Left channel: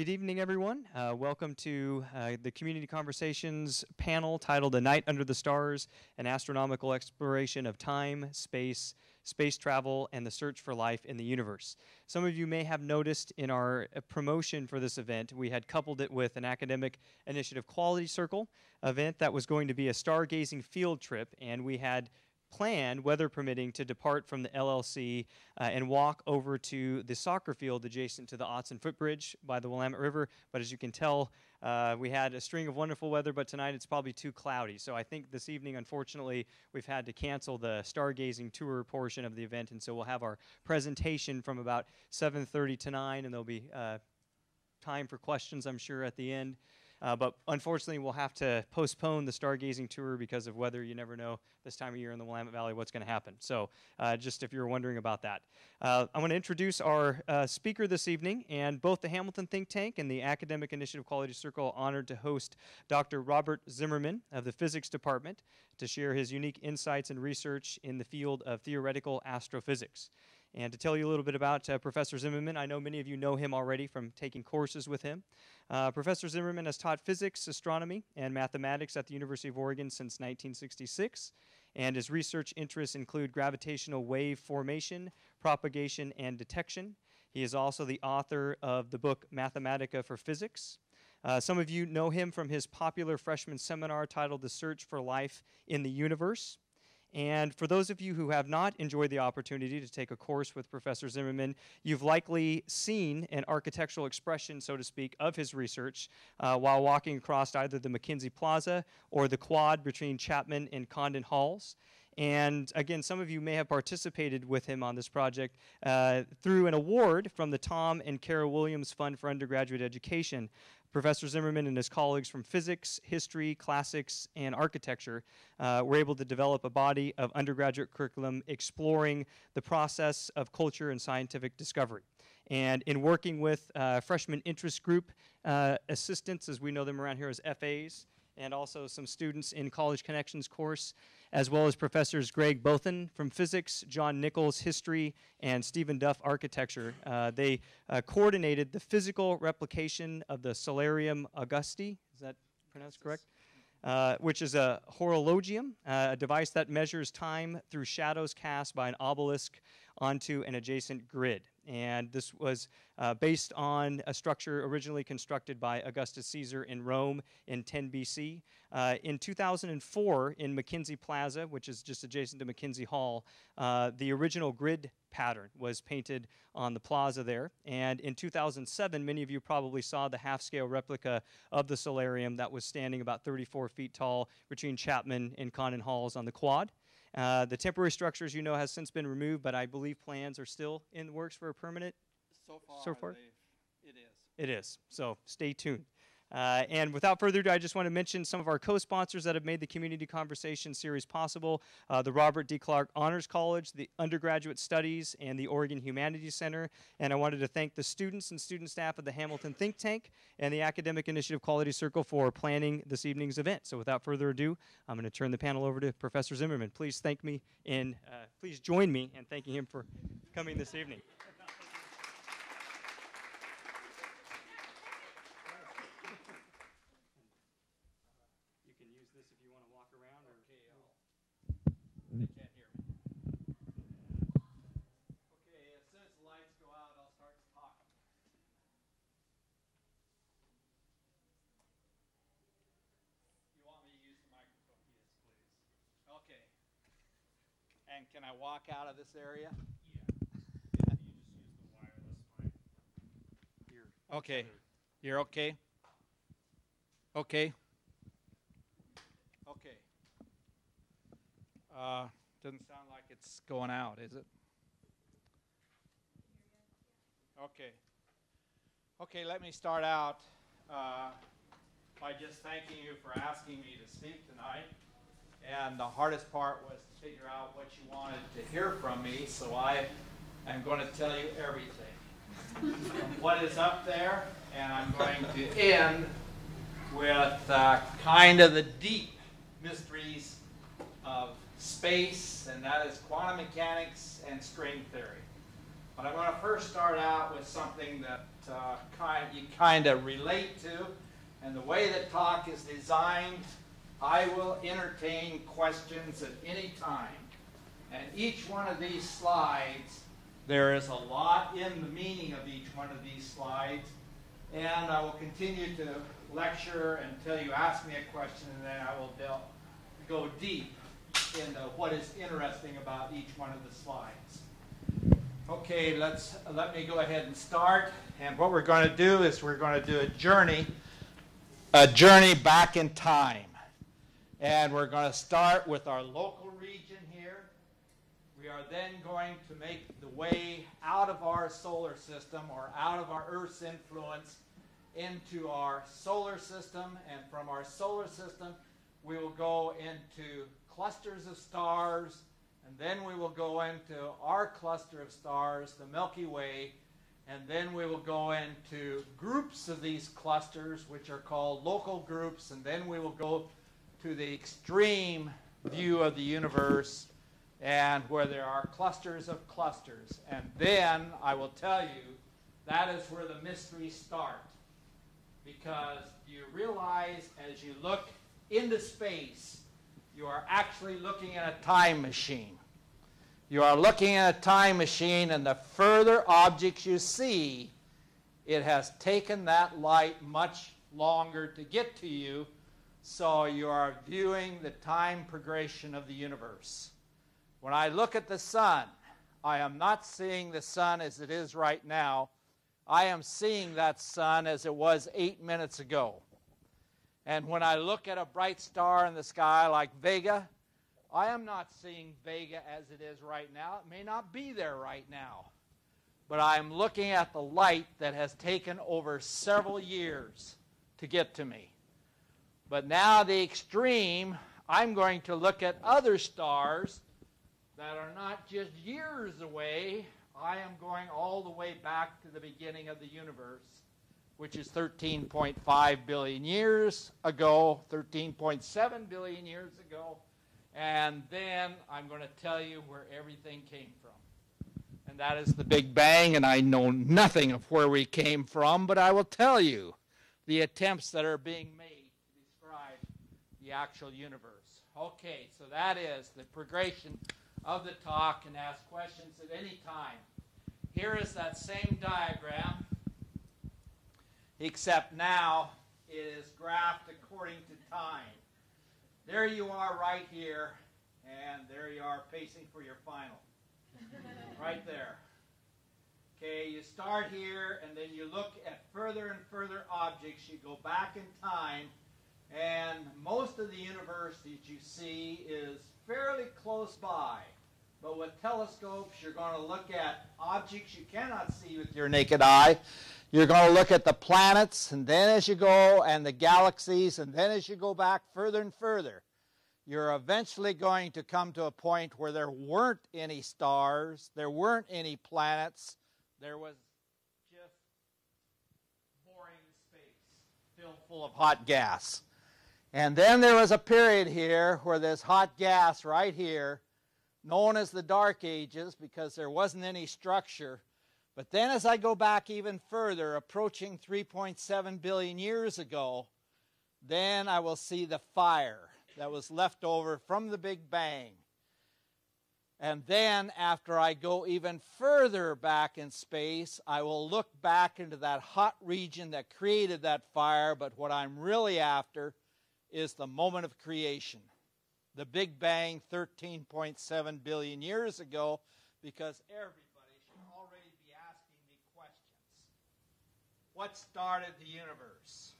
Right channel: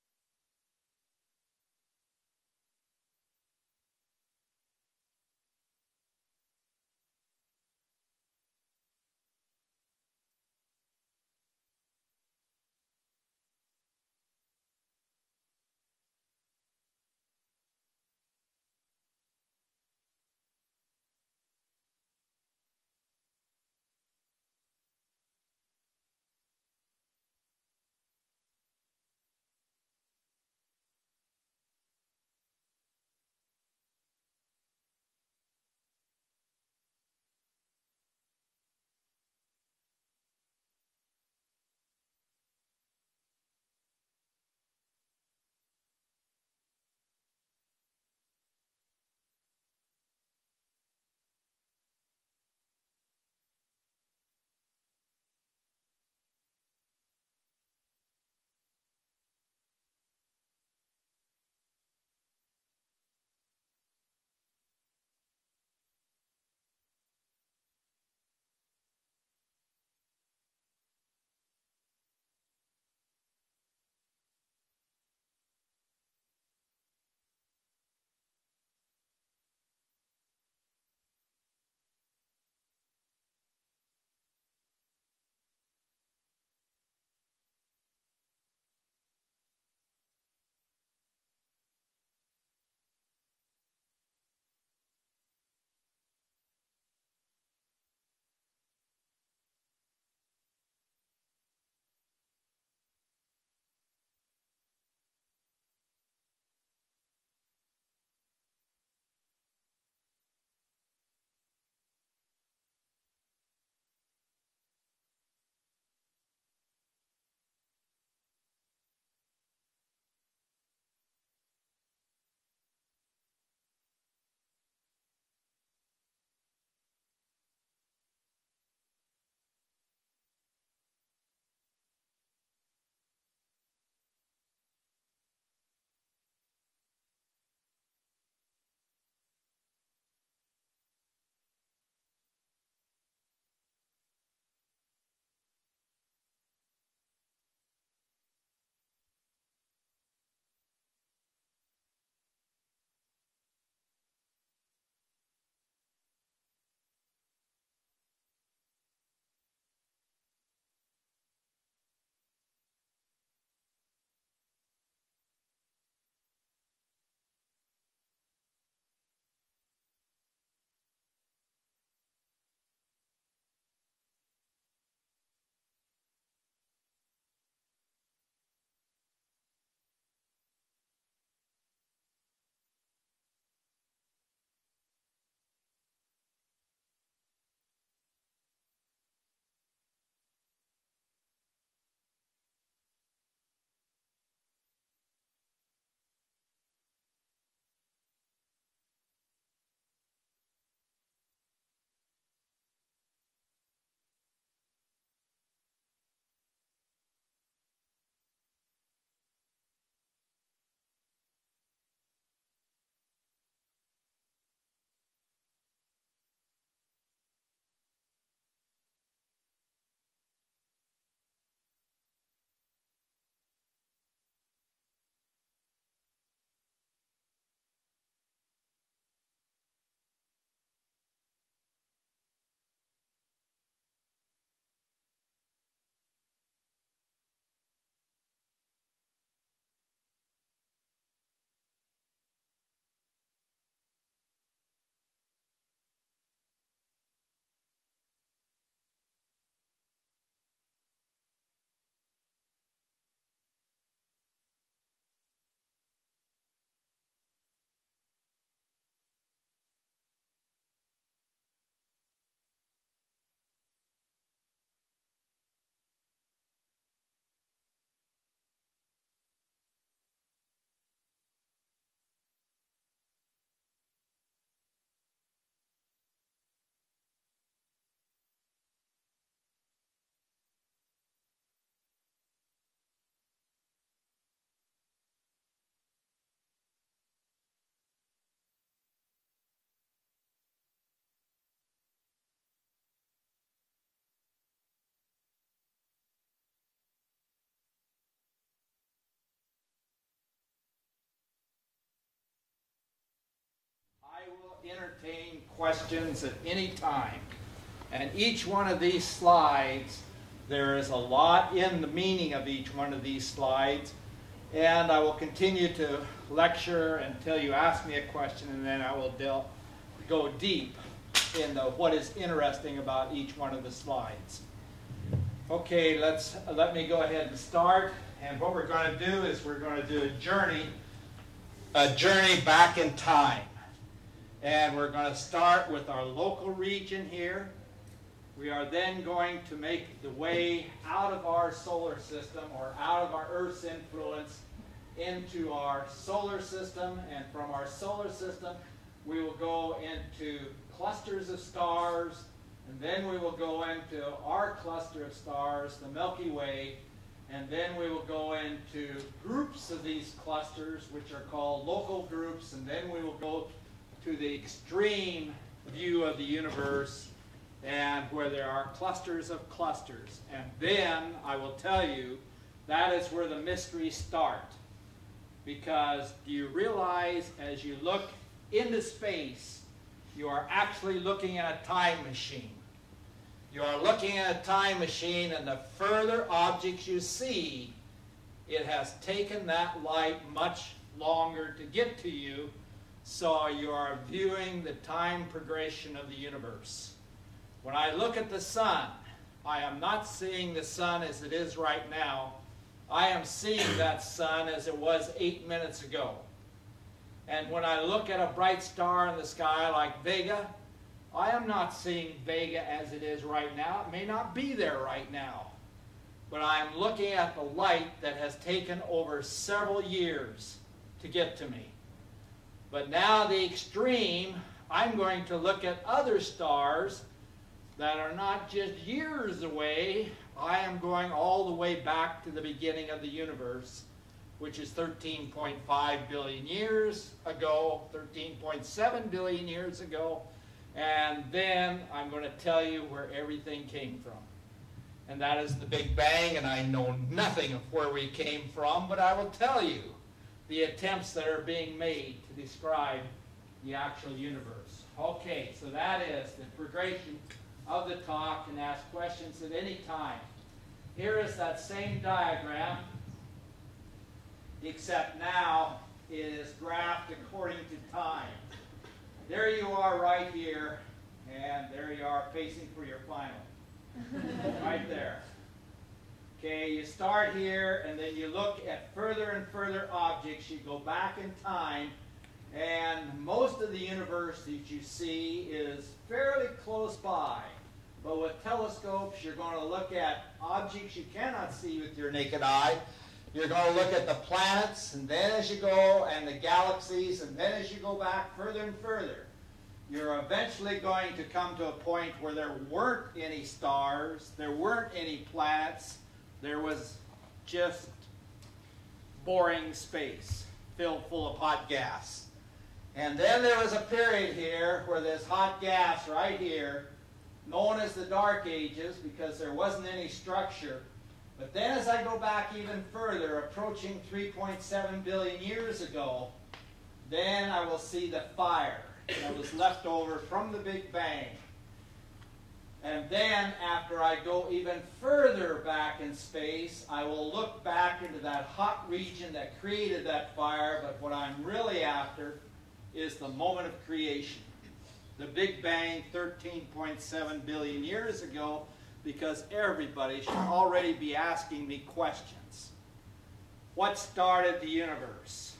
Good evening, everyone. Welcome to the Community Conversations panel titled A Night Under the Stars, an Astronomical Exploration of Time, Space, Space Travel, and the Search for Life in the Universe. Some of you may have noticed in our promotion for this event, we had coupled it with an Academic Initiative Quality Circle event that was going to be a stargazing field trip, and we had planned, weather permitting, to depart from the LLC and walk over to the soccer field adjacent to the Otson Footbridge by the Willamette River. But as you can tell, we had a string of wonderful weather, but tonight it's probably too cloudy. So I think this evening, unfortunately, we've had to cancel the stargazing tour portion of the event, and so we'll have our presentation from about 7:30 to 9, and there'll be time for questions, I'm sure, at the end. But unfortunately, we'll have to postpone the stargazing tour because of weather. You never know this time of year in the Willamette Valley what's going to happen. So just if you're wondering about that. I want to introduce our speaker this evening, and both the Hamilton Think Tank and the Academic Initiative Quality Circle are honored to host Dr. Robert Zimmerman of the Physics Department to share his unique insights and research in the field of theoretical astrophysics. And to tell you a little bit about Professor Zimmerman, I know many of you know him already from taking courses with him. Professor Zimmerman has taught physics, astronomy, and mathematics at the University of Oregon since 1966, and his research interests include gravitational wave formation, propagation, and detection. He is also the author of the book Mathematica for Physics. Some of you know him from his popular freshman seminar titled The Search for Life in the Universe. And for those of you who have not enjoyed the opportunity to take a course with Professor Zimmerman, you've likely seen an architectural expression, so to speak, of his research while walking across either the McKinsey Plaza or the quad between Chapman and Condon Halls. And again, some of you may have participated with him on this project through an award from the Tom and Kara Williams Fund for Undergraduate Education. Professor Zimmerman and his colleagues from physics, history, classics, and architecture were able to develop a body of undergraduate curriculum exploring the process of culture and scientific discovery. And in working with freshman interest group assistants, as we know them around here as FAs, and also some students in College Connections course, as well as Professors Greg Bothan from physics, John Nichols history, and Stephen Duff architecture. They coordinated the physical replication of the Solarium Augusti, is that pronounced correct? Which is a horologium, a device that measures time through shadows cast by an obelisk onto an adjacent grid. And this was based on a structure originally constructed by Augustus Caesar in Rome in 10 BC. In 2004, in McKinsey Plaza, which is just adjacent to McKinsey Hall, the original grid pattern was painted on the plaza there. And in 2007, many of you probably saw the half-scale replica of the solarium that was standing about 34 feet tall between Chapman and Condon Halls on the quad. The temporary structure, as you know, has since been removed, but I believe plans are still in the works for a permanent. So far? It is. It is. So stay tuned. And without further ado, I just want to mention some of our co-sponsors that have made the Community Conversation series possible. The Robert D. Clark Honors College, the Undergraduate Studies, and the Oregon Humanities Center. And I wanted to thank the students and student staff of the Hamilton Think Tank and the Academic Initiative Quality Circle for planning this evening's event. So without further ado, I'm going to turn the panel over to Professor Zimmerman. Please please join me in thanking him for coming this evening. They can't hear me. Okay, as soon as the lights go out, I'll start talking. You want me to use the microphone? Yes, please. Okay. And can I walk out of this area? Yeah. You just use the wireless mic. Okay. You're okay? Okay. Okay. Doesn't sound like it's going out, is it? Okay. Okay, let me start out by just thanking you for asking me to speak tonight. And the hardest part was to figure out what you wanted to hear from me, so I am going to tell you everything. What is up there, and I'm going to end with kind of the deep mysteries of space, and that is quantum mechanics and string theory. But I'm going to first start out with something that you kind of relate to. And the way the talk is designed, I will entertain questions at any time. And each one of these slides, there is a lot in the meaning of each one of these slides. And I will continue to lecture until you ask me a question, and then I will go deep into what is interesting about each one of the slides. Okay, let me go ahead and start. And what we're going to do is we're going to do a journey back in time. And we're going to start with our local region here. We are then going to make the way out of our solar system, or out of our Earth's influence, into our solar system. And from our solar system, we will go into clusters of stars, and then we will go into our cluster of stars, the Milky Way, and then we will go into groups of these clusters, which are called local groups, and then we will go to the extreme view of the universe, and where there are clusters of clusters. And then I will tell you, that is where the mysteries start. Because do you realize, as you look into space, you are actually looking at a time machine. You are looking at a time machine, and the further objects you see, it has taken that light much longer to get to you, so you are viewing the time progression of the universe. When I look at the sun, I am not seeing the sun as it is right now. I am seeing that sun as it was 8 minutes ago. And when I look at a bright star in the sky like Vega, I am not seeing Vega as it is right now. It may not be there right now. But I'm looking at the light that has taken over several years to get to me. But now the extreme, I'm going to look at other stars that are not just years away. I am going all the way back to the beginning of the universe, which is 13.5 billion years ago, 13.7 billion years ago, and then I'm going to tell you where everything came from. And that is the Big Bang, and I know nothing of where we came from, but I will tell you the attempts that are being made to describe the actual universe. Okay, so that is the progression of the talk, and ask questions at any time. Here is that same diagram, except now it is graphed according to time. There you are right here, and there you are pacing for your final. Right there. Okay, you start here, and then you look at further and further objects. You go back in time, and most of the universe that you see is fairly close by. But with telescopes, you're going to look at objects you cannot see with your naked eye. You're going to look at the planets, and then as you go, and the galaxies, and then as you go back further and further, you're eventually going to come to a point where there weren't any stars, there weren't any planets, there was just boring space filled full of hot gas. And then there was a period here where this hot gas right here, known as the Dark Ages, because there wasn't any structure. But then as I go back even further, approaching 3.7 billion years ago, then I will see the fire that was left over from the Big Bang. And then after I go even further back in space, I will look back into that hot region that created that fire, but what I'm really after is the moment of creation. The Big Bang 13.7 billion years ago, because everybody should already be asking me questions. What started the universe?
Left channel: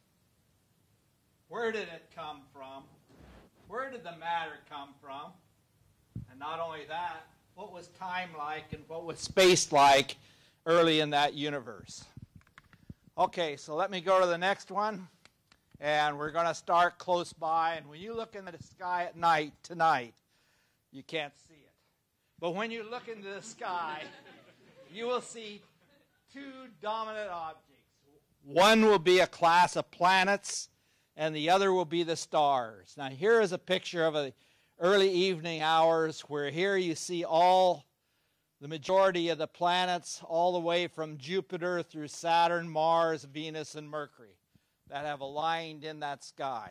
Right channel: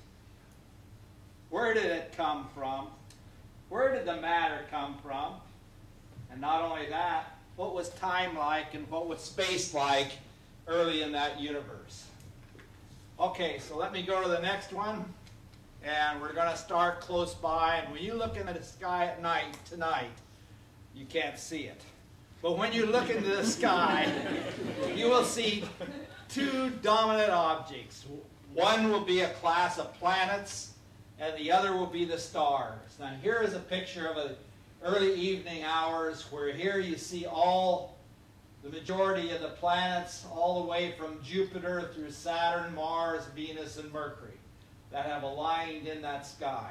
Where did it come from? Where did the matter come from? And not only that, what was time like and what was space like early in that universe? Okay, so let me go to the next one. And we're going to start close by. And when you look into the sky at night, tonight, you can't see it. But when you look into the sky, you will see two dominant objects. One will be a class of planets, and the other will be the stars. Now here is a picture of the early evening hours, where here you see all the majority of the planets all the way from Jupiter through Saturn, Mars, Venus, and Mercury that have aligned in that sky.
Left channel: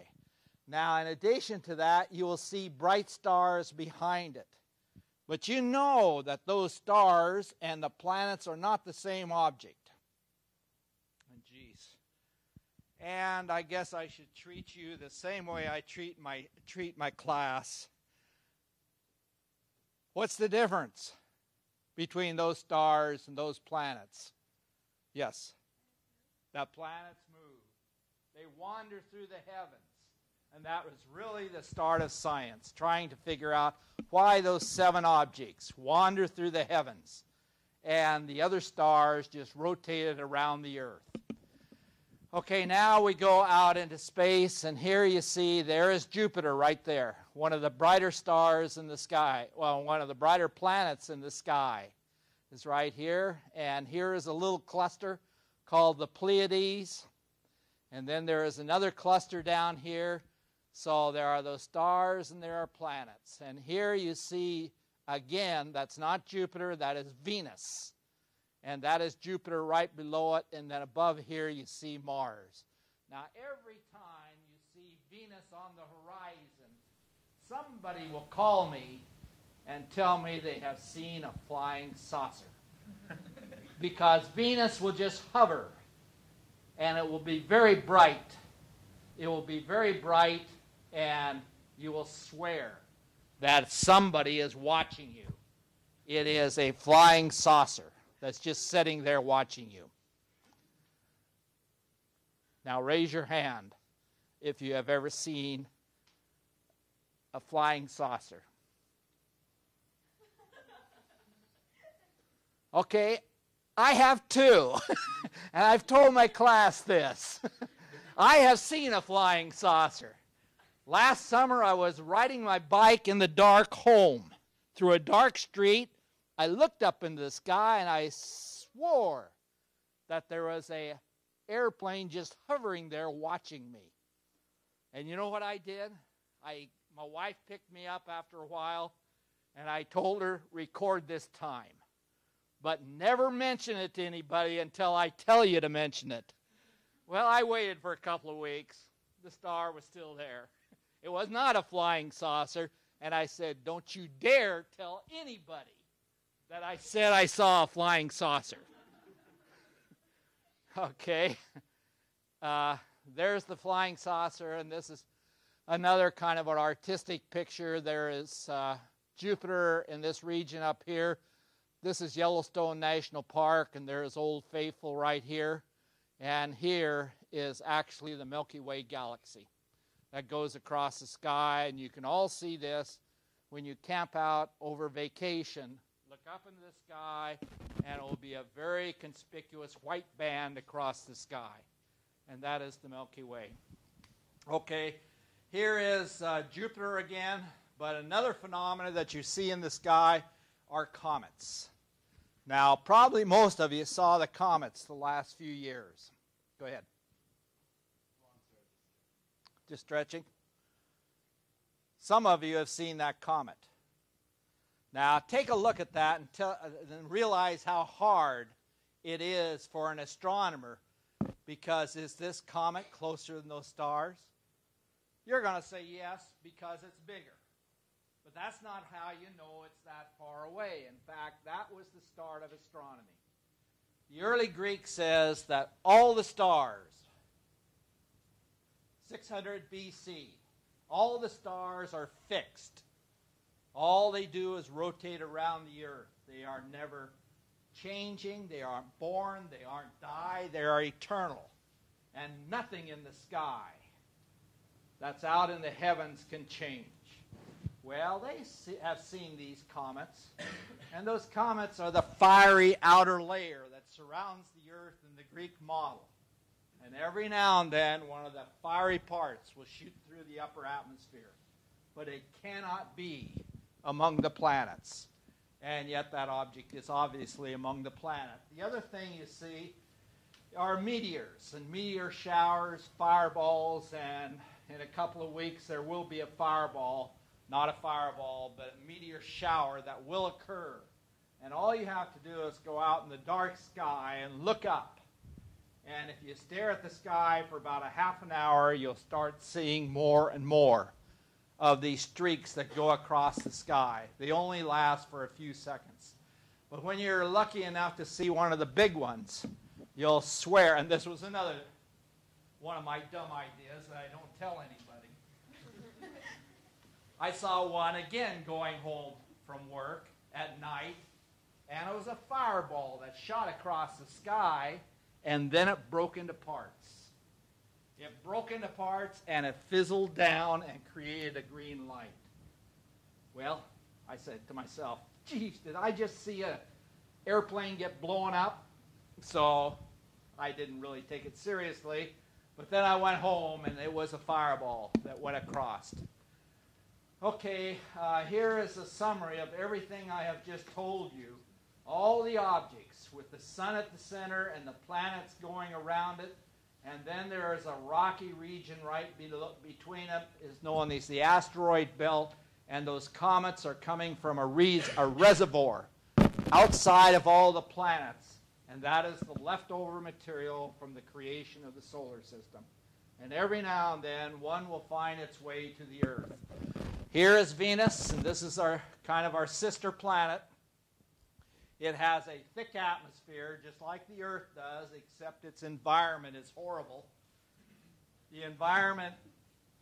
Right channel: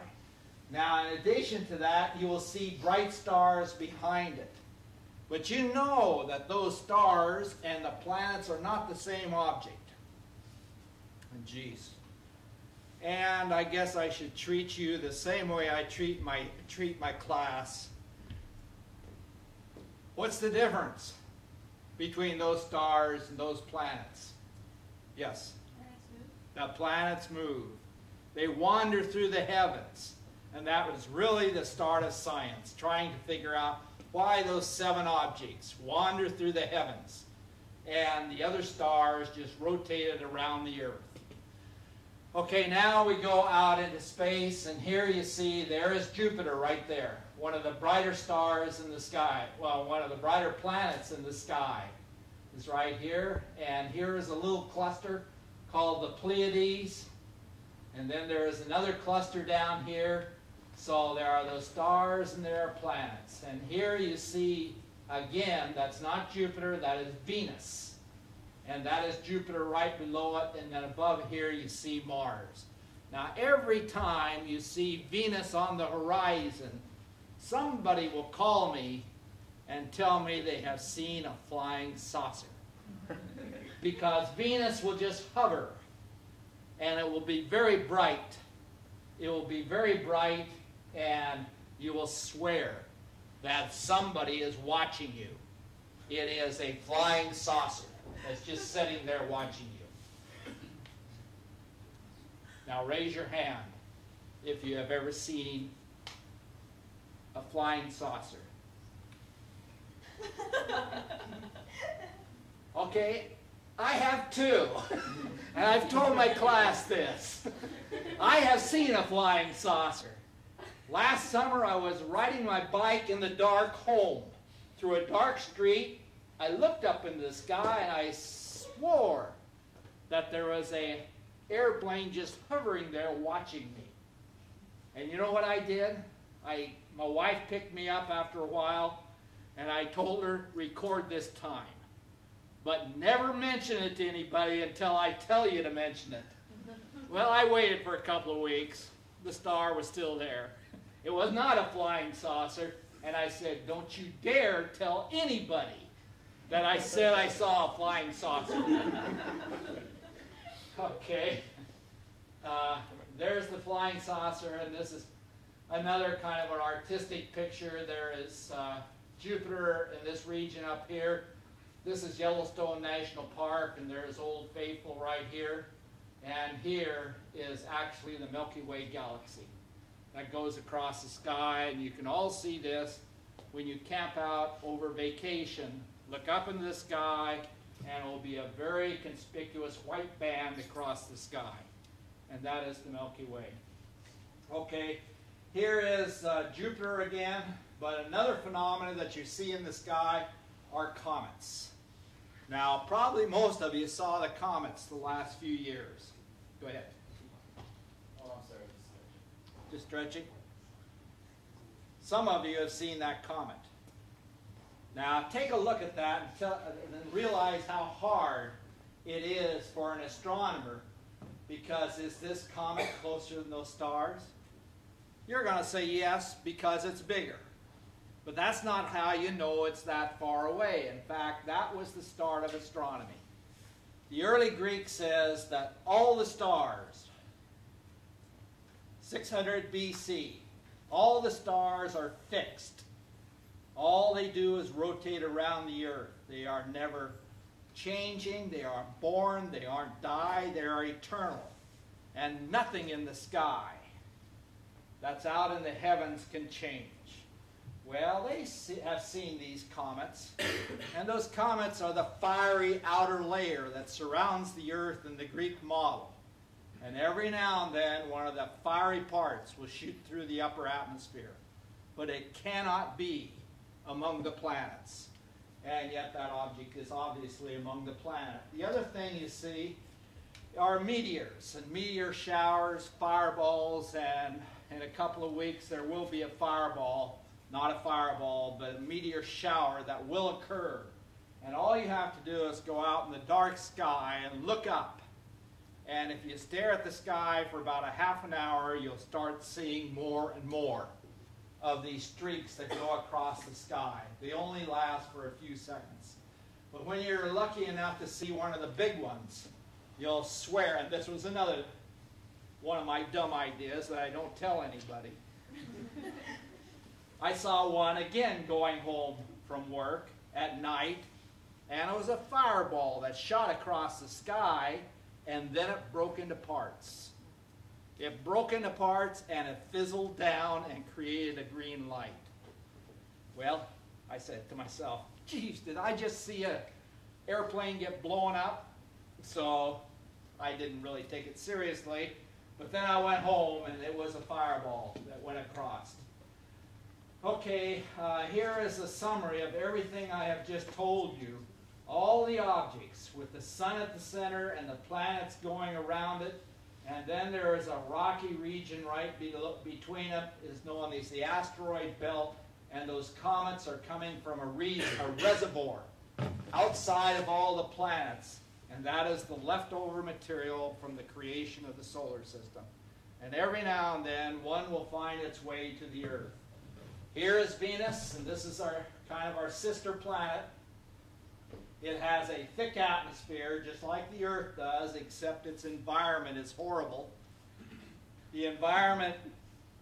Now, in addition to that, you will see bright stars behind it. But you know that those stars and the planets are not the same object. Geez. And I guess I should treat you the same way I treat my class. What's the difference between those stars and those planets? Yes? The planets move. They wander through the heavens. And that was really the start of science, trying to figure out why those 7 objects wander through the heavens and the other stars just rotated around the Earth. Okay, now we go out into space, and here you see there is Jupiter right there, one of the brighter stars in the sky. Well, one of the brighter planets in the sky is right here. And here is a little cluster called the Pleiades. And then there is another cluster down here. So there are those stars and there are planets. And here you see, again, that's not Jupiter, that is Venus. And that is Jupiter right below it, and then above here you see Mars. Now every time you see Venus on the horizon, somebody will call me and tell me they have seen a flying saucer. Because Venus will just hover, and it will be very bright. It will be very bright, and you will swear that somebody is watching you. It is a flying saucer that's just sitting there watching you. Now raise your hand if you have ever seen a flying saucer. Okay, I have too. And I've told my class this. I have seen a flying saucer. Last summer I was riding my bike in the dark home through a dark street. I looked up in the sky and I swore that there was an airplane just hovering there watching me. And you know what I did? My wife picked me up after a while, and I told her, record this time. But never mention it to anybody until I tell you to mention it. Well, I waited for a couple of weeks. The star was still there. It was not a flying saucer, and I said, don't you dare tell anybody that I said I saw a flying saucer. Okay. There's the flying saucer, and this is another kind of an artistic picture. There is Jupiter in this region up here. This is Yellowstone National Park, and there's Old Faithful right here. And here is actually the Milky Way galaxy that goes across the sky. And you can all see this when you camp out over vacation. Look up into the sky, and it will be a very conspicuous white band across the sky. And that is the Milky Way. Okay, here is Jupiter again, but another phenomenon that you see in the sky are comets. Now, probably most of you saw the comets the last few years. Go ahead. Oh, I'm sorry. Just stretching. Some of you have seen that comet. Now, take a look at that and realize how hard it is for an astronomer, because is this comet closer than those stars? You're going to say yes, because it's bigger. But that's not how you know it's that far away. In fact, that was the start of astronomy. The early Greek says that all the stars, 600 BC, all the stars are fixed. All they do is rotate around the earth. They are never changing. They aren't born. They aren't die. They are eternal. And nothing in the sky that's out in the heavens can change. Well, they have seen these comets, and those comets are the fiery outer layer that surrounds the Earth in the Greek model. And every now and then, one of the fiery parts will shoot through the upper atmosphere. But it cannot be among the planets. And yet that object is obviously among the planets. The other thing you see are meteors, and meteor showers, fireballs, and in a couple of weeks there will be a fireball. Not a fireball, but a meteor shower that will occur And all you have to do is go out in the dark sky and look up. And if you stare at the sky for about a half an hour, you'll start seeing more and more of these streaks that go across the sky. They only last for a few seconds. But when you're lucky enough to see one of the big ones, you'll swear, and this was another one of my dumb ideas that I don't tell anybody. I saw one again going home from work at night, and it was a fireball that shot across the sky, and then it broke into parts. It broke into parts, and it fizzled down and created a green light. Well, I said to myself, geez, did I just see an airplane get blown up? So I didn't really take it seriously. But then I went home, and it was a fireball that went across. Okay, here is a summary of everything I have just told you. All the objects with the sun at the center and the planets going around it. And then there is a rocky region right between them, is known as the asteroid belt. And those comets are coming from a reservoir outside of all the planets. And that is the leftover material from the creation of the solar system. And every now and then, one will find its way to the Earth. Here is Venus, and this is kind of our sister planet. It has a thick atmosphere, just like the Earth does, except its environment is horrible. The environment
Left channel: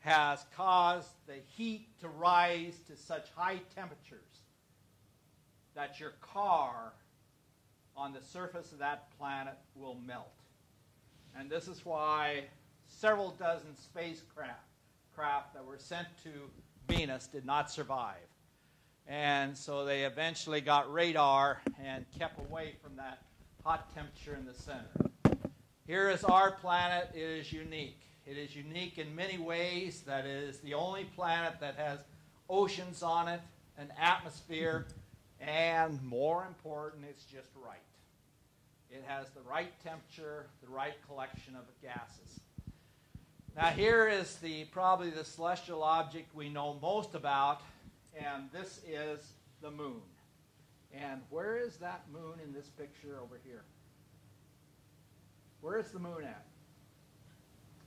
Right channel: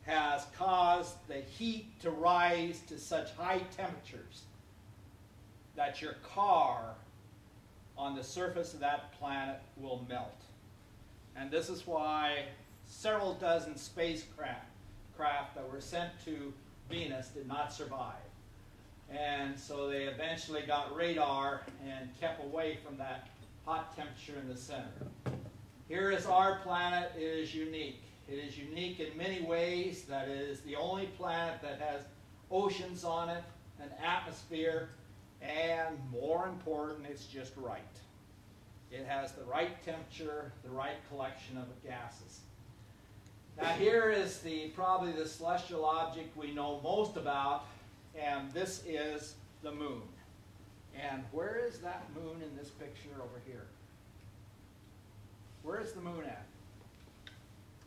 has caused the heat to rise to such high temperatures that your car on the surface of that planet will melt. And this is why several dozen spacecraft that were sent to Venus did not survive. And so they eventually got radar and kept away from that hot temperature in the center. Here is our planet. It is unique. It is unique in many ways. That it is the only planet that has oceans on it, an atmosphere, and more important, it's just right. It has the right temperature, the right collection of gases. Now here is probably the celestial object we know most about, and this is the moon. And where is that moon in this picture over here? Where is the moon at?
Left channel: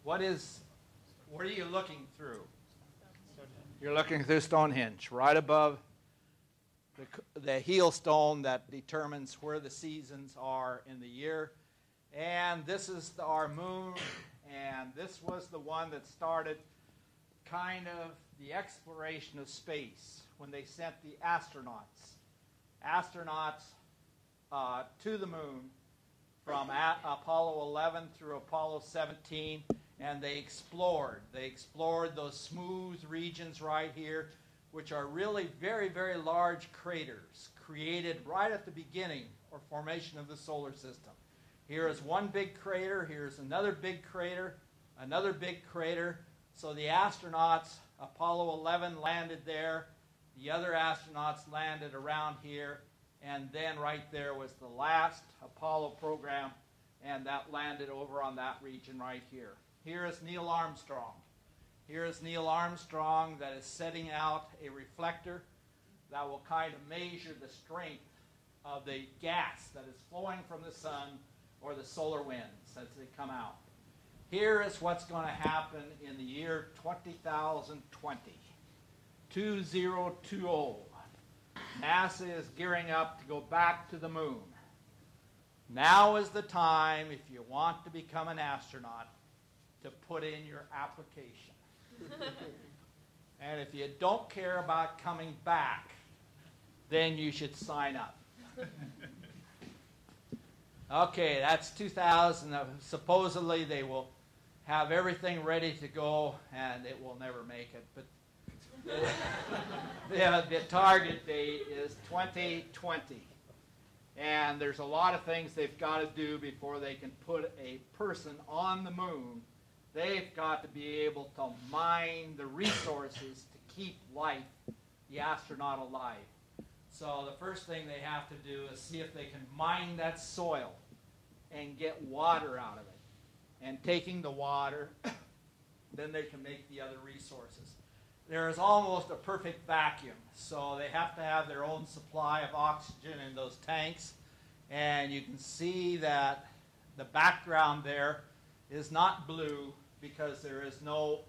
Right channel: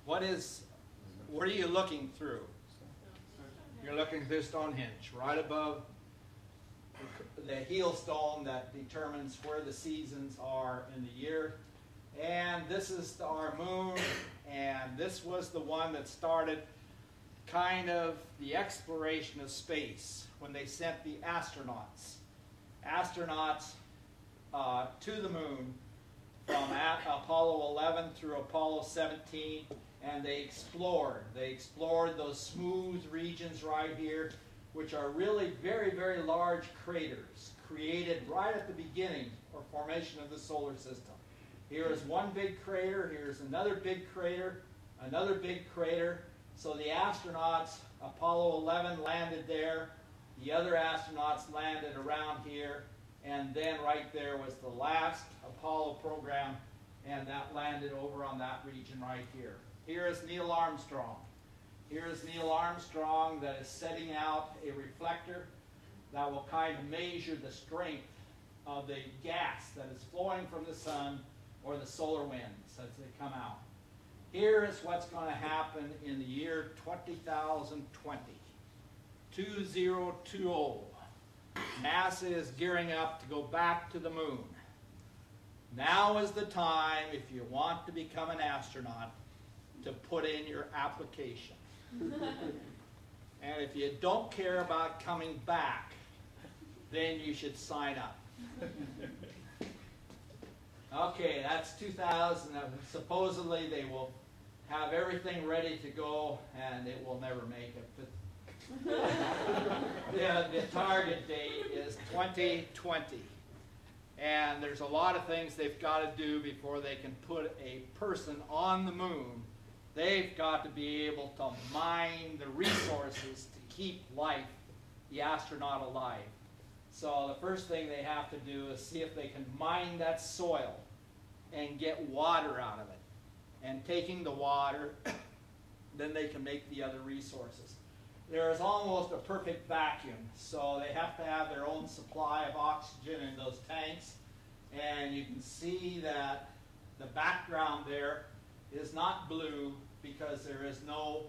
What are you looking through? You're looking through Stonehenge, right above the heel stone that determines where the seasons are in the year. And this is our moon, and this was the one that started kind of the exploration of space when they sent the astronauts to the moon from Apollo 11 through Apollo 17, and they explored those smooth regions right here, which are really very, very large craters created right at the beginning or formation of the solar system. Here is one big crater, here is another big crater, another big crater. So the astronauts, Apollo 11 landed there, the other astronauts landed around here, and then right there was the last Apollo program, and that landed over on that region right here. Here is Neil Armstrong. Here is Neil Armstrong that is setting out a reflector that will kind of measure the strength of the gas that is flowing from the sun or the solar winds as they come out. Here is what's going to happen in the year 2020. 2020. NASA is gearing up to go back to the moon. Now is the time, if you want to become an astronaut, to put in your application. And if you don't care about coming back, then you should sign up. Okay, that's 2000. Supposedly they will have everything ready to go, and it will never make it. But the target date is 2020. And there's a lot of things they've got to do before they can put a person on the moon. They've got to be able to mine the resources to keep life, the astronaut, alive. So the first thing they have to do is see if they can mine that soil and get water out of it. And taking the water, then they can make the other resources. there is almost a perfect vacuum. So they have to have their own supply of oxygen in those tanks. And you can see that the background there is not blue because there is no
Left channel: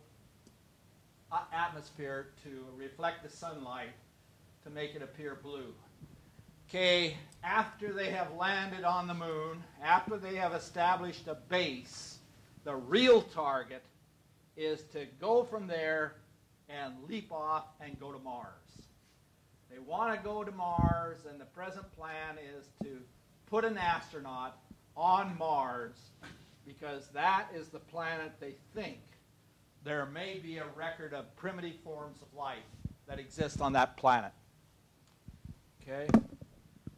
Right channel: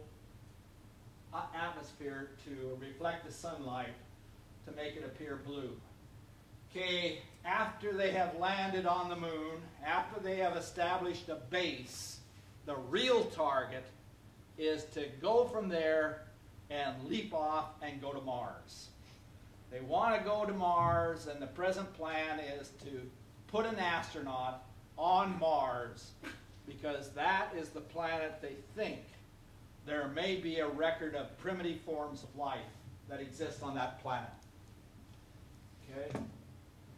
atmosphere to reflect the sunlight to make it appear blue. Okay, after they have landed on the moon, after they have established a base, the real target is to go from there and leap off and go to Mars. They want to go to Mars, and the present plan is to put an astronaut on Mars because that is the planet they think there may be a record of primitive forms of life that exist on that planet. Okay?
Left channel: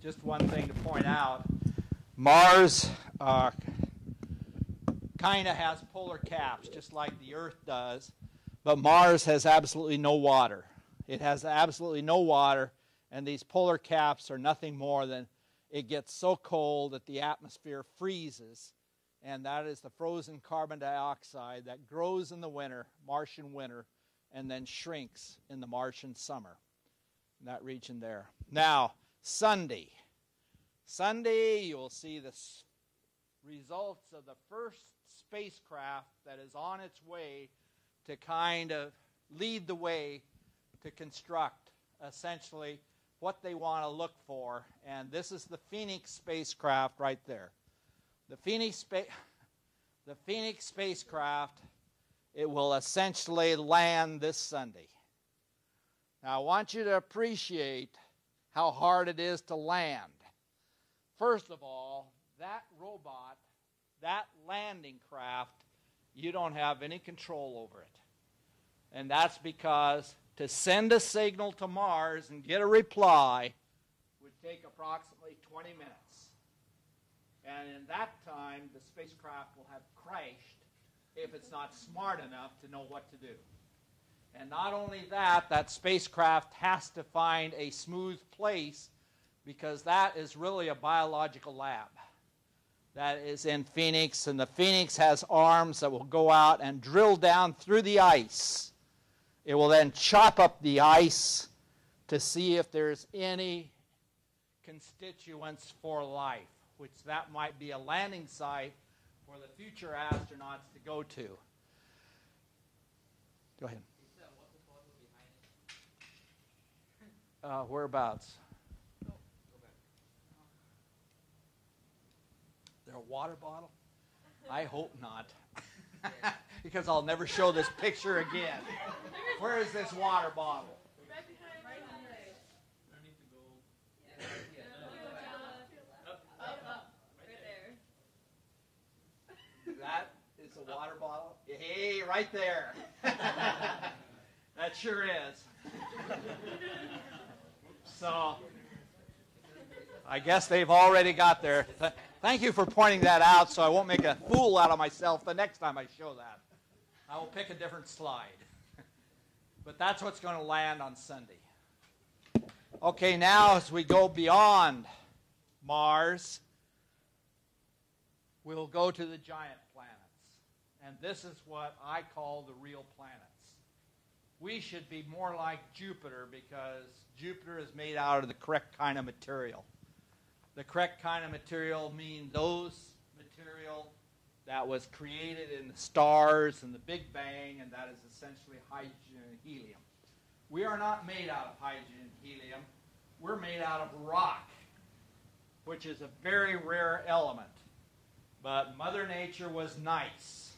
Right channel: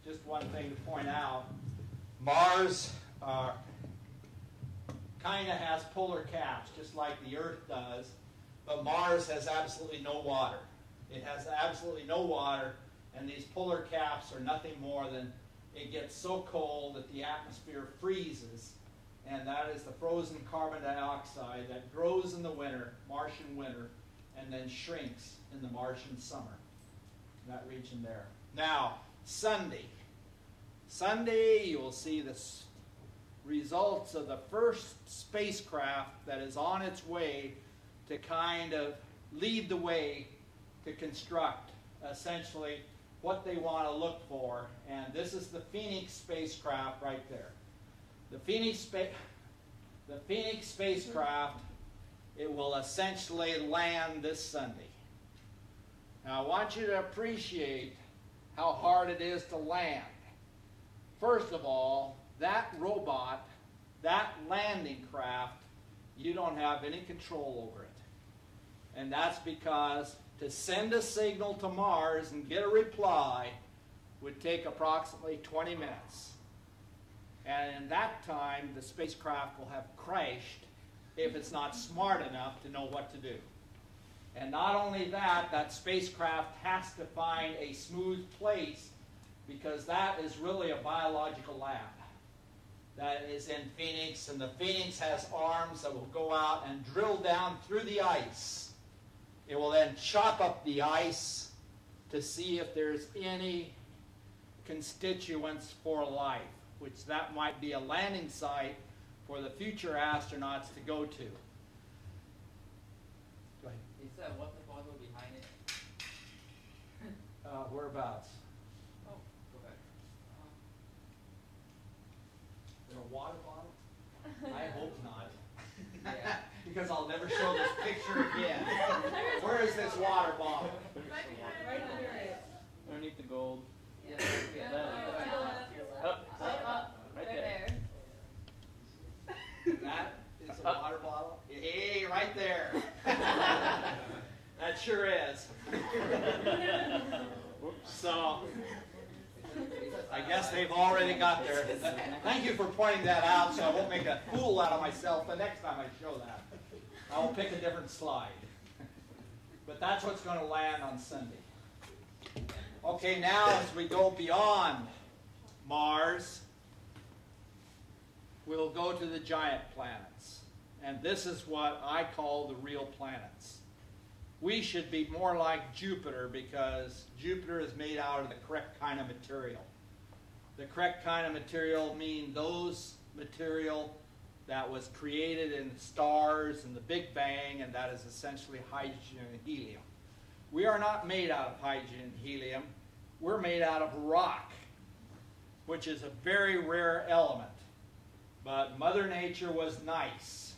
Just one thing to point out. Mars kind of has polar caps, just like the Earth does, but Mars has absolutely no water. It has absolutely no water, and these polar caps are nothing more than it gets so cold that the atmosphere freezes, and that is the frozen carbon dioxide that grows in the winter, Martian winter, and then shrinks in the Martian summer, that region there. Now, Sunday. Sunday, you will see the results of the first spacecraft that is on its way to kind of lead the way to construct essentially what they want to look for. And this is the Phoenix spacecraft right there. The Phoenix spacecraft, it will essentially land this Sunday. Now, I want you to appreciate how hard it is to land. First of all, that robot, that landing craft, you don't have any control over it. And that's because to send a signal to Mars and get a reply would take approximately 20 minutes. And in that time, the spacecraft will have crashed if it's not smart enough to know what to do. And not only that, that spacecraft has to find a smooth place because that is really a biological lab. That is in Phoenix, and the Phoenix has arms that will go out and drill down through the ice. It will then chop up the ice to see if there's any constituents for life, which that might be a landing site for the future astronauts to go to. Go ahead. Is that water bottle behind it? Whereabouts? Oh, go back. Is there a water bottle? I hope not. Yeah. Because I'll never show this picture again. Where is this water bottle? Underneath the gold. Yeah. Right there. That is a water bottle? Hey, right there. That sure is. So, I guess they've already got there. Thank you for pointing that out so I won't make a fool out of myself the next time I show that. I will pick a different slide. But that's what's going to land on Sunday. Okay, now as we go beyond Mars, we'll go to the giant planets. And this is what I call the real planets. We should be more like Jupiter because Jupiter is made out of the correct kind of material. The correct kind of material means those material that was created in stars and the Big Bang, and that is essentially hydrogen and helium. We are not made out of hydrogen and helium. We're made out of rock, which is a very rare element. But Mother Nature was nice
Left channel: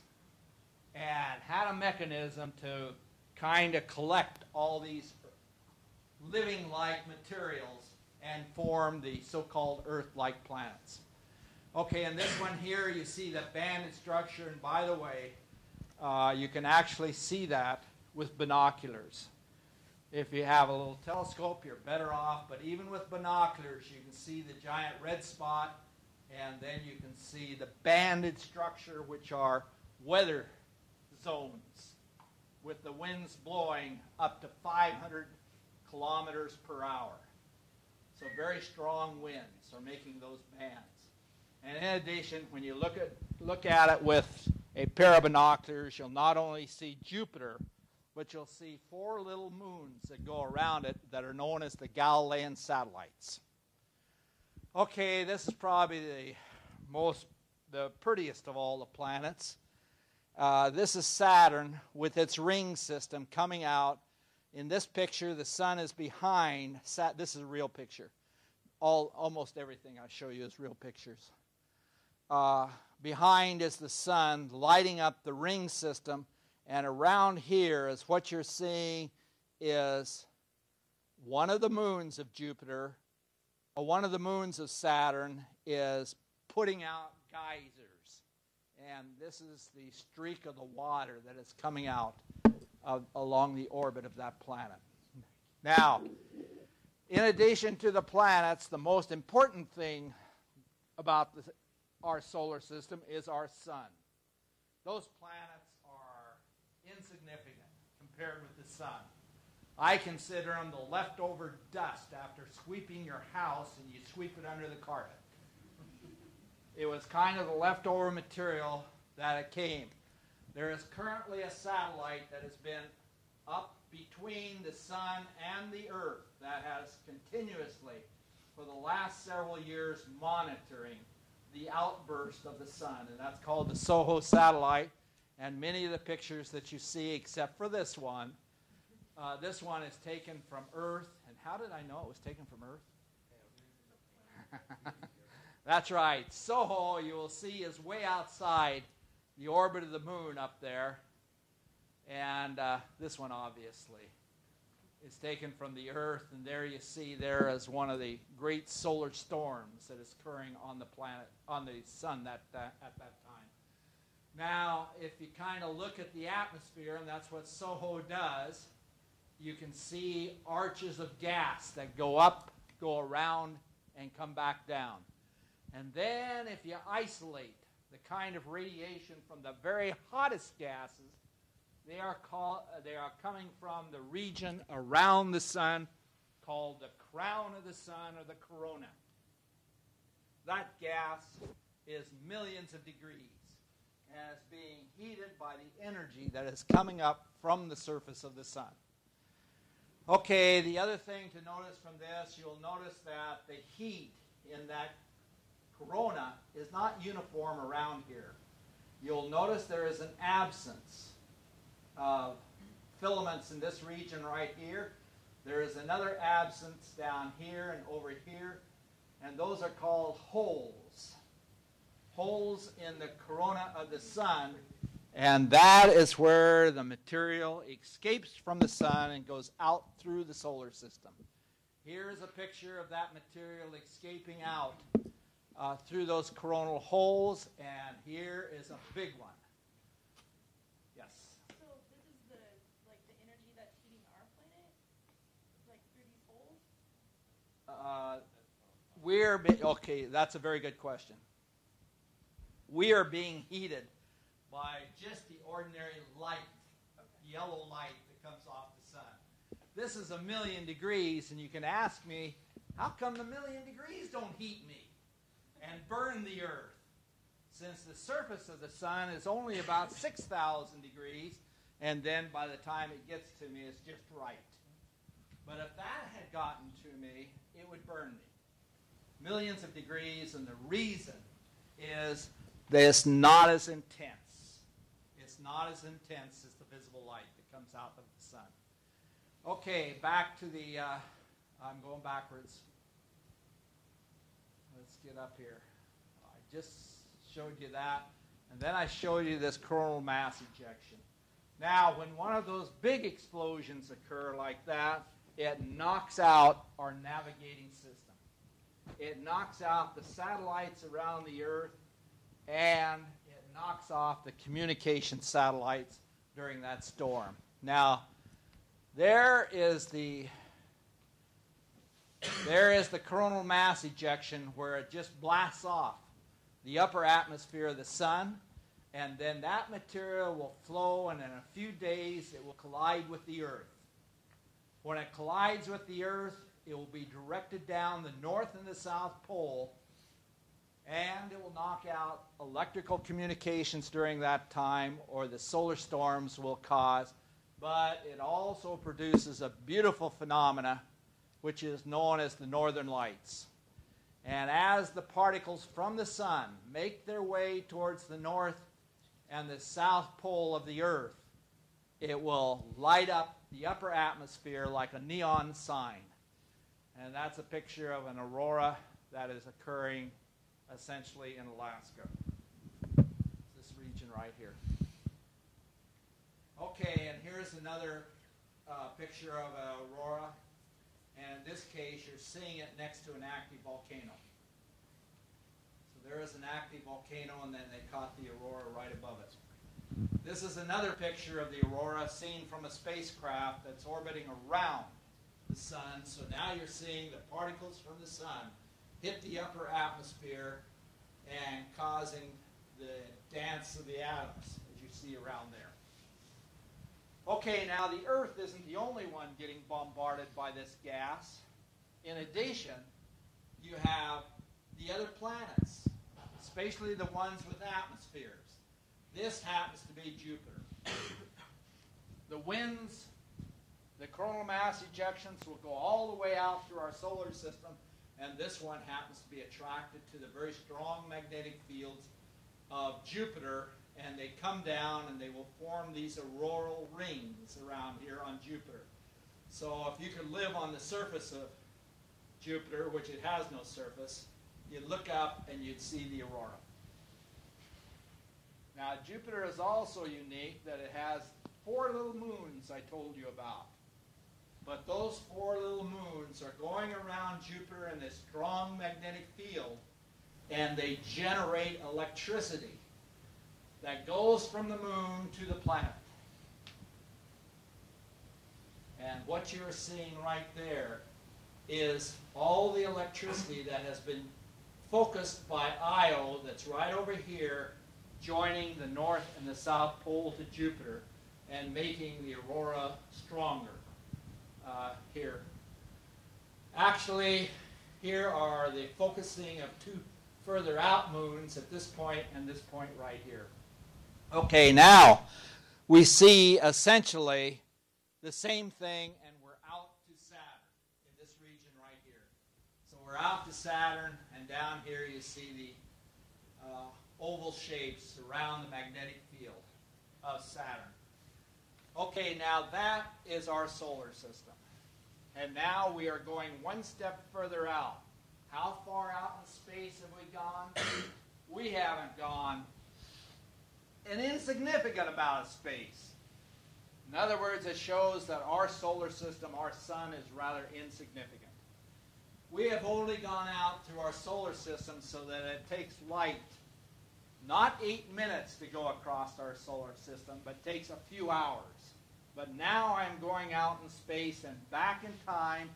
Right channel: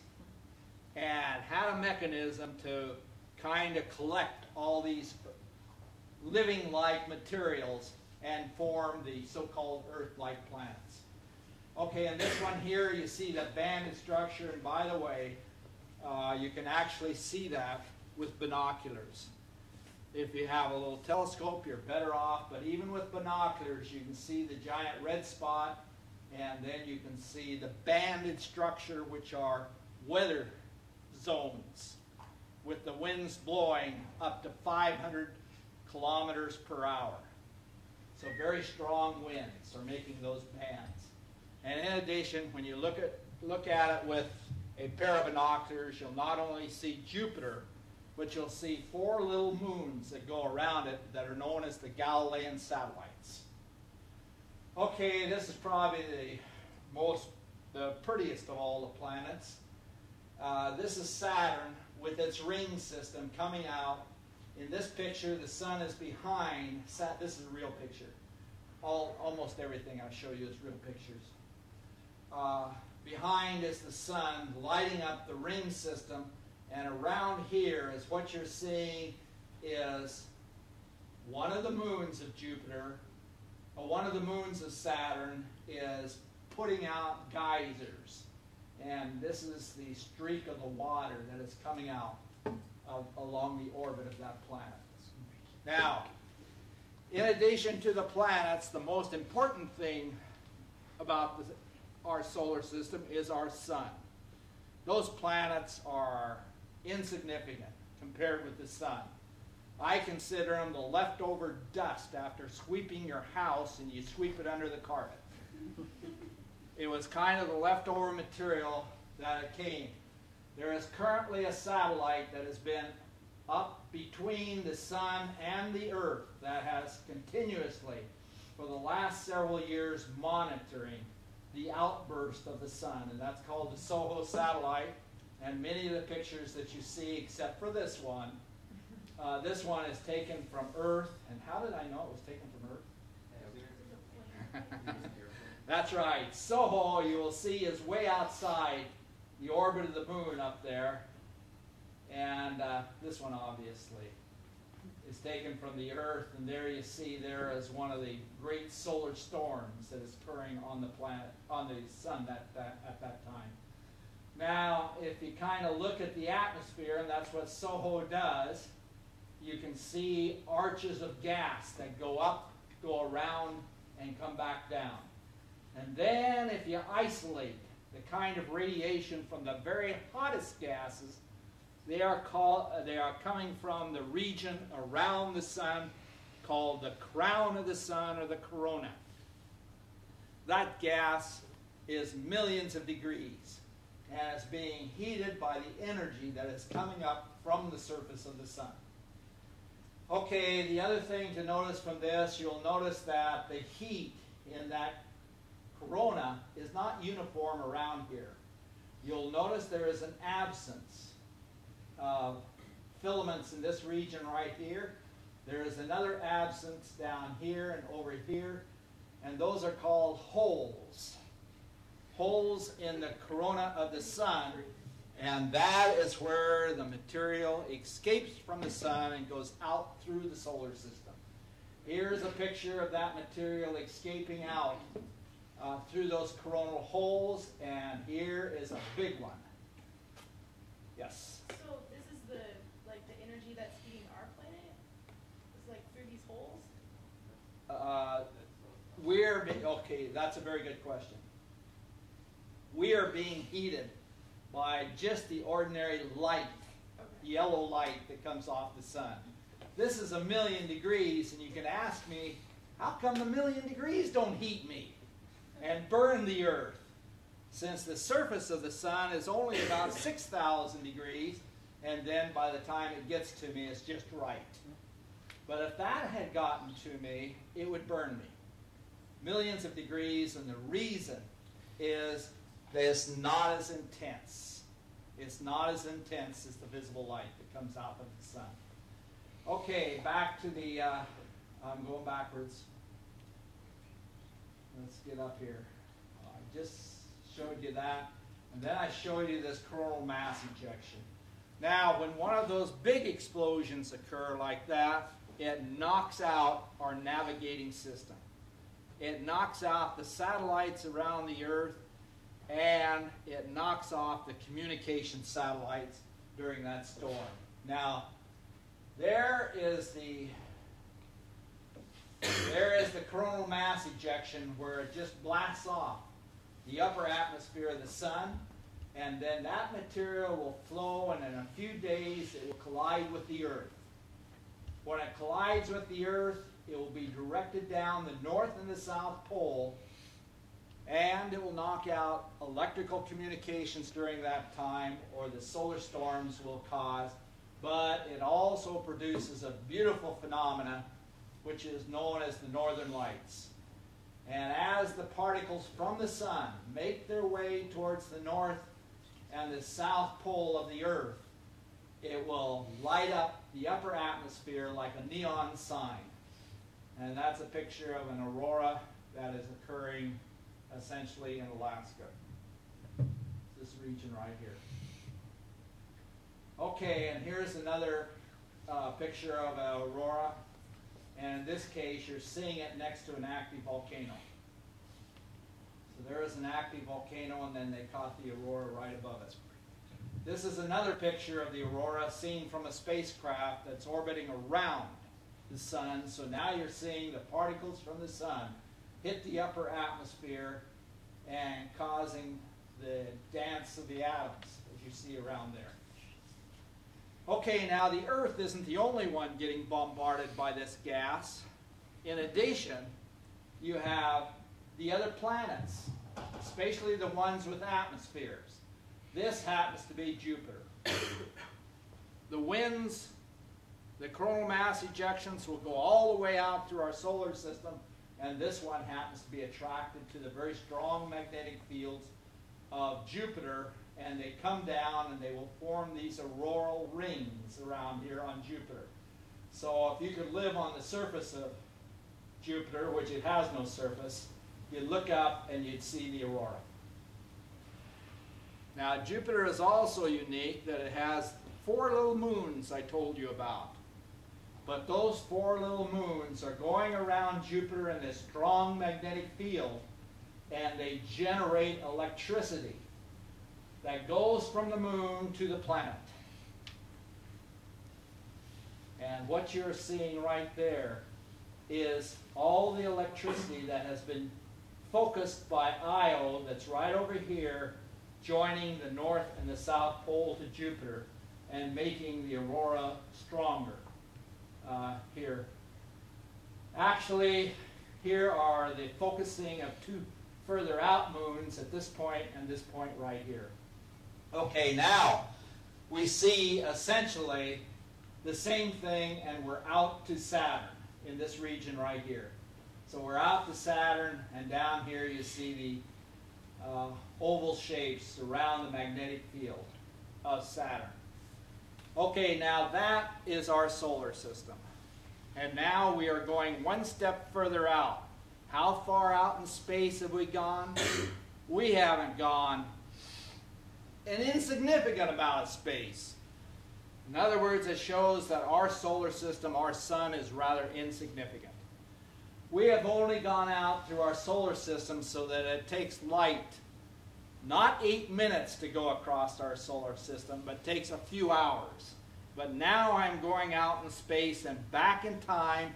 and had a mechanism to kind of collect all these living-like materials and form the so-called Earth-like planets. Okay, in this one here, you see the banded structure, and by the way, you can actually see that with binoculars. If you have a little telescope, you're better off, but even with binoculars, you can see the giant red spot, and then you can see the banded structure, which are weather zones, with the winds blowing up to 500 kilometers per hour. So very strong winds are making those bands. And in addition, when you look at it with a pair of binoculars, you'll not only see Jupiter, but you'll see 4 little moons that go around it that are known as the Galilean satellites. Okay, this is probably the prettiest of all the planets. This is Saturn with its ring system coming out. In this picture, the sun is behind. This is a real picture. Almost everything I show you is real pictures. Behind is the sun lighting up the ring system, and around here is what you're seeing is one of the moons of Jupiter, or one of the moons of Saturn is putting out geysers. And this is the streak of the water that is coming out along the orbit of that planet. Now, in addition to the planets, the most important thing about our solar system is our sun. Those planets are insignificant compared with the sun. I consider them the leftover dust after sweeping your house and you sweep it under the carpet. It was kind of the leftover material that it came. There is currently a satellite that has been up between the sun and the earth that has continuously, for the last several years, monitoring the outburst of the sun, and that's called the SOHO satellite. And many of the pictures that you see, except for this one is taken from Earth. And how did I know it was taken from Earth? That's right. SOHO, you will see, is way outside the orbit of the moon up there. And this one, obviously, is taken from the Earth. And there you see there is one of the great solar storms that is occurring on the planet, on the sun at that time. Now, if you kind of look at the atmosphere, and that's what SOHO does, you can see arches of gas that go up, go around, and come back down. And then if you isolate the kind of radiation from the very hottest gases, they are coming from the region around the sun called the crown of the sun, or the corona. That gas is millions of degrees and is being heated by the energy that is coming up from the surface of the sun. Okay, the other thing to notice from this, you'll notice that the heat in that corona is not uniform around here. You'll notice there is an absence of filaments in this region right here. There is another absence down here and over here, and those are called holes. Holes in the corona of the sun, and that is where the material escapes from the sun and goes out through the solar system. Here's a picture of that material escaping out through those coronal holes, and here is a big one. Yes? So this is the energy that's heating our planet? It's through these holes? Okay, that's a very good question. We are being heated by just the ordinary light, yellow light that comes off the sun. This is 1,000,000 degrees, and you can ask me, how come the 1,000,000 degrees don't heat me and burn the earth? Since the surface of the sun is only about 6,000 degrees, and then by the time it gets to me, it's just right. But if that had gotten to me, it would burn me. Millions of degrees, and the reason is that it's not as intense. It's not as intense as the visible light that comes out of the sun. Okay, back to the, I'm going backwards. Let's get up here. I just showed you that, and then I showed you this coronal mass ejection. Now, when one of those big explosions occur like that, it knocks out our navigating system. It knocks out the satellites around the Earth, and it knocks off the communication satellites during that storm. Now, there is the coronal mass ejection, where it just blasts off the upper atmosphere of the sun, and then that material will flow, and in a few days it will collide with the Earth. When it collides with the Earth, it will be directed down the North and the South Pole, and it will knock out electrical communications during that time, or the solar storms will cause but it also produces a beautiful phenomena which is known as the northern lights. And as the particles from the sun make their way towards the north and the south pole of the Earth, it will light up the upper atmosphere like a neon sign. And that's a picture of an aurora that is occurring essentially in Alaska. This region right here. Okay, and here's another picture of an aurora. And in this case, you're seeing it next to an active volcano. So there is an active volcano, and then they caught the aurora right above it. This is another picture of the aurora seen from a spacecraft that's orbiting around the sun. So now you're seeing the particles from the sun hit the upper atmosphere and causing the dance of the atoms, as you see around there. Okay, now the Earth isn't the only one getting bombarded by this gas. In addition, you have the other planets, especially the ones with atmospheres. This happens to be Jupiter. The winds, the coronal mass ejections will go all the way out through our solar system, and this one happens to be attracted to the very strong magnetic fields of Jupiter, and they come down and they will form these auroral rings around here on Jupiter. So if you could live on the surface of Jupiter, which it has no surface, you'd look up and you'd see the aurora. Now Jupiter is also unique that it has 4 little moons I told you about. But those 4 little moons are going around Jupiter in this strong magnetic field, and they generate electricity that goes from the moon to the planet. And what you're seeing right there is all the electricity that has been focused by Io that's right over here, joining the north and the south pole to Jupiter and making the aurora stronger here. Actually, here are the focusing of 2 further out moons at this point and this point right here. Okay, now we see essentially the same thing, and we're out to Saturn in this region right here. So we're out to Saturn, and down here you see the oval shapes around the magnetic field of Saturn. Okay, now that is our solar system. And now we are going one step further out. How far out in space have we gone? We haven't gone an insignificant amount of space. In other words, it shows that our solar system, our sun, is rather insignificant. We have only gone out through our solar system so that it takes light not 8 minutes to go across our solar system, but takes a few hours. But now I'm going out in space and back in time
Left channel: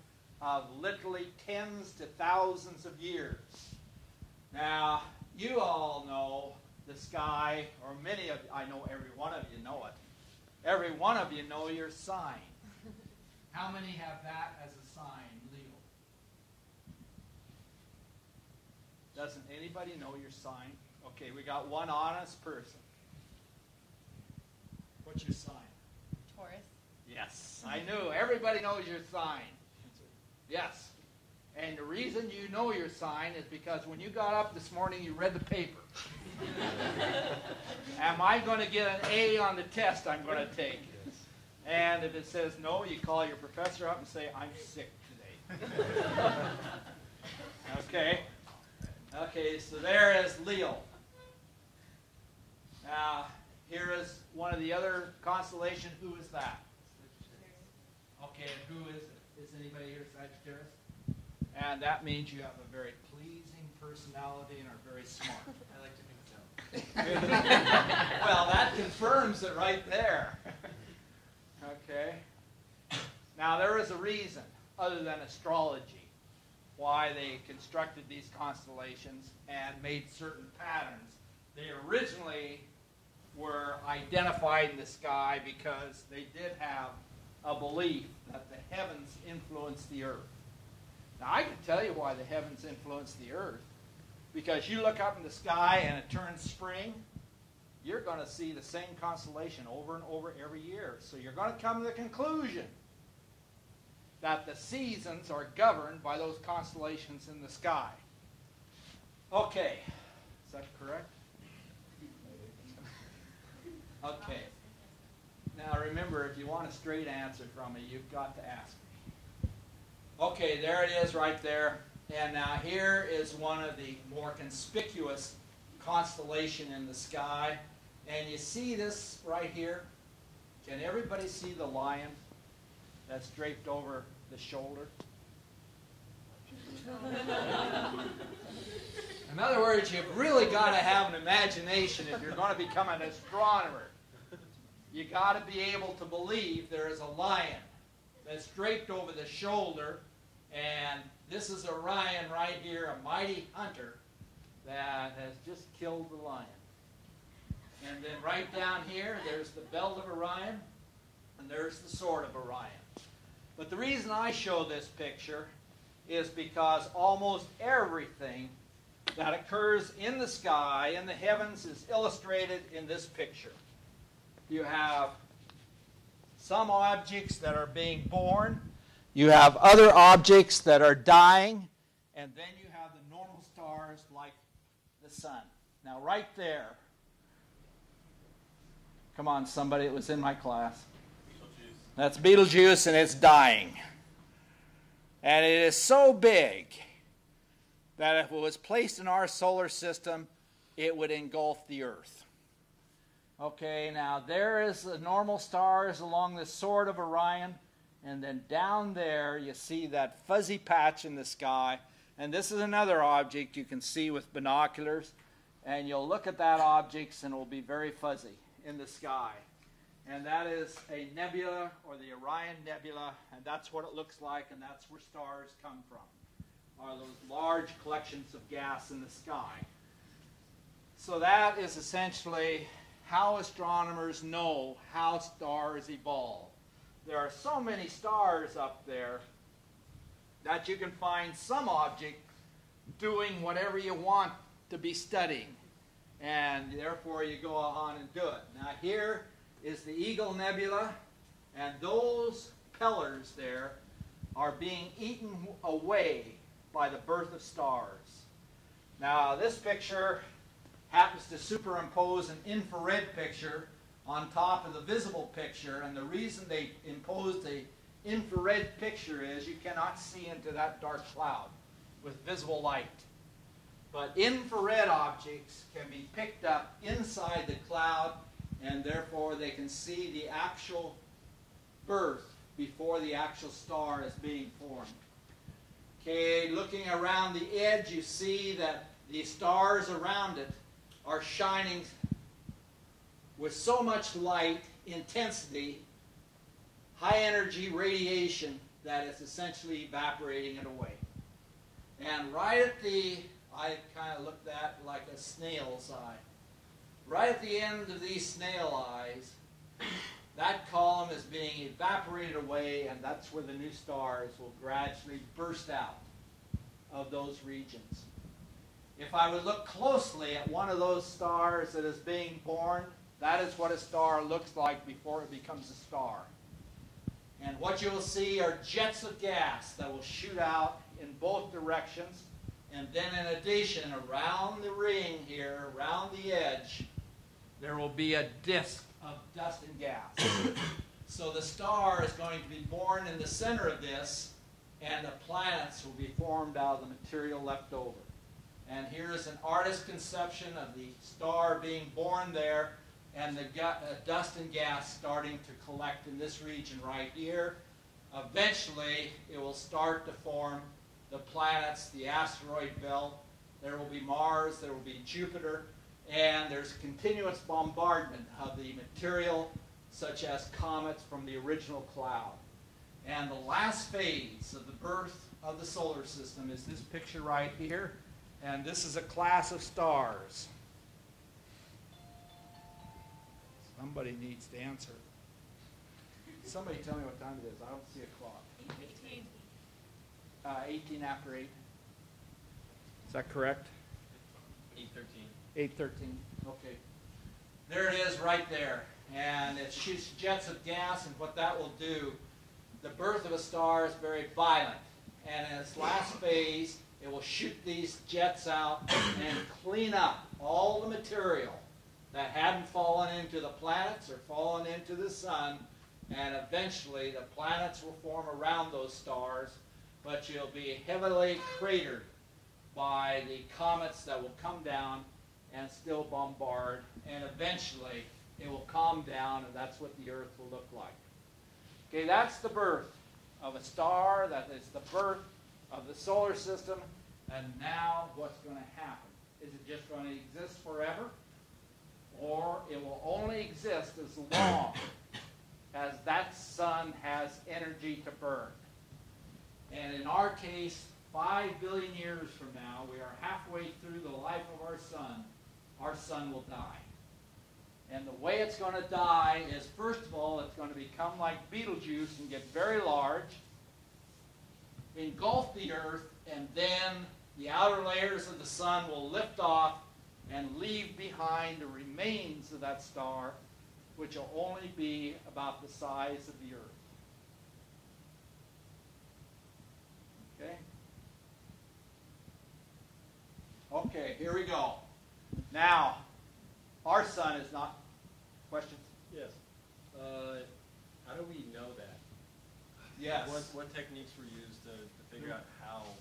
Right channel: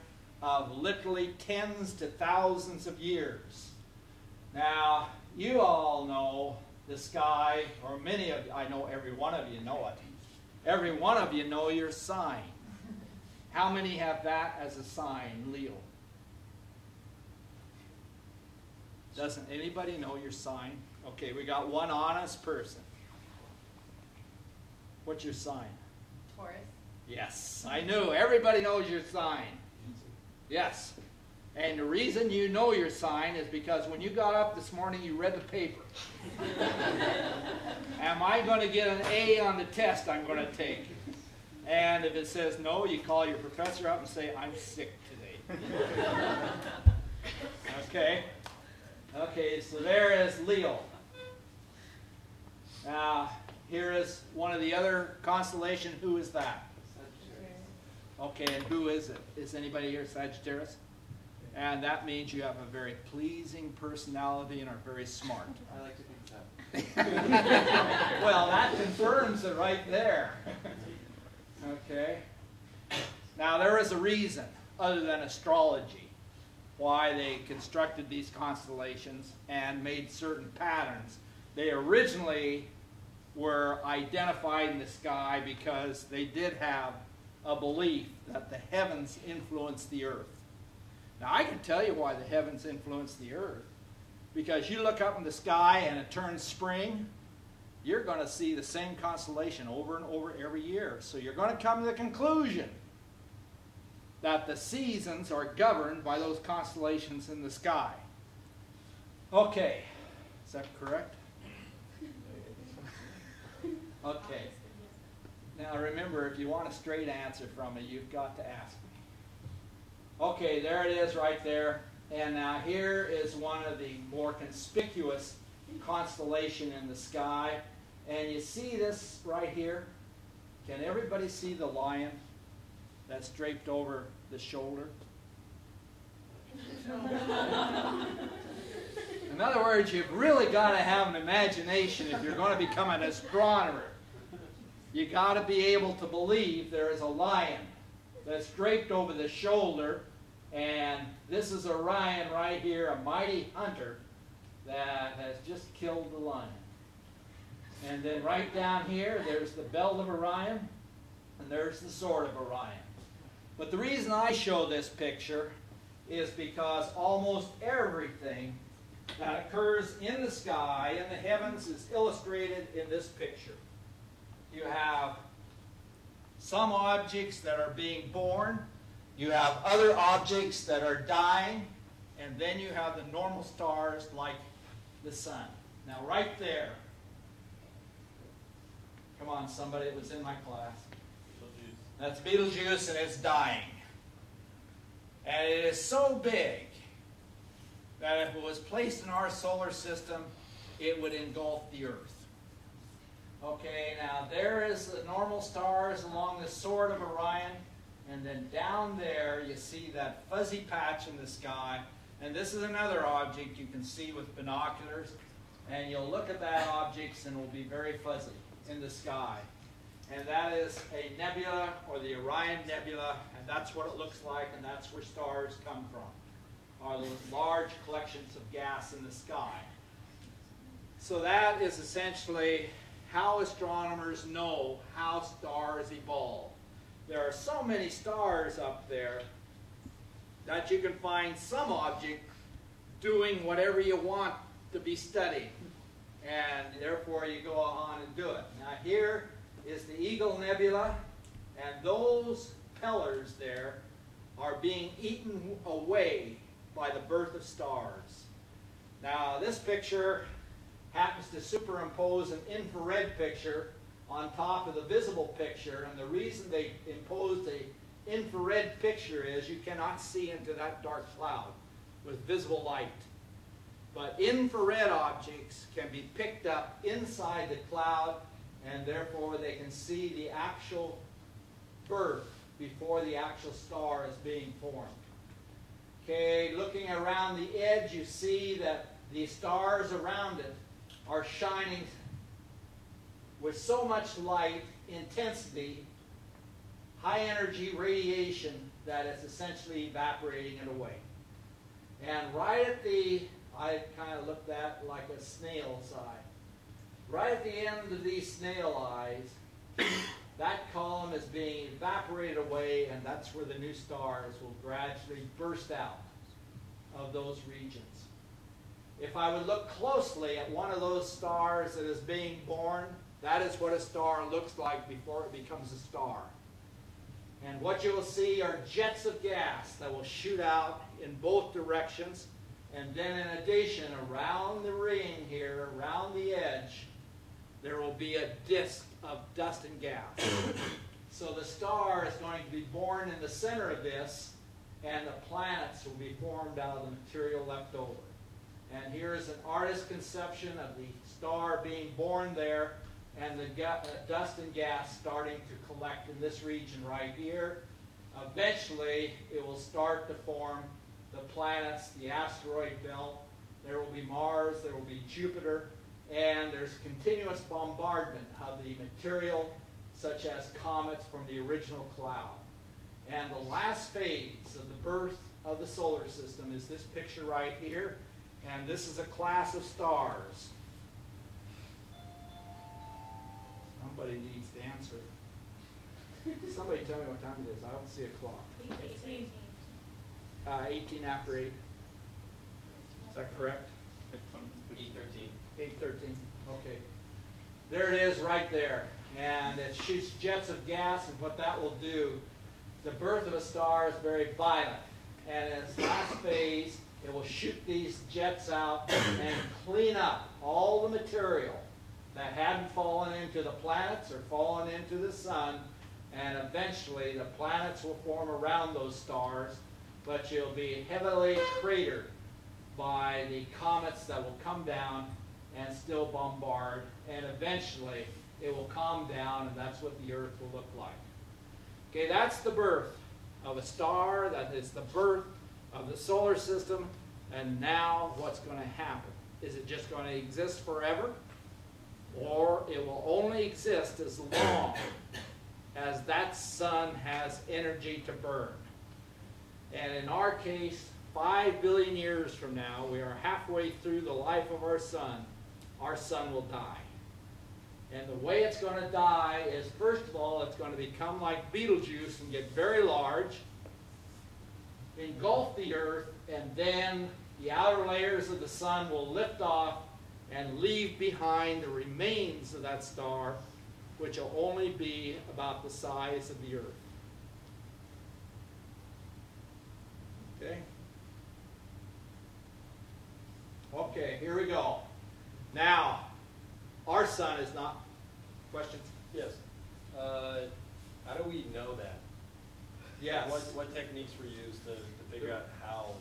of literally tens to thousands of years. Now, you all know the sky, or many of you, I know every one of you know it. Every one of you know your sign. How many have that as a sign, Leo? Doesn't anybody know your sign? Okay, we got one honest person. What's your sign? Taurus. Yes, I knew. Everybody knows your sign. Yes. And the reason you know your sign is because when you got up this morning, you read the paper. Am I going to get an A on the test I'm going to take? And if it says no, you call your professor up and say, I'm sick today. Okay. Okay, so there is Leo. Now, here is one of the other constellations. Who is that? Okay, and who is it? Is anybody here Sagittarius? And that means you have a very pleasing personality and are very smart. I like to think so. Well, that confirms it right there. Okay. Now, there is a reason, other than astrology, why they constructed these constellations and made certain patterns. They originally were identified in the sky because they did have a belief that the heavens influence the earth. Now, I can tell you why the heavens influence the earth. Because you look up in the sky and it turns spring, you're going to see the same constellation over and over every year. So you're going to come to the conclusion that the seasons are governed by those constellations in the sky. Okay, is that correct? Okay. Now remember, if you want a straight answer from me, you've got to ask me. Okay, there it is right there. And now here is one of the more conspicuous constellation in the sky. And you see this right here? Can everybody see the lion that's draped over the shoulder? In other words, you've really got to have an imagination if you're going to become an astronomer. You got to be able to believe there is a lion that's draped over the shoulder, and this is Orion right here, a mighty hunter that has just killed the lion. And then right down here, there's the belt of Orion, and there's the sword of Orion. But the reason I show this picture is because almost everything that occurs in the sky, in the heavens, is illustrated in this picture. You have some objects that are being born, you have other objects that are dying, and then you have the normal stars like the sun. Now right there, come on somebody, it was in my class. Betelgeuse. That's Betelgeuse, and it's dying. And it is so big that if it was placed in our solar system, it would engulf the Earth. Okay, now there is the normal stars along the sword of Orion, and then down there you see that fuzzy patch in the sky, and this is another object you can see with binoculars, and you'll look at that object and it will be very fuzzy in the sky. And that is a nebula, or the Orion Nebula, and that's what it looks like, and that's where stars come from, are those large collections of gas in the sky. So that is essentially how astronomers know how stars evolve. There are so many stars up there that you can find some object doing whatever you want to be studying, and therefore you go on and do it. Now here is the Eagle Nebula, and those pillars there are being eaten away by the birth of stars. Now this picture happens to superimpose an infrared picture on top of the visible picture, and the reason they imposed the infrared picture is you cannot see into that dark cloud with visible light. But infrared objects can be picked up inside the cloud, and therefore they can see the actual birth before the actual star is being formed. Okay, looking around the edge, you see that the stars around it are shining with so much light, intensity, high energy radiation that it's essentially evaporating it away. And right at the, I kind of looked at like a snail's eye. Right at the end of these snail eyes, that column is being evaporated away, and that's where the new stars will gradually burst out of those regions. If I would look closely at one of those stars that is being born, that is what a star looks like before it becomes a star. And what you will see are jets of gas that will shoot out in both directions, and then in addition, around the ring here, around the edge, there will be a disk of dust and gas. So the star is going to be born in the center of this, and the planets will be formed out of the material left over. And here's an artist's conception of the star being born there, and the dust and gas starting to collect in this region right here. Eventually, it will start to form the planets, the asteroid belt. There will be Mars, there will be Jupiter, and there's continuous bombardment of the material, such as comets from the original cloud. And the last phase of the birth of the solar system is this picture right here, and this is a class of stars. Somebody needs to answer. Somebody tell me what time it is. I don't see a clock. 18 after 8. Is that correct? 8:13. 8:13. Okay. There it is right there. And it shoots jets of gas, and what that will do, the birth of a star is very violent. And in its last phase, it will shoot these jets out and clean up all the material that hadn't fallen into the planets or fallen into the sun. And eventually, the planets will form around those stars, but you'll be heavily cratered by the comets that will come down and still bombard. And eventually, it will calm down, and that's what the Earth will look like. Okay, that's the birth of a star. That is the birth of the solar system. And now, what's going to happen? Is it just going to exist forever? Or it will only exist as long as that sun has energy to burn. And in our case, 5 billion years from now, we are halfway through the life of our sun will die. And the way it's going to die is, first of all, it's going to become like Betelgeuse and get very large, engulf the Earth, and then the outer layers of the sun will lift off and leave behind the remains of that star, which will only be about the size of the Earth. Okay? Okay, here we go. Now, our sun is not... Questions? Yes. How do we know that? Yes. What techniques were used to figure out how?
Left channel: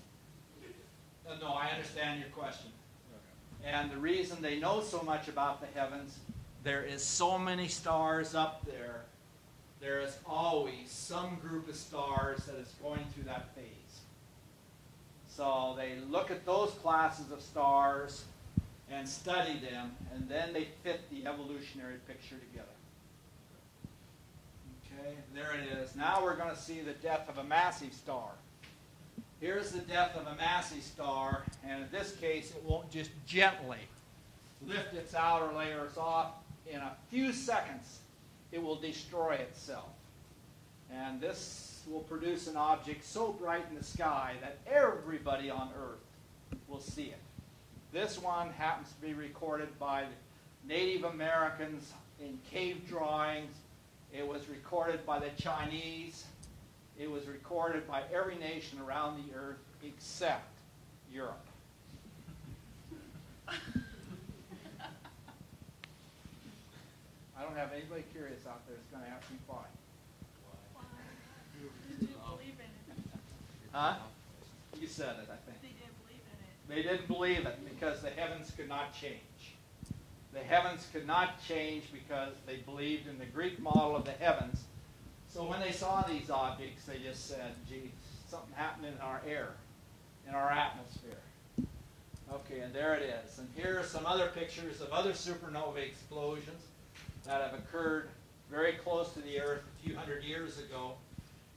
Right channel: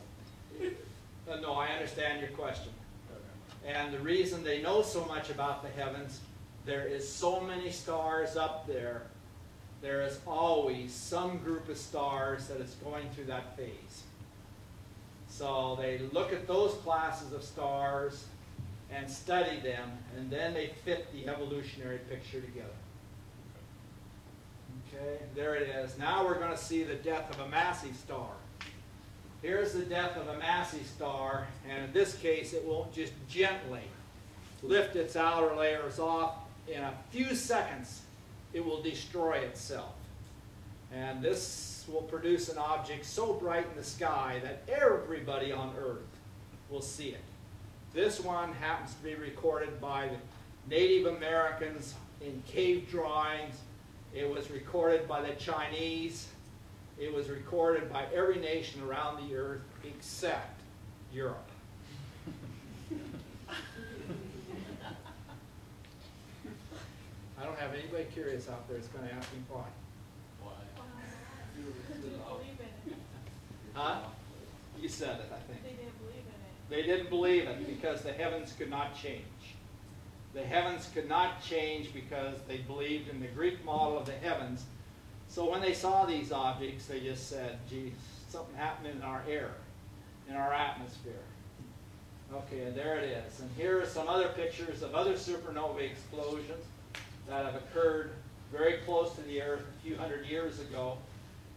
No, I understand your question. Okay. And the reason they know so much about the heavens, there is so many stars up there. There is always some group of stars that is going through that phase. So they look at those classes of stars and study them, and then they fit the evolutionary picture together. Okay, there it is. Now we're going to see the death of a massive star. Here's the death of a massive star, and in this case, it won't just gently lift its outer layers off. In a few seconds, it will destroy itself. And this will produce an object so bright in the sky that everybody on Earth will see it. This one happens to be recorded by the Native Americans in cave drawings. It was recorded by the Chinese. It was recorded by every nation around the Earth except Europe. I don't have anybody curious out there that's going to ask me why. They didn't believe in it. Huh? You said it, I think. They didn't believe in it. They didn't believe it because the heavens could not change. The heavens could not change because they believed in the Greek model of the heavens. So when they saw these objects, they just said, gee, something happened in our air, in our atmosphere. Okay, and there it is. And here are some other pictures of other supernova explosions that have occurred very close to the Earth a few hundred years ago.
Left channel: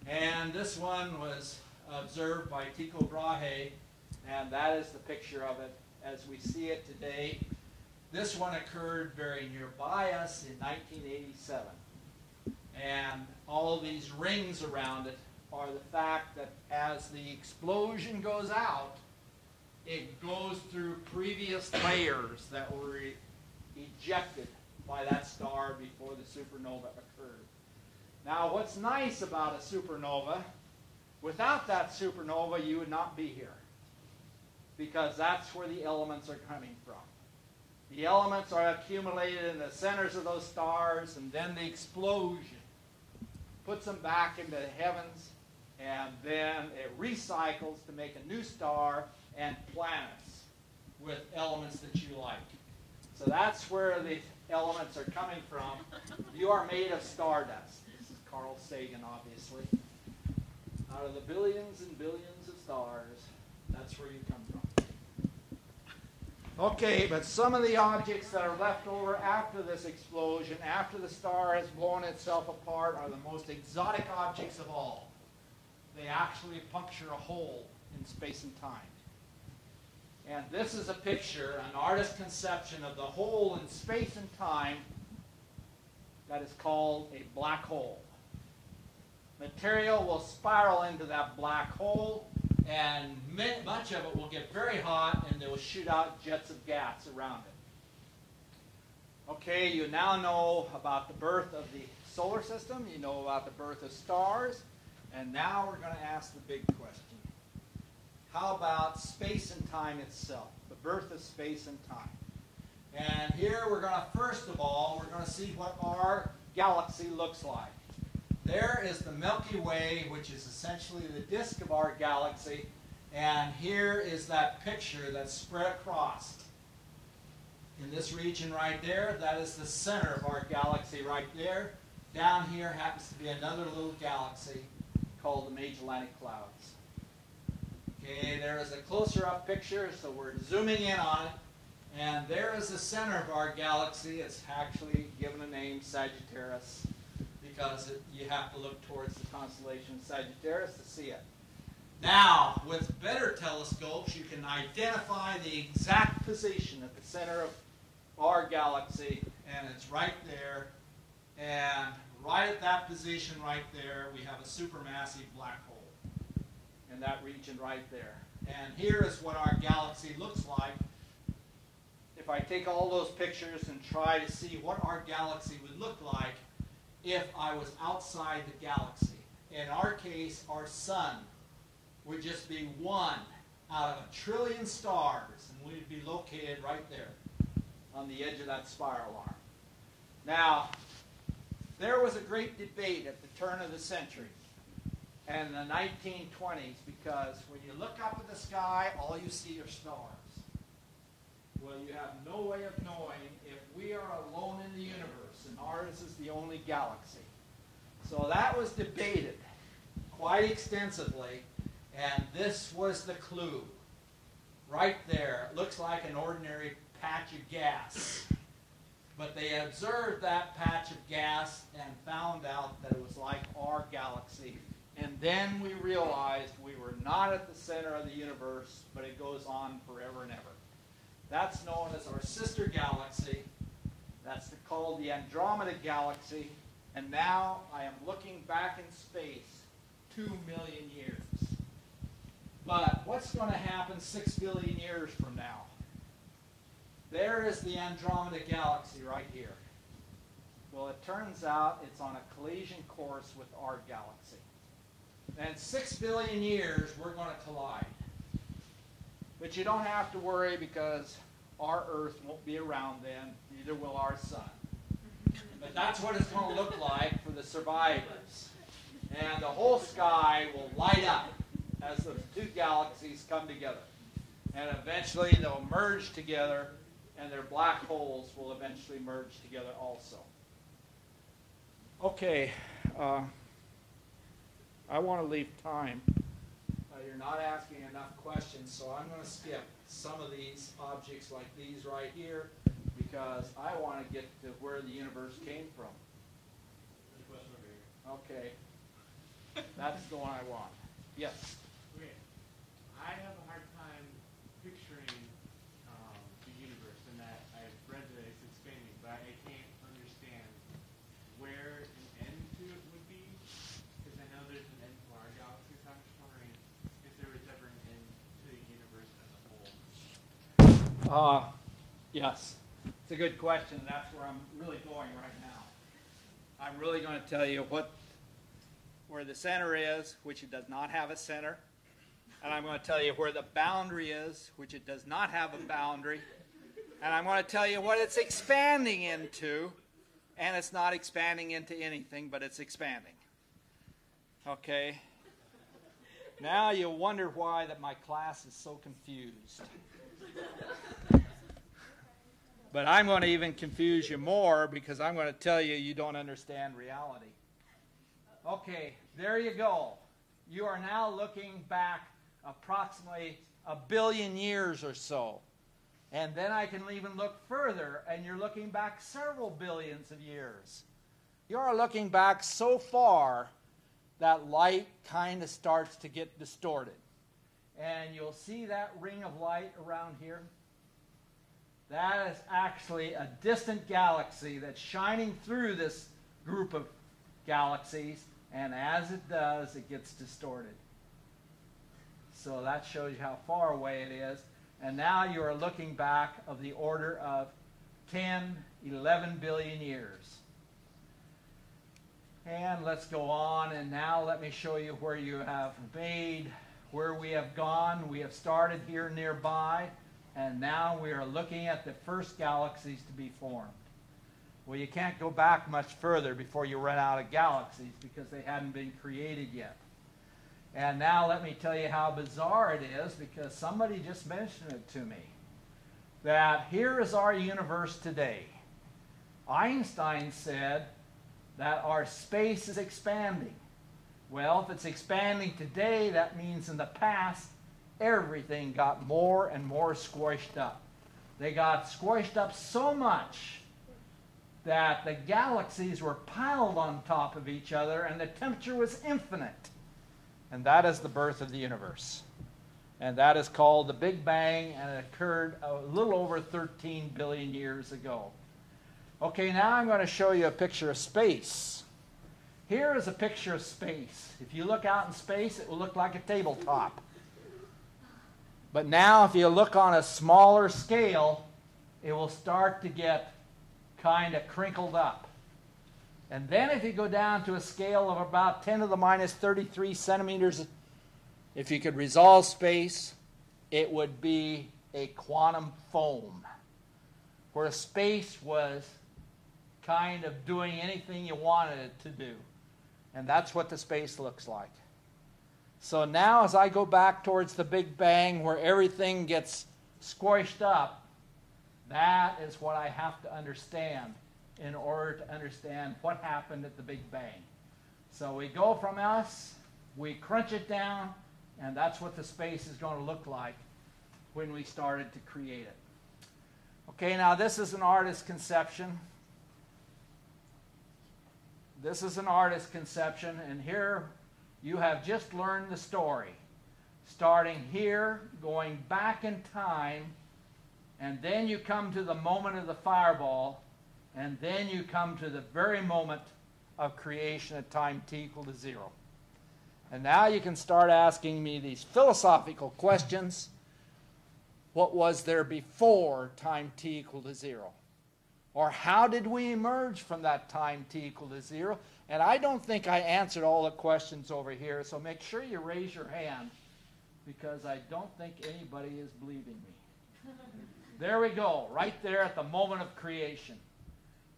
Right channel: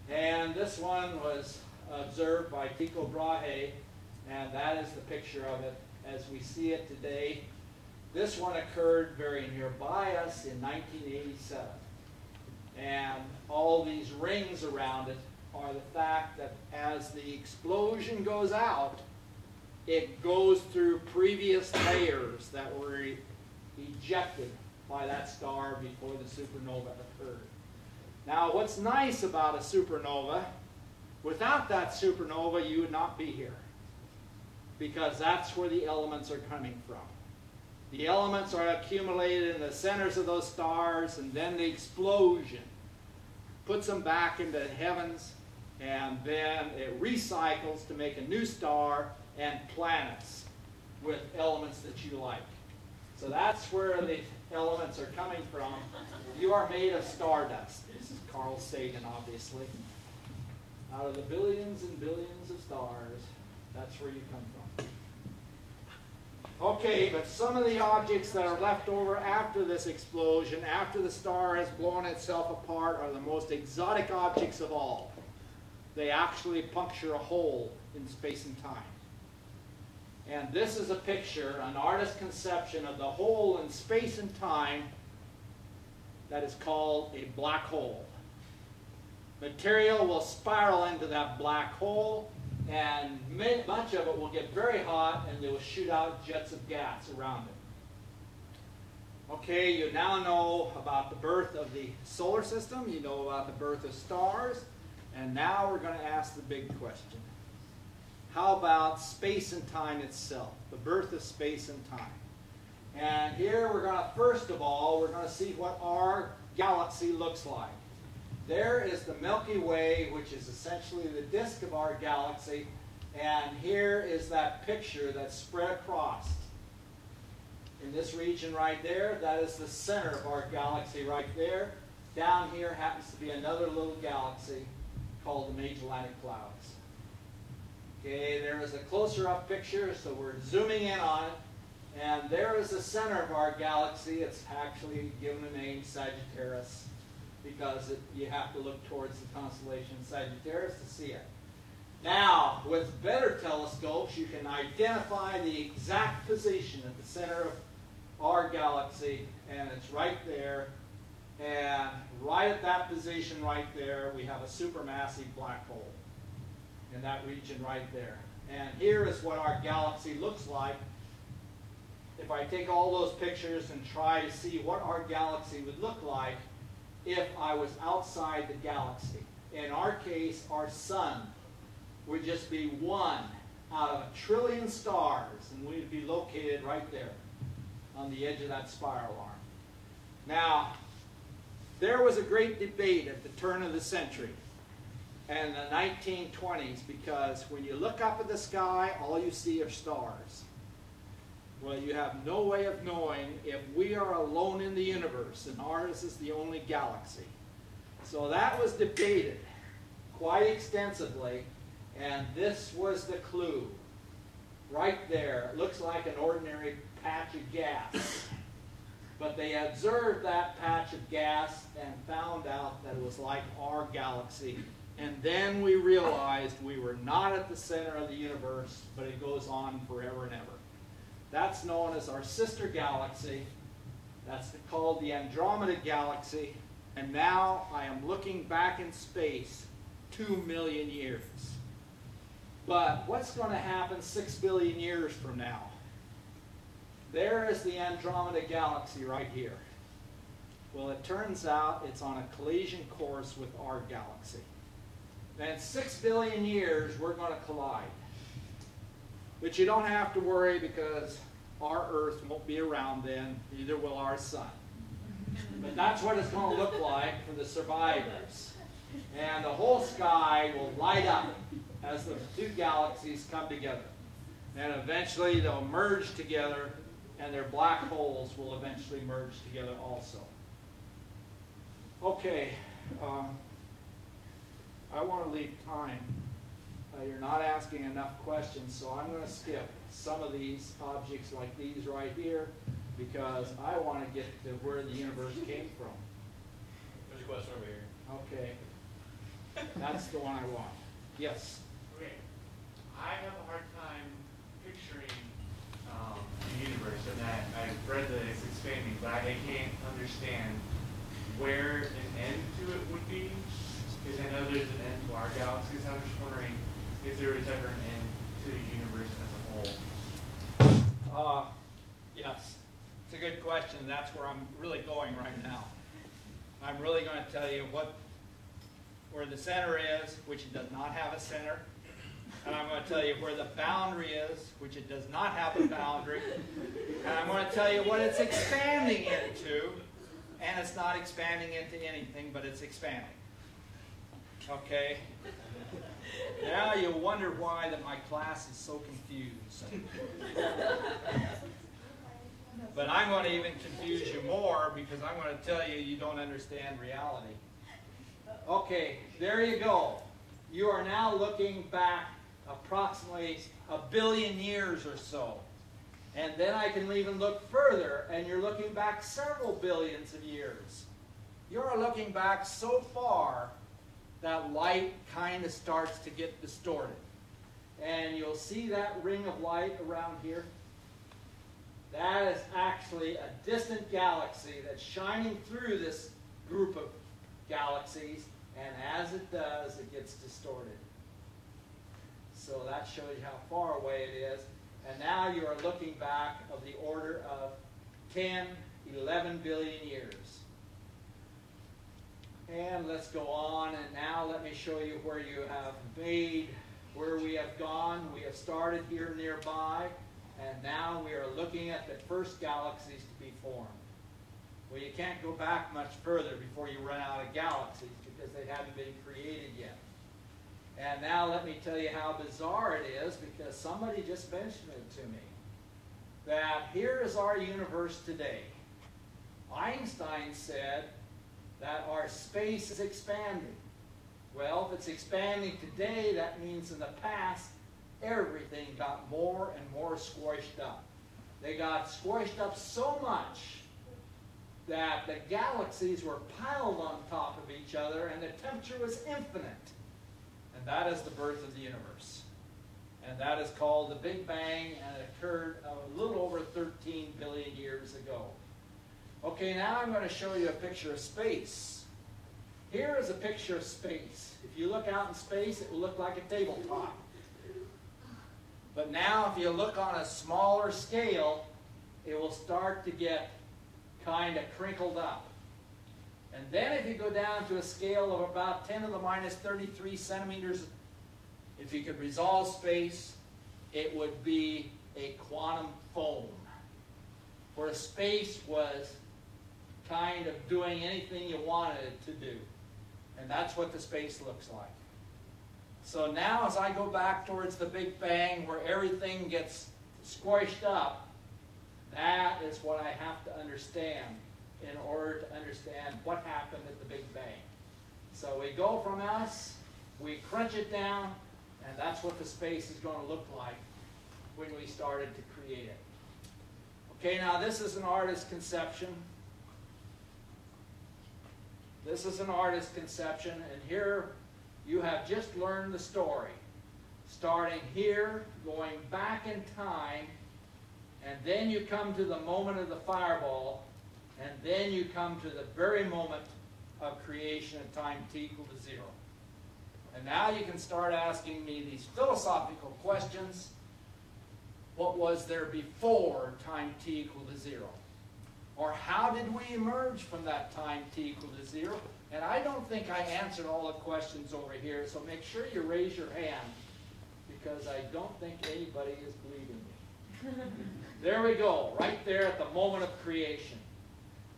And this one was observed by Tycho Brahe, and that is the picture of it as we see it today. This one occurred very nearby us in 1987. And all these rings around it are the fact that as the explosion goes out, it goes through previous layers that were ejected by that star before the supernova occurred. Now, what's nice about a supernova, without that supernova, you would not be here, because that's where the elements are coming from. The elements are accumulated in the centers of those stars, and then the explosion puts them back into the heavens, and then it recycles to make a new star and planets with elements that you like. So that's where the elements are coming from. You are made of stardust. This is Carl Sagan, obviously. Out of the billions and billions of stars, that's where you come from. Okay, but some of the objects that are left over after this explosion, after the star has blown itself apart, are the most exotic objects of all. They actually puncture a hole in space and time. And this is a picture, an artist's conception of the hole in space and time that is called a black hole. Material will spiral into that black hole, and much of it will get very hot, and they will shoot out jets of gas around Okay, you now know about the birth of the solar system, you know about the birth of stars, and now we're going to ask the big question. How about space and time itself, the birth of space and time? And here we're going to, first of all, we're going to see what our galaxy looks like. There is the Milky Way, which is essentially the disk of our galaxy, and here is that picture that's spread across. In this region right there, that is the center of our galaxy right there. Down here happens to be another little galaxy called the Magellanic Clouds. Okay, there is a closer up picture, so we're zooming in on it. And there is the center of our galaxy. It's actually given a name, Sagittarius, because you have to look towards the constellation Sagittarius to see it. Now, with better telescopes, you can identify the exact position at the center of our galaxy, and it's right there. And right at that position right there, we have a supermassive black hole in that region right there. And here is what our galaxy looks like. If I take all those pictures and try to see what our galaxy would look like if I was outside the galaxy. In our case, our sun would just be one out of 1 trillion stars, and we'd be located right there on the edge of that spiral arm. Now, there was a great debate at the turn of the century and the 1920s, because when you look up at the sky, all you see are stars. Well, you have no way of knowing if we are alone in the universe, and ours is the only galaxy. So that was debated quite extensively, and this was the clue. Right there, it looks like an ordinary patch of gas. But they observed that patch of gas and found out that it was like our galaxy. And then we realized we were not at the center of the universe, but it goes on forever and ever. That's known as our sister galaxy. That's called the Andromeda Galaxy. And now I am looking back in space 2 million years. But what's going to happen 6 billion years from now? There is the Andromeda Galaxy right here. Well, it turns out it's on a collision course with our galaxy. And in 6 billion years, we're going to collide. But you don't have to worry, because our Earth won't be around then, neither will our sun. But that's what it's going to look like for the survivors. And the whole sky will light up as the two galaxies come together. And eventually they'll merge together, and their black holes will eventually merge together also. Okay, I want to leave time. You're not asking enough questions, so I'm going to skip some of these objects like these right here, because I want to get to where the universe came from. There's a question over here. Okay. That's the one I want. Yes? Okay. I have a hard time picturing the universe, and I've read that it's expanding, but I can't understand where an end to it would be, because I know there's an end to our galaxies. I'm just wondering if there is ever an end to the universe as a whole. Yes. It's a good question. That's where I'm really going right now. I'm really going to tell you where the center is, which it does not have a center. And I'm going to tell you where the boundary is, which it does not have a boundary. And I'm going to tell you what it's expanding into. And it's not expanding into anything, but it's expanding. Okay? Now you wonder why that my class is so confused. But I'm going to even confuse you more, because I'm going to tell you you don't understand reality. Okay, there you go. You are now looking back approximately 1 billion years or so. And then I can even look further, and you're looking back several billions of years. You're looking back so far that light kind of starts to get distorted. And you'll see that ring of light around here. That is actually a distant galaxy that's shining through this group of galaxies, and as it does, it gets distorted. So that shows you how far away it is. And now you're looking back of the order of 10 11 billion years. And let's go on, and now let me show you where you have made, where we have gone. We have started here nearby, and now we are looking at the first galaxies to be formed. Well, you can't go back much further before you run out of galaxies because they haven't been created yet. And now let me tell you how bizarre it is, because somebody just mentioned it to me, that here is our universe today. Einstein said that our space is expanding. Well, if it's expanding today, that means in the past, everything got more and more squished up. They got squished up so much that the galaxies were piled on top of each other and the temperature was infinite. And that is the birth of the universe. And that is called the Big Bang, and it occurred a little over 13 billion years ago. Okay, now I'm going to show you a picture of space. Here is a picture of space. If you look out in space, it will look like a tabletop. But now if you look on a smaller scale, it will start to get kind of crinkled up. And then if you go down to a scale of about 10 to the minus 33 centimeters, if you could resolve space, it would be a quantum foam, where space was kind of doing anything you wanted it to do. And that's what the space looks like. So now as I go back towards the Big Bang, where everything gets squished up, that is what I have to understand in order to understand what happened at the Big Bang. So we go from us, we crunch it down, and that's what the space is going to look like when we started to create it. Okay, now this is an artist's conception. This is an artist's conception, and here you have just learned the story. Starting here, going back in time, and then you come to the moment of the fireball, and then you come to the very moment of creation at time t equal to 0. And now you can start asking me these philosophical questions. What was there before time t equal to 0? Or how did we emerge from that time t equal to 0? And I don't think I answered all the questions over here, so make sure you raise your hand, because I don't think anybody is believing me. There we go, right there at the moment of creation.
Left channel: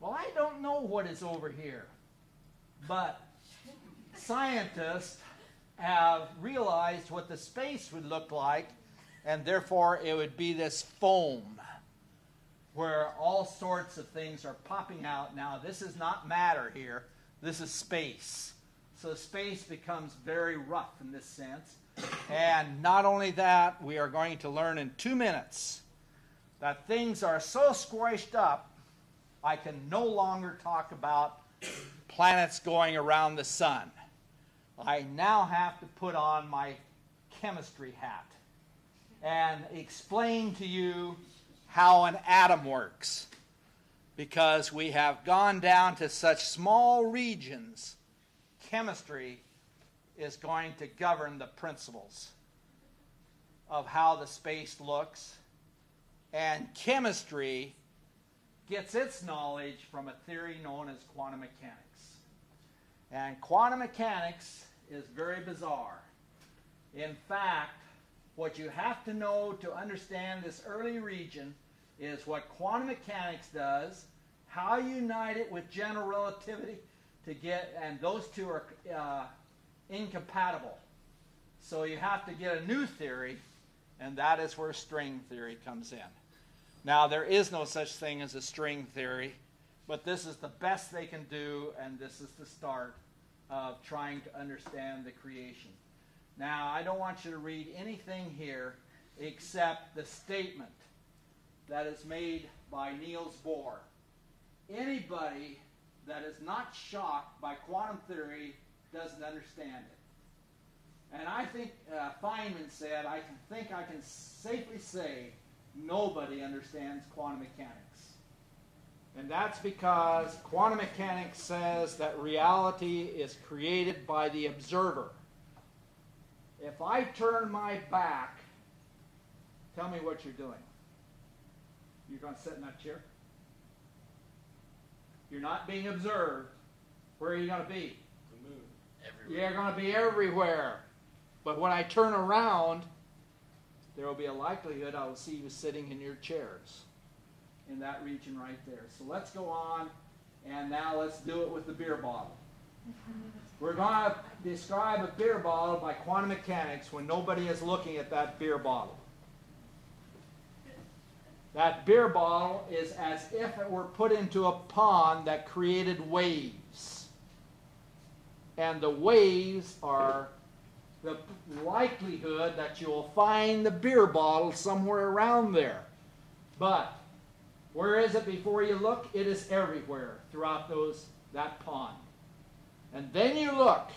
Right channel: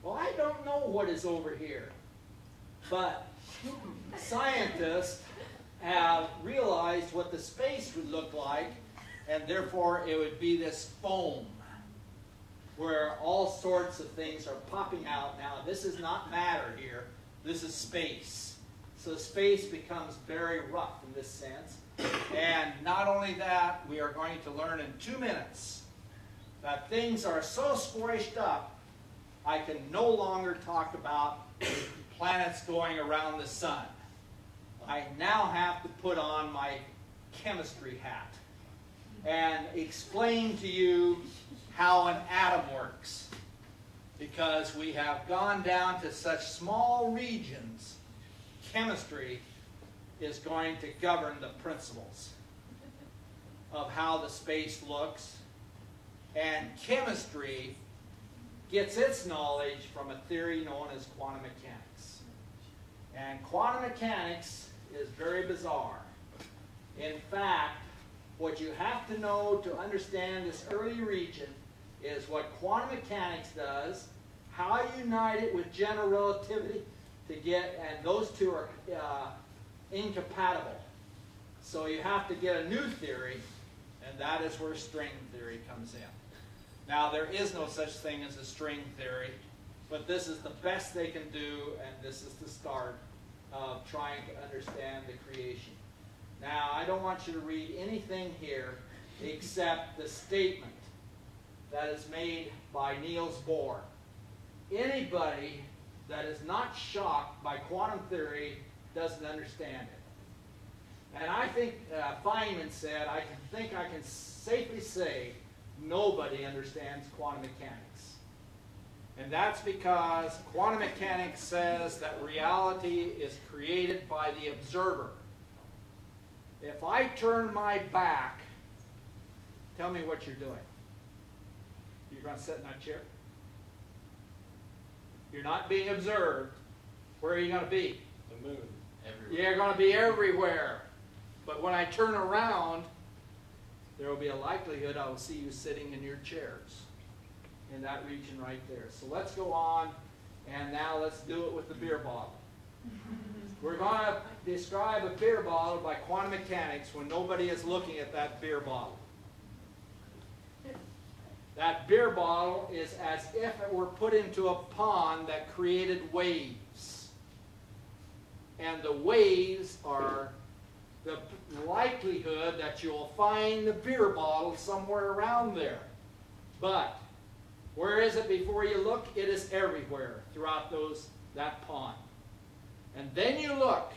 Well, I don't know what is over here, but scientists have realized what the space would look like, and therefore it would be this foam where all sorts of things are popping out. Now, this is not matter here. This is space. So space becomes very rough in this sense. And not only that, we are going to learn in 2 minutes that things are so squished up, I can no longer talk about planets going around the sun. I now have to put on my chemistry hat and explain to you how an atom works, because we have gone down to such small regions. Chemistry is going to govern the principles of how the space looks, and chemistry gets its knowledge from a theory known as quantum mechanics. And quantum mechanics is very bizarre. In fact, what you have to know to understand this early region is what quantum mechanics does, how you unite it with general relativity to get, and those two are incompatible. So you have to get a new theory, and that is where string theory comes in. Now, there is no such thing as a string theory, but this is the best they can do, and this is the start of trying to understand the creation. Now, I don't want you to read anything here except the statement that is made by Niels Bohr. Anybody that is not shocked by quantum theory doesn't understand it. And I think Feynman said, I think I can safely say nobody understands quantum mechanics. And that's because quantum mechanics says that reality is created by the observer. If I turn my back, tell me what you're doing. You're going to sit in that chair? you're not being observed, where are you going to be? The moon. Everywhere. You're going to be everywhere. But when I turn around, there will be a likelihood I will see you sitting in your chairs in that region right there. So let's go on, and now let's do it with the beer bottle. We're going to describe a beer bottle by quantum mechanics when nobody is looking at that beer bottle. That beer bottle is as if it were put into a pond that created waves. And the waves are the likelihood that you'll find the beer bottle somewhere around there. But where is it before you look? It is everywhere throughout that pond. And then you look,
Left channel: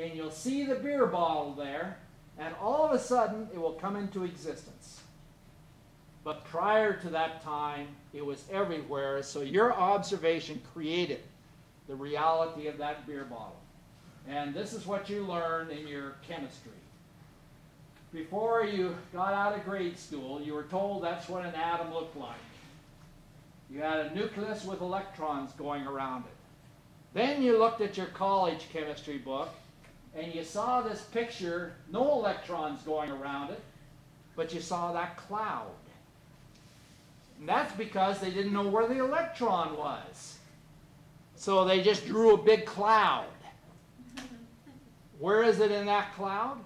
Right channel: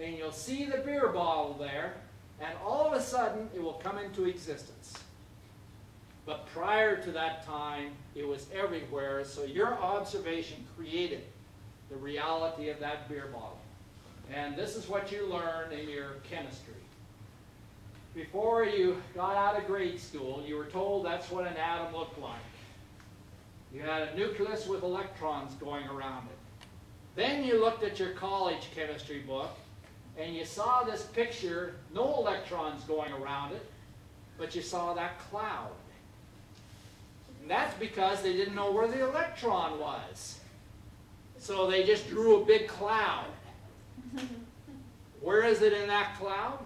and you'll see the beer bottle there, and all of a sudden it will come into existence. But prior to that time, it was everywhere, so your observation created the reality of that beer bottle. And this is what you learned in your chemistry. Before you got out of grade school, you were told that's what an atom looked like. You had a nucleus with electrons going around it. Then you looked at your college chemistry book, and you saw this picture, no electrons going around it, but you saw that cloud. And that's because they didn't know where the electron was. So they just drew a big cloud. Where is it in that cloud?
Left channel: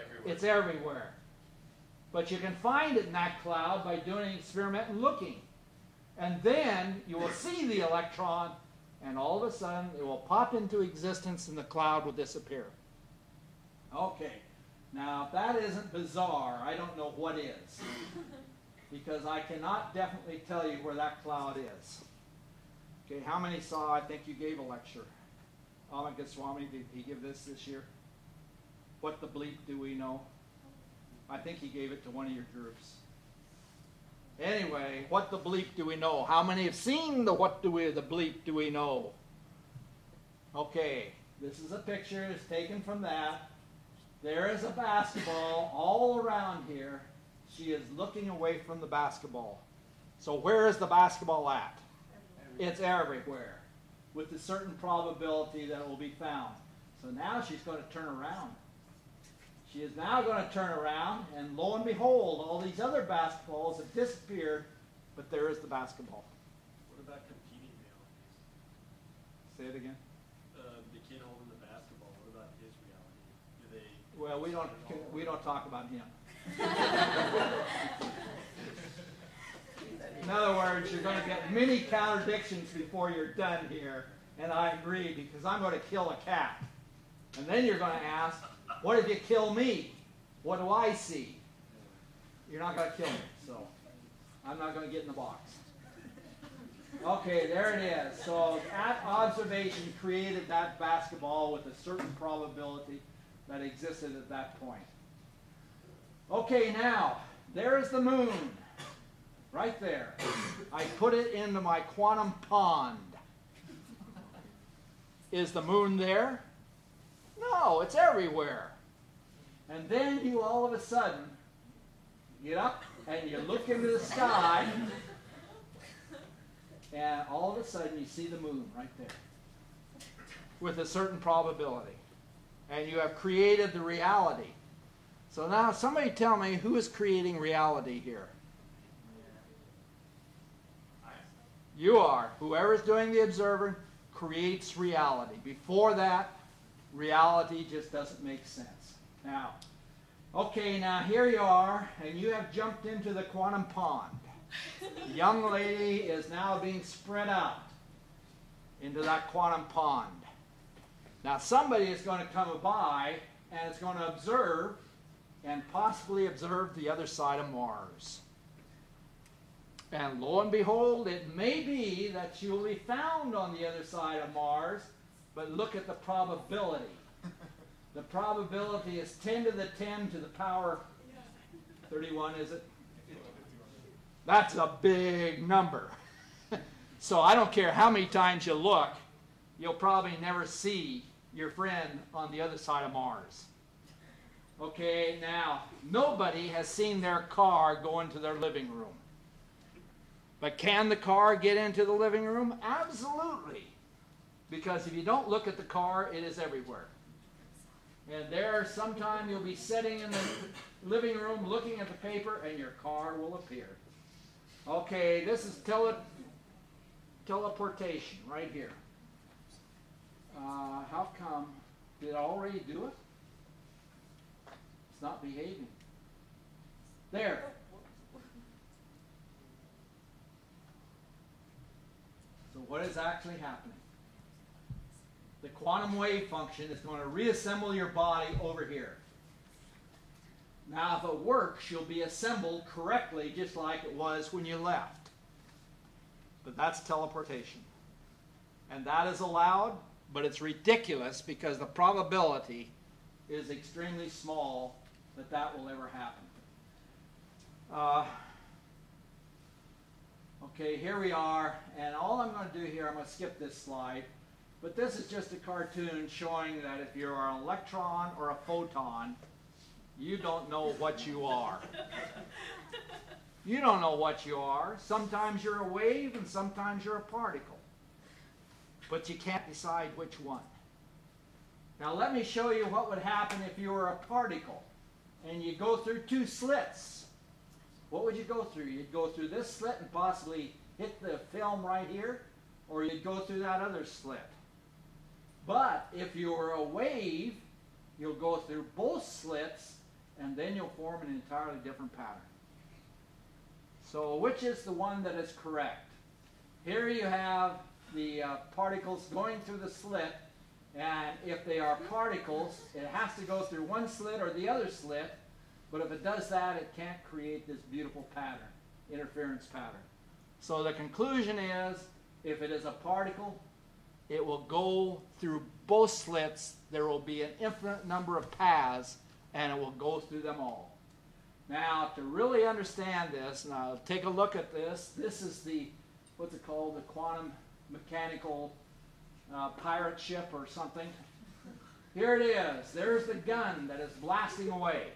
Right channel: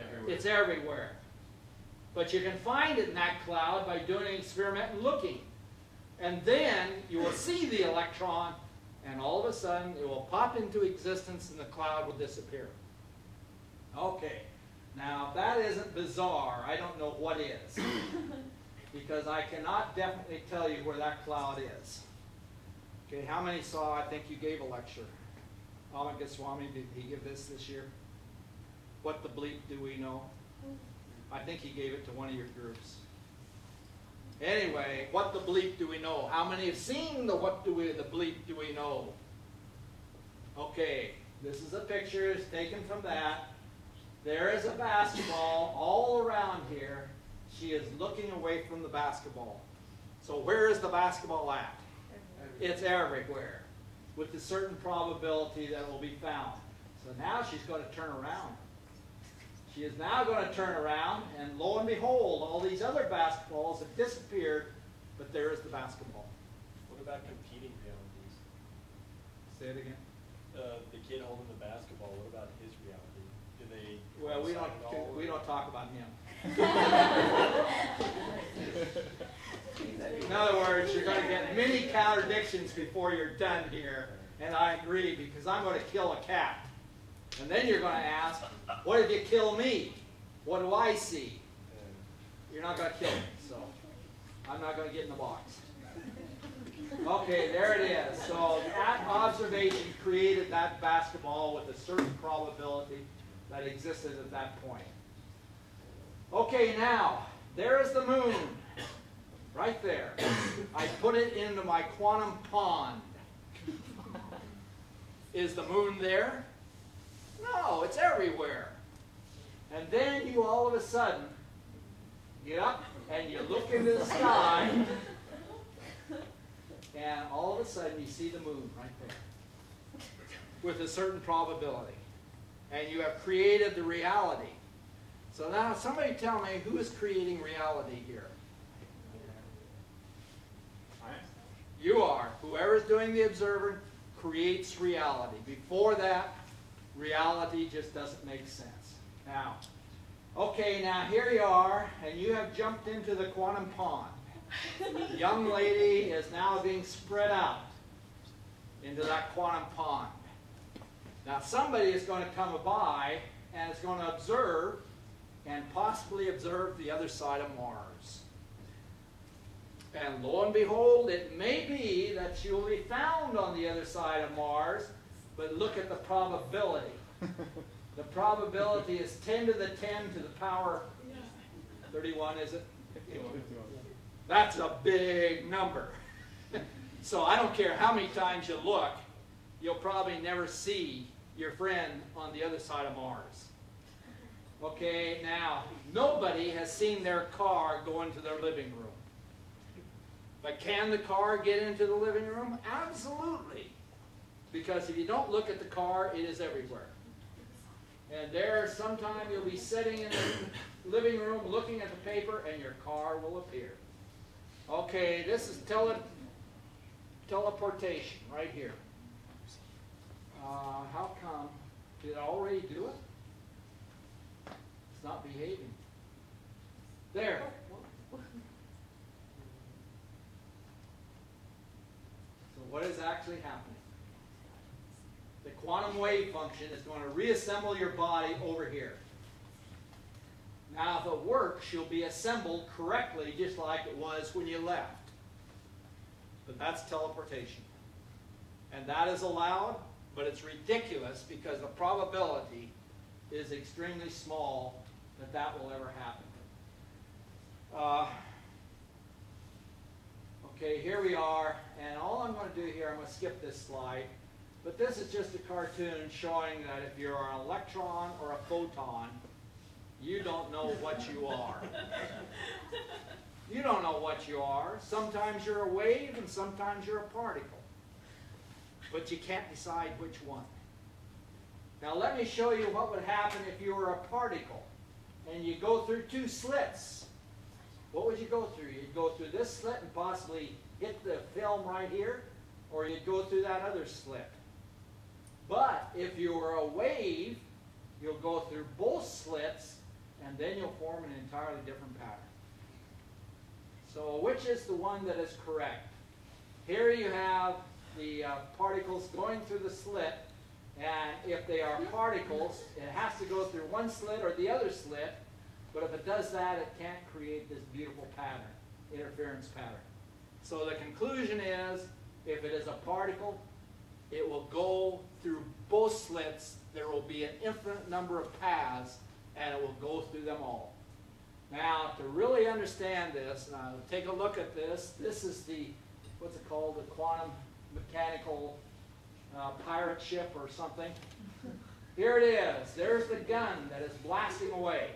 Everywhere. It's everywhere. But you can find it in that cloud by doing an experiment and looking. And then you will see the electron, and all of a sudden it will pop into existence and the cloud will disappear. Okay, now if that isn't bizarre, I don't know what is. Because I cannot definitely tell you where that cloud is. Okay, how many saw, I think you gave a lecture. Amika Swami, did he give this year? What the bleep do we know? I think he gave it to one of your groups. Anyway, what the bleep do we know? How many have seen the bleep do we know? Okay, this is a picture, it's taken from that. There is a basketball all around here. She is looking away from the basketball. So where is the basketball at? It's everywhere, with a certain probability that will be found. So now she's going to turn around. She is now going to turn around, and lo and behold, all these other basketballs have disappeared, but there is the basketball. What about competing realities? Say it again. The kid holding the basketball, what about his reality? Do they... Well, we don't talk about him. In other words, you're going to get many contradictions before you're done here, and I agree, because I'm going to kill a cat. And then you're going to ask, what if you kill me? What do I see? You're not going to kill me, so I'm not going to get in the box. Okay, there it is. So that observation created that basketball with a certain probability that existed at that point. Okay, now, there is the moon. Right there. I put it into my quantum pond. Is the moon there? No, it's everywhere. And then you all of a sudden get up and you look into the sky, and all of a sudden you see the moon right there with a certain probability. And you have created the reality. So now somebody tell me, who is creating reality here? You are. Whoever's doing the observing creates reality. Before that, reality just doesn't make sense. Now, okay, now here you are, and you have jumped into the quantum pond. The young lady is now being spread out into that quantum pond. Now somebody is going to come by and is going to observe and possibly observe the other side of Mars. And lo and behold, it may be that she will be found on the other side of Mars, but look at the probability. The probability is 10 to the 10 to the power 31, is it? That's a big number. So I don't care how many times you look, you'll probably never see your friend on the other side of Mars. Okay, now, nobody has seen their car go into their living room. But can the car get into the living room? Absolutely. Because if you don't look at the car, it is everywhere. And there, sometime you'll be sitting in the living room looking at the paper, and your car will appear. Okay, this is teleportation right here. How come? Did it already do it? It's not behaving. There. So what is actually happening? The quantum wave function is going to reassemble your body over here. Now, if it works, you'll be assembled correctly just like it was when you left. But that's teleportation. And that is allowed, but it's ridiculous because the probability is extremely small that that will ever happen. Okay, here we are, and all I'm going to do here, I'm going to skip this slide, but this is just a cartoon showing that if you're an electron or a photon, you don't know what you are. You don't know what you are. Sometimes you're a wave and sometimes you're a particle. But you can't decide which one. Now let me show you what would happen if you were a particle and you go through two slits. What would you go through? You'd go through this slit and possibly hit the film right here, or you'd go through that other slit. But if you were a wave, you'll go through both slits and then you'll form an entirely different pattern. So which is the one that is correct? Here you have the particles going through the slit, and if they are particles, it has to go through one slit or the other slit, but if it does that, it can't create this beautiful pattern, interference pattern. So the conclusion is, if it is a particle, it will go through both slits. There will be an infinite number of paths, and it will go through them all. Now, to really understand this, and I'll take a look at this. This is the, what's it called, the quantum mechanical pirate ship or something. Here it is. There's the gun that is blasting away.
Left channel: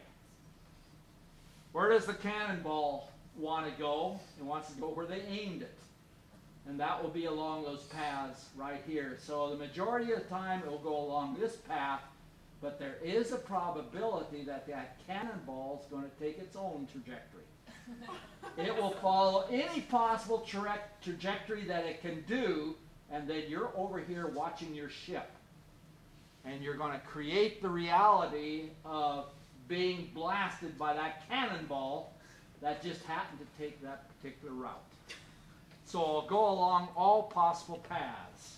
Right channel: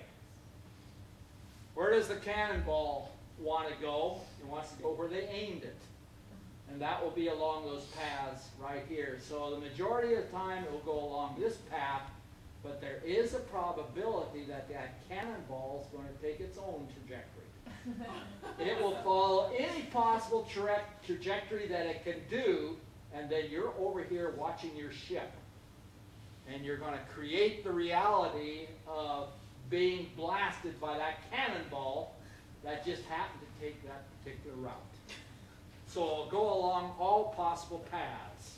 Where does the cannonball want to go? It wants to go where they aimed it. And that will be along those paths right here. So the majority of the time it will go along this path, but there is a probability that that cannonball is going to take its own trajectory. It will follow any possible trajectory that it can do, and then you're over here watching your ship. And you're going to create the reality of being blasted by that cannonball that just happened to take that particular route. So it'll go along all possible paths.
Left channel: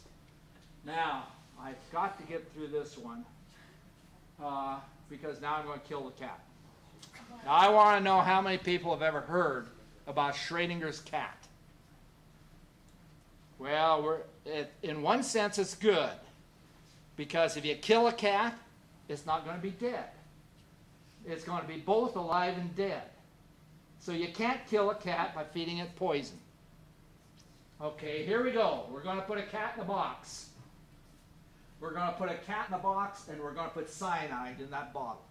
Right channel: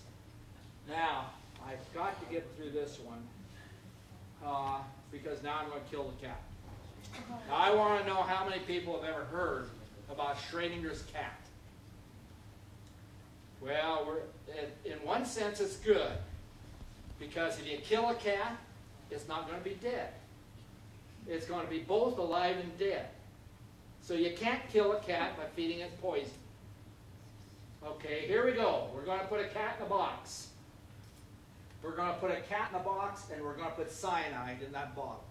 Now, I've got to get through this one because now I'm going to kill the cat. Now, I want to know how many people have ever heard about Schrodinger's cat. Well, in one sense it's good, because if you kill a cat, it's not going to be dead. It's going to be both alive and dead. So you can't kill a cat by feeding it poison. Okay, here we go. We're going to put a cat in a box. We're going to put a cat in a box, and we're going to put cyanide in that bottle.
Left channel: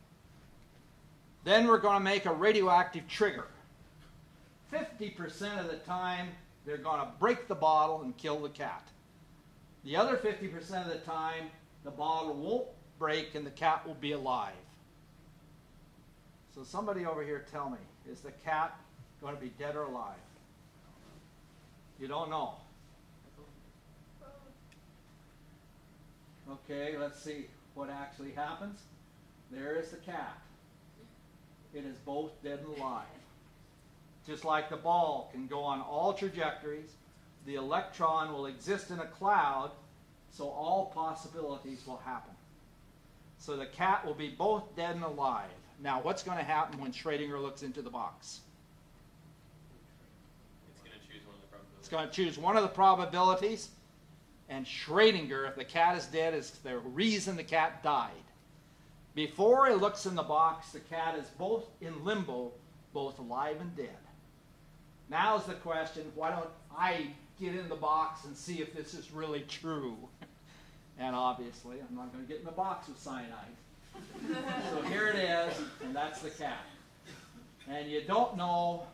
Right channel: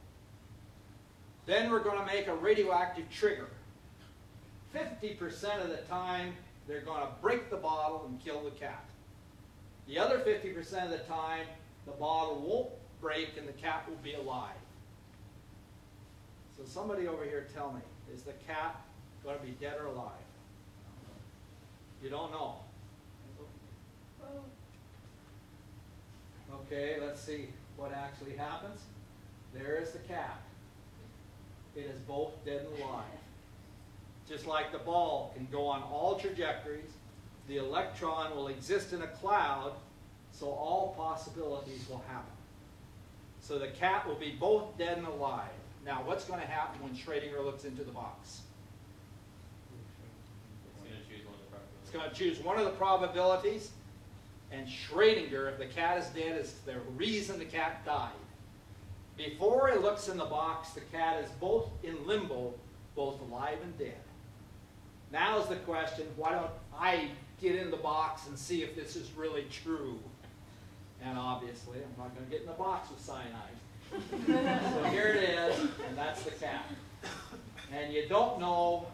Then we're going to make a radioactive trigger. 50% of the time, they're going to break the bottle and kill the cat. The other 50% of the time, the bottle won't break and the cat will be alive. So somebody over here tell me, is the cat going to be dead or alive? You don't know. Okay, let's see what actually happens. There is the cat. It is both dead and alive. Just like the ball can go on all trajectories, the electron will exist in a cloud, so all possibilities will happen. So the cat will be both dead and alive. Now, what's going to happen when Schrodinger looks into the box? It's going to choose one of the probabilities, and Schrodinger, if the cat is dead, is the reason the cat died. Before it looks in the box, the cat is both in limbo, both alive and dead. Now is the question, why don't I get in the box and see if this is really true? And obviously, I'm not going to get in the box with cyanide. So here it is, and that's the cat. And you don't know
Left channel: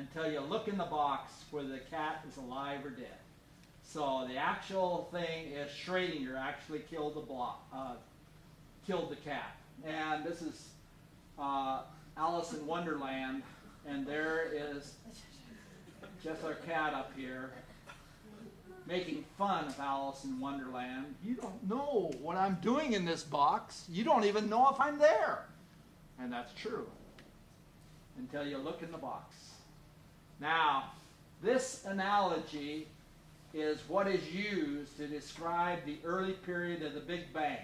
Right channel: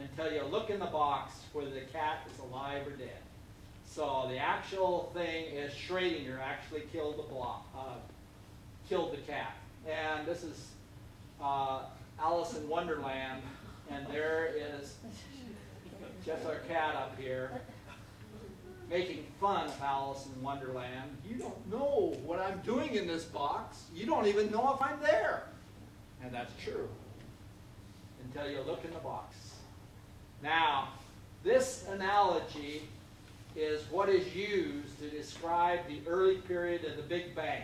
until you look in the box whether the cat is alive or dead. So the actual thing is Schrödinger actually killed the cat. And this is Alice in Wonderland, and there is just our cat up here making fun of Alice in Wonderland. You don't know what I'm doing in this box. You don't even know if I'm there. And that's true until you look in the box. Now, this analogy is what is used to describe the early period of the Big Bang,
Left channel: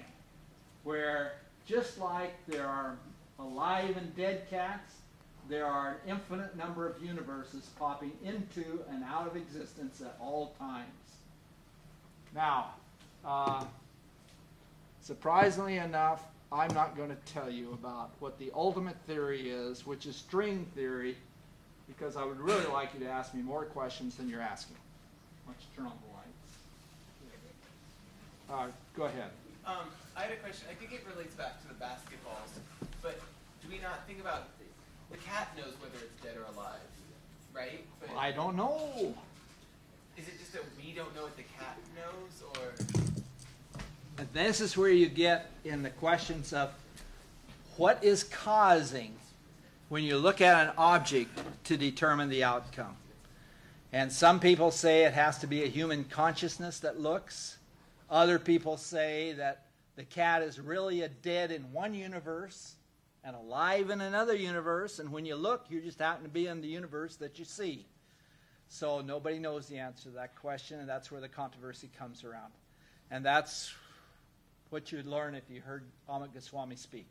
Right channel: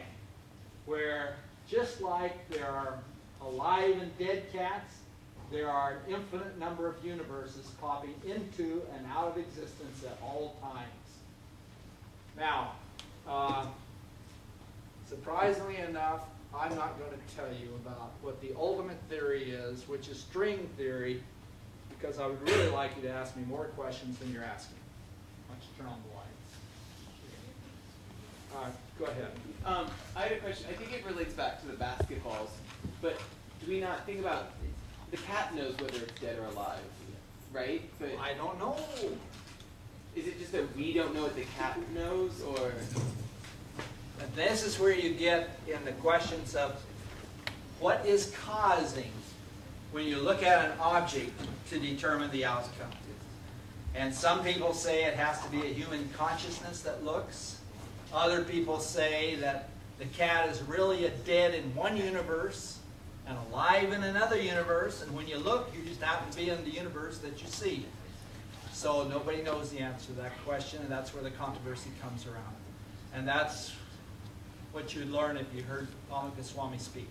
where just like there are alive and dead cats, there are an infinite number of universes popping into and out of existence at all times. Now, surprisingly enough, I'm not going to tell you about what the ultimate theory is, which is string theory, because I would really like you to ask me more questions than you're asking. Let's turn on the lights. Go ahead. I had a question. I think it relates back to the basketballs, but do we not think about the cat knows whether it's dead or alive, right? But I don't know. is it just that we don't know what the cat knows, or? And this is where you get in the questions of what is causing when you look at an object to determine the outcome. And some people say it has to be a human consciousness that looks. Other people say that the cat is really dead in one universe and alive in another universe, and when you look, you just happen to be in the universe that you see. So nobody knows the answer to that question, and that's where the controversy comes around. And that's what you learn if you heard Palama Goswami speak.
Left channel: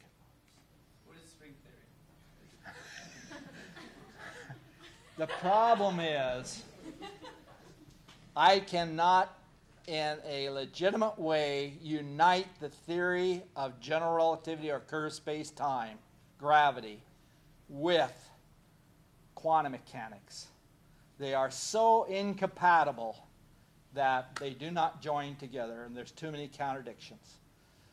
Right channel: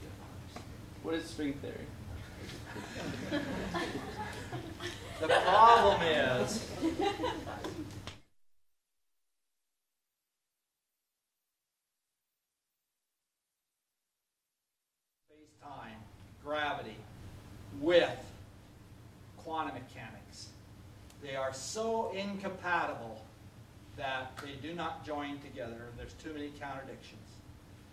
What is string theory? The problem is, I cannot, in a legitimate way, unite the theory of general relativity or curved space-time, gravity, with quantum mechanics. They are so incompatible that they do not join together, and there's too many contradictions.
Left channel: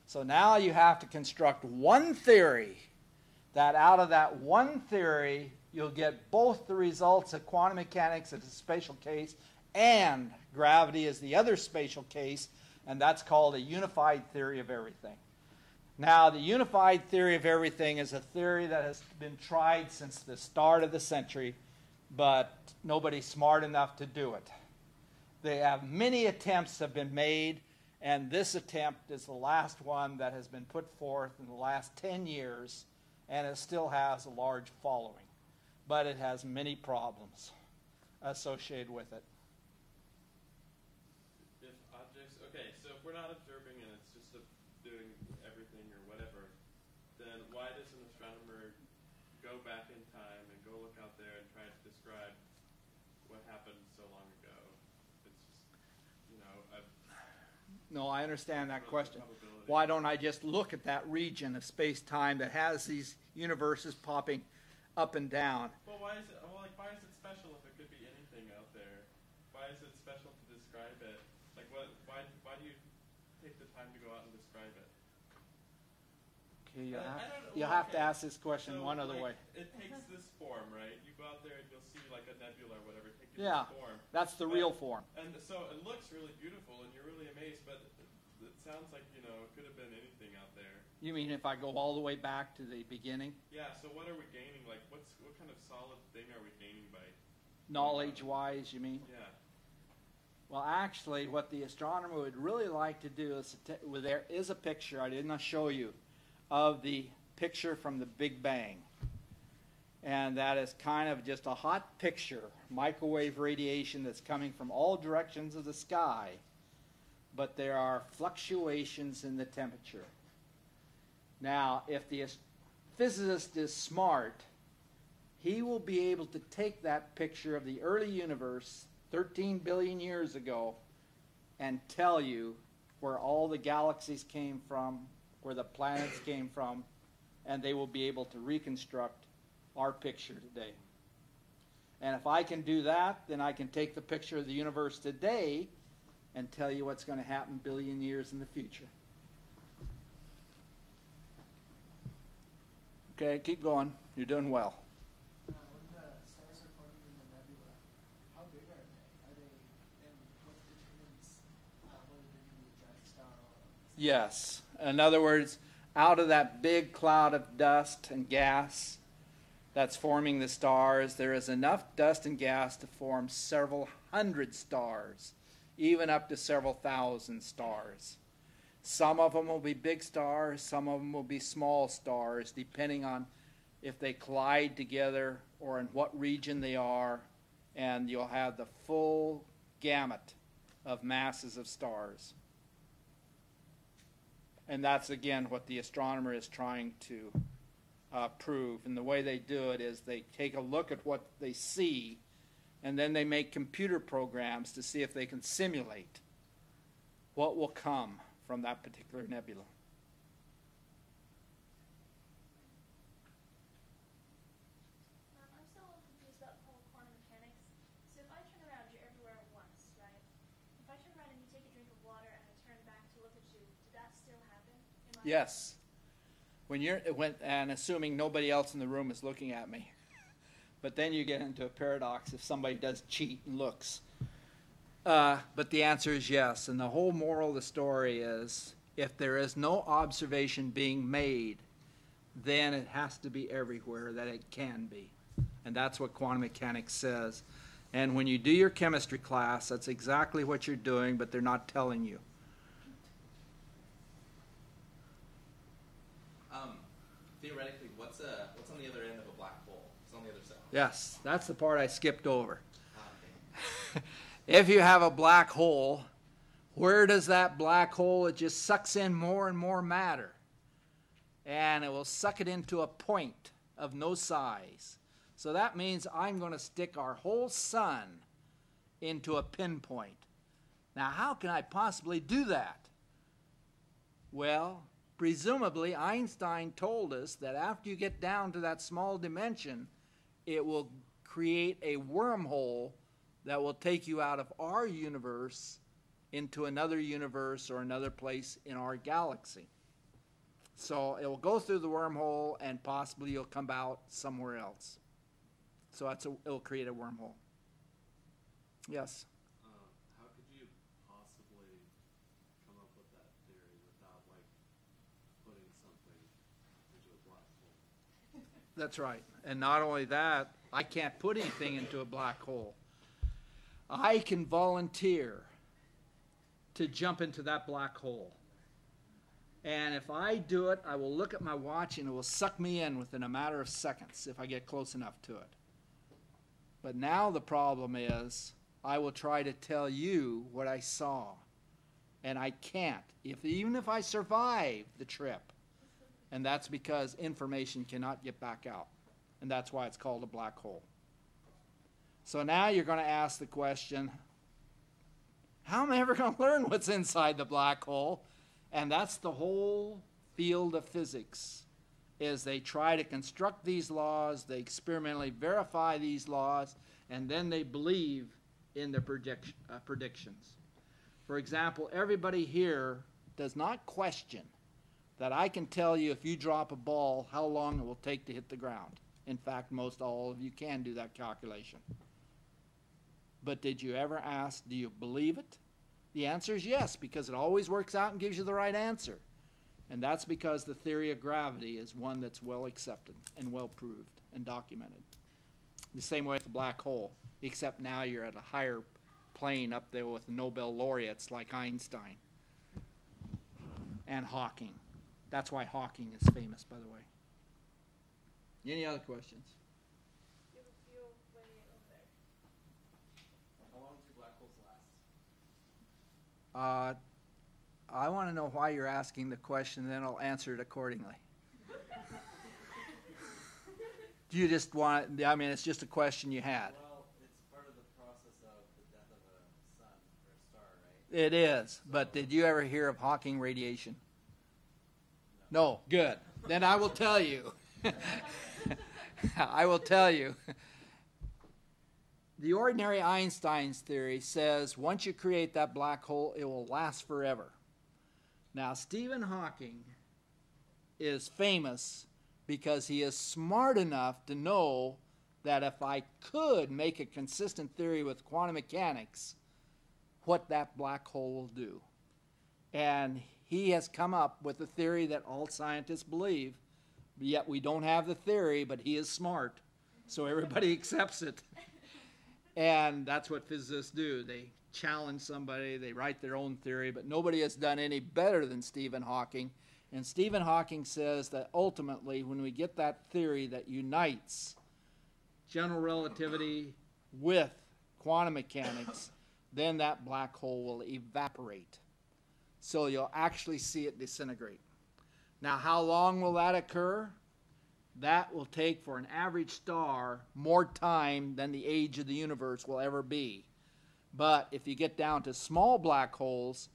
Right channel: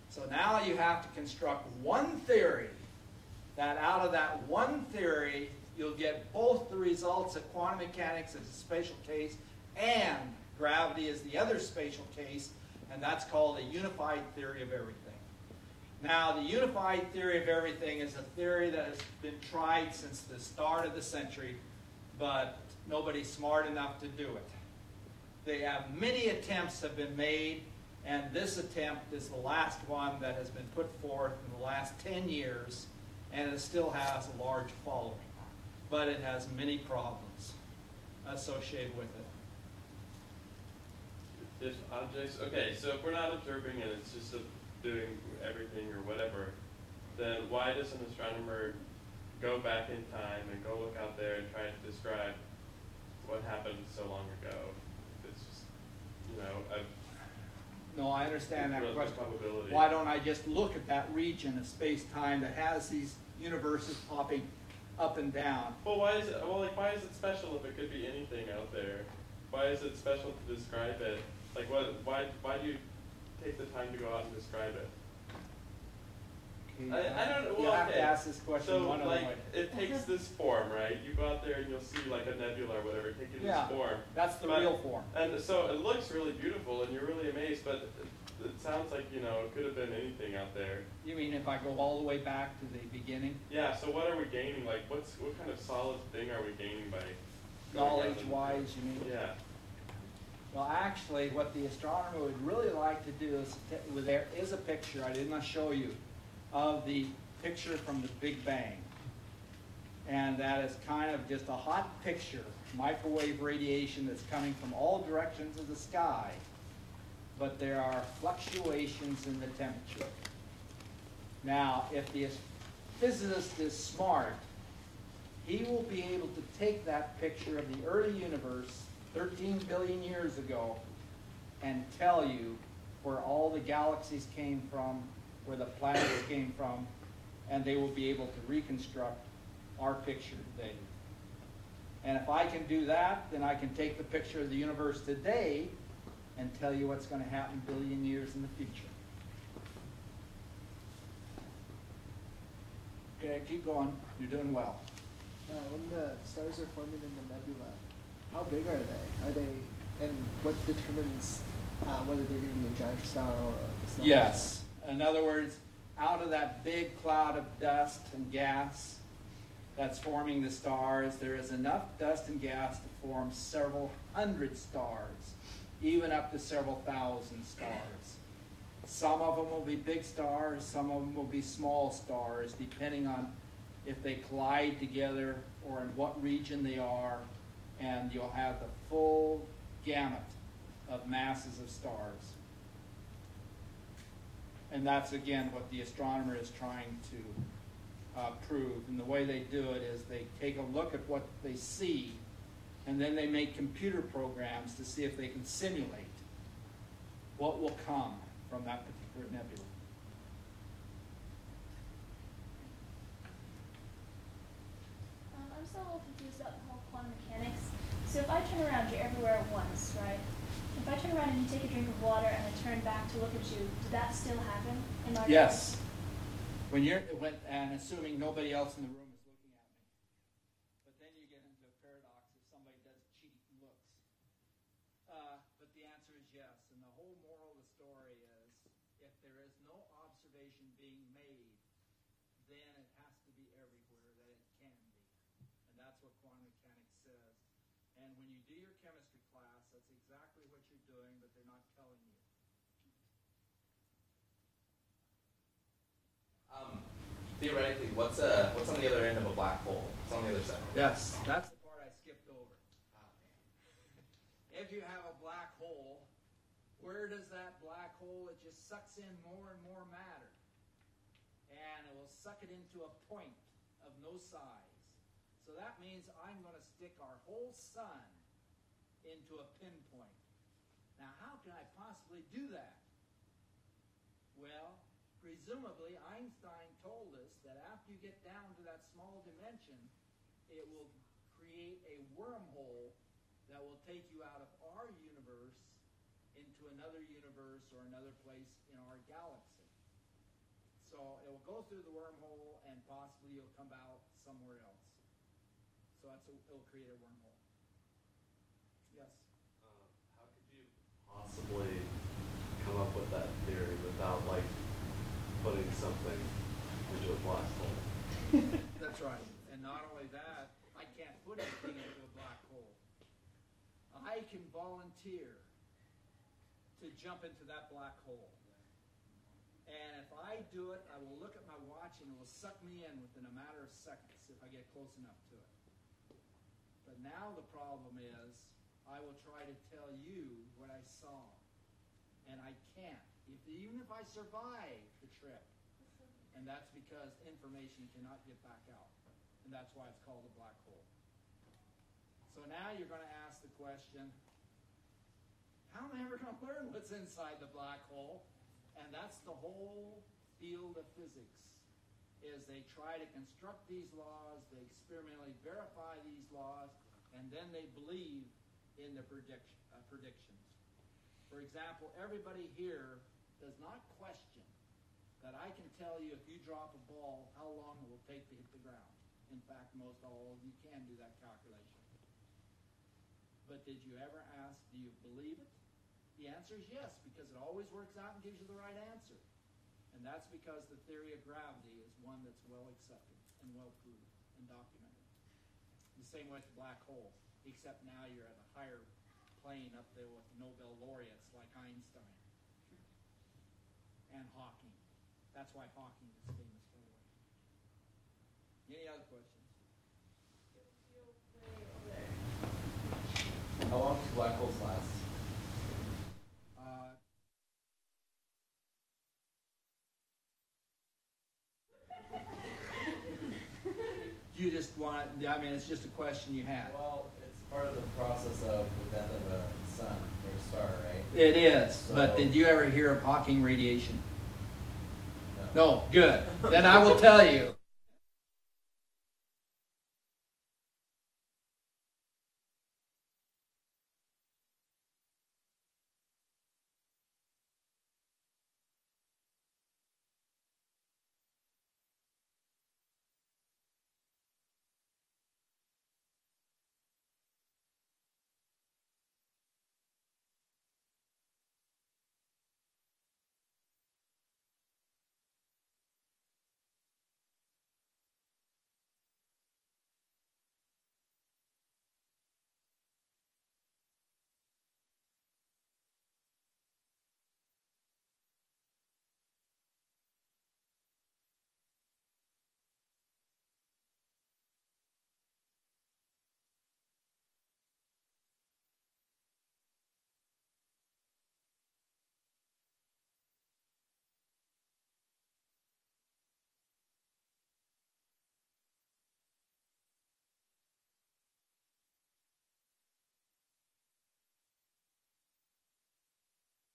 So now you have to construct one theory that out of that one theory you'll get both the results of quantum mechanics as a spatial case and gravity as the other spatial case, and that's called a unified theory of everything. Now, the unified theory of everything is a theory that has been tried since the start of the century, but nobody's smart enough to do it. Many attempts have been made, and this attempt is the last one that has been put forth in the last 10 years, and it still has a large following. But it has many problems associated with it. If objects, okay, so if we're not observing and it's just doing everything or whatever, then why does an astronomer go back in time and go look out there and try to describe what happened so long ago? It's just, No, I understand that question. Probability. Why don't I just look at that region of space-time that has these universes popping up and down? Well, why is it special if it could be anything out there? Why is it special to describe it? Like, why do you take the time to go out and describe it? I don't know. You'll Well, have to ask this question so, one other way. it takes this form, right? You go out there and you'll see like a nebula or whatever, take it Yeah. this form. That's the But- real form. And so it looks really beautiful and you're really amazed, but it sounds like, it could have been anything out there. You mean if I go all the way back to the beginning? Yeah, so what are we gaining? Like, what kind of solid thing are we gaining by? Knowledge-wise, you mean? Yeah. Well, actually, what the astronomer would really like to do is, there is a picture, I did not show you, of the picture from the Big Bang. And that is kind of just a hot picture, microwave radiation that's coming from all directions of the sky. But there are fluctuations in the temperature. Now, if the physicist is smart, he will be able to take that picture of the early universe 13 billion years ago and tell you where all the galaxies came from, where the planets came from, and they will be able to reconstruct our picture today. And if I can do that, then I can take the picture of the universe today and tell you what's going to happen a billion years in the future. Okay, keep going. You're doing well. when the stars are forming in the nebula, how big are they? And what determines whether they're going to be a giant star or a stellar Yes. In other words, out of that big cloud of dust and gas that's forming the stars, there is enough dust and gas to form several hundred stars, even up to several thousand stars. Some of them will be big stars, some of them will be small stars, depending on if they collide together or in what region they are, and you'll have the full gamut of masses of stars. And that's, again, what the astronomer is trying to prove. And the way they do it is they take a look at what they see, and then they make computer programs to see if they can simulate what will come from that particular nebula. I'm still a little confused about the whole quantum mechanics. So if I turn around, you're everywhere at once, right? If I turn around and you take a drink of water and I turn back to look at you, did that still happen in my Yes. And assuming nobody else in the room is looking at me. But then you get into a paradox if somebody does cheat and looks. But the answer is yes. And the whole moral of the story is, if there is no observation being made, then it has to be everywhere that it can be. And that's what quantum mechanics says. And when you do your chemistry class, that's exactly what you're doing, but they're not telling you. Theoretically, what's on the other end of a black hole? What's on the other side? Yes, that's the part I skipped over. If you have a black hole, where does that black hole? It just sucks in more and more matter. And it will suck it into a point of no size. So that means I'm going to stick our whole sun into a pinpoint. Now, how can I possibly do that? Well, presumably Einstein told us that after you get down to that small dimension, it will create a wormhole that will take you out of our universe into another universe or another place in our galaxy. So it will go through the wormhole and possibly you'll come out somewhere else. So it'll create a wormhole. Yes? How could you possibly come up with that theory without, like, putting something into a black hole? That's right. And not only that, I can't put anything into a black hole. I can volunteer to jump into that black hole. And if I do it, I will look at my watch and it will suck me in within a matter of seconds if I get close enough to it. But now the problem is I will try to tell you what I saw. And I can't, even if I survive the trip. And that's because information cannot get back out. And that's why it's called a black hole. So now you're going to ask the question, how am I ever going to learn what's inside the black hole? And that's the whole field of physics, is they try to construct these laws, they experimentally verify these laws, and then they believe in the predictions. For example, everybody here does not question that I can tell you if you drop a ball how long it will take to hit the ground. In fact, most all of you can do that calculation. But did you ever ask, do you believe it? The answer is yes, because it always works out and gives you the right answer. And that's because the theory of gravity is one that's well accepted and well proved and documented. The same way with the black hole, except now you're at a higher plane up there with Nobel laureates like Einstein and Hawking. That's why Hawking is famous, by the way. Any other questions? How long do black holes last? I want to know why you're asking the question, then I'll answer it accordingly. Do you just want, I mean, it's just a question you had. Well, it's part of the process of the death of a sun or a star, right? It is, So, but did you ever hear of Hawking radiation? No, good. Then I will tell you. I will tell you. The ordinary Einstein's theory says once you create that black hole, it will last forever. Now, Stephen Hawking is famous because he is smart enough to know that if I could make a consistent theory with quantum mechanics, what that black hole will do. And he has come up with a theory that all scientists believe, yet we don't have the theory, but he is smart, so everybody accepts it. And that's what physicists do. They challenge somebody, they write their own theory, but nobody has done any better than Stephen Hawking. And Stephen Hawking says that ultimately, when we get that theory that unites general relativity with quantum mechanics, then that black hole will evaporate. So you'll actually see it disintegrate. Now, how long will that occur? That will take, for an average star, more time than the age of the universe will ever be. But if you get down to small black holes,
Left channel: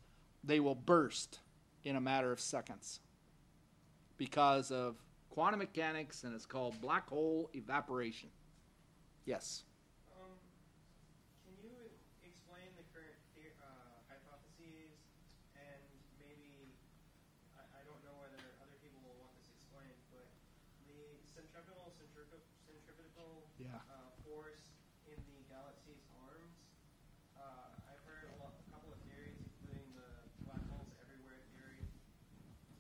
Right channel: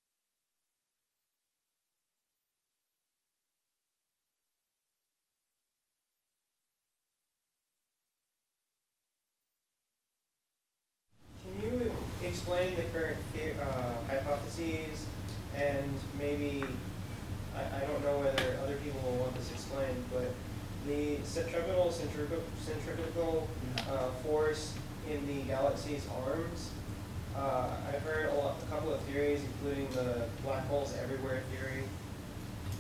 they will burst in a matter of seconds because of quantum mechanics, and it's called black hole evaporation. Yes? Can you explain the current hypotheses, and maybe, I don't know whether other people will want this explained, but the centripetal force in the galaxy's arms, I've heard a couple of theories, including the black holes everywhere theory,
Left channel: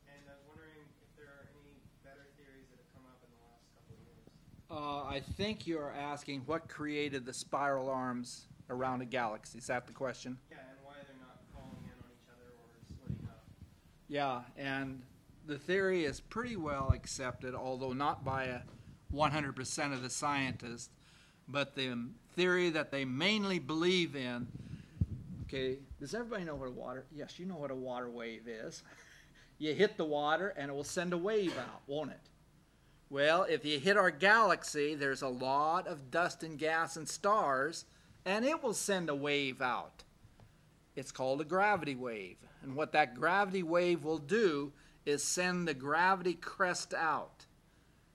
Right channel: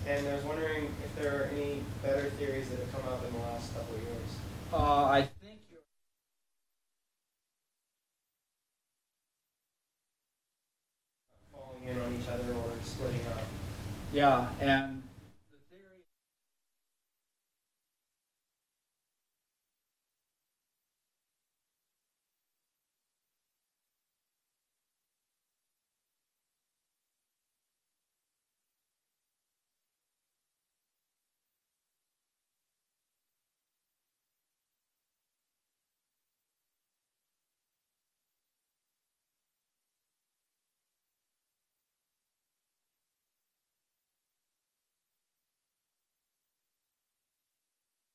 and I was wondering if there are any better theories that have come up in the last couple of years. I think you're asking what created the spiral arms around a galaxy. Is that the question? Yeah, and why they're not falling in on each other or splitting up. Yeah, and the theory is pretty well accepted, although not by 100% of the scientists, but the theory that they mainly believe in. Okay, does everybody know what a water? Yes, you know what a water wave is. You hit the water and it will send a wave out, won't it? Well, if you hit our galaxy, there's a lot of dust and gas and stars, and it will send a wave out. It's called a gravity wave. And what that gravity wave will do is send the gravity crest out.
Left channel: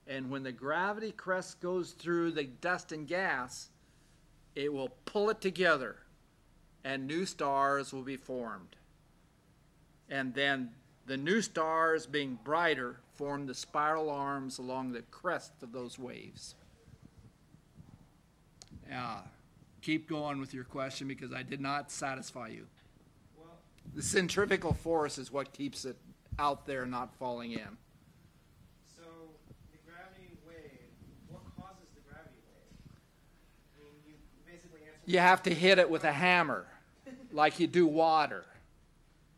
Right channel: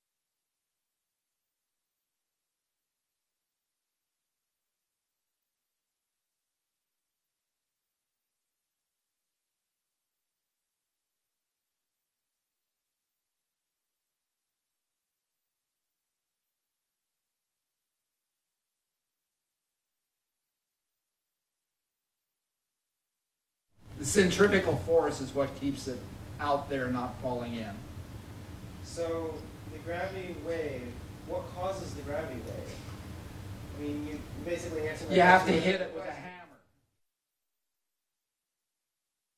And when the gravity crest goes through the dust and gas, it will pull it together, and new stars will be formed. And then the new stars, being brighter, form the spiral arms along the crest of those waves. Keep going with your question, because I did not satisfy you. Well, The centrifugal force is what keeps it out there, not falling in. so the gravity wave, what causes the gravity wave? I mean, you basically answered my You have to question. hit it with a hammer, like you do water.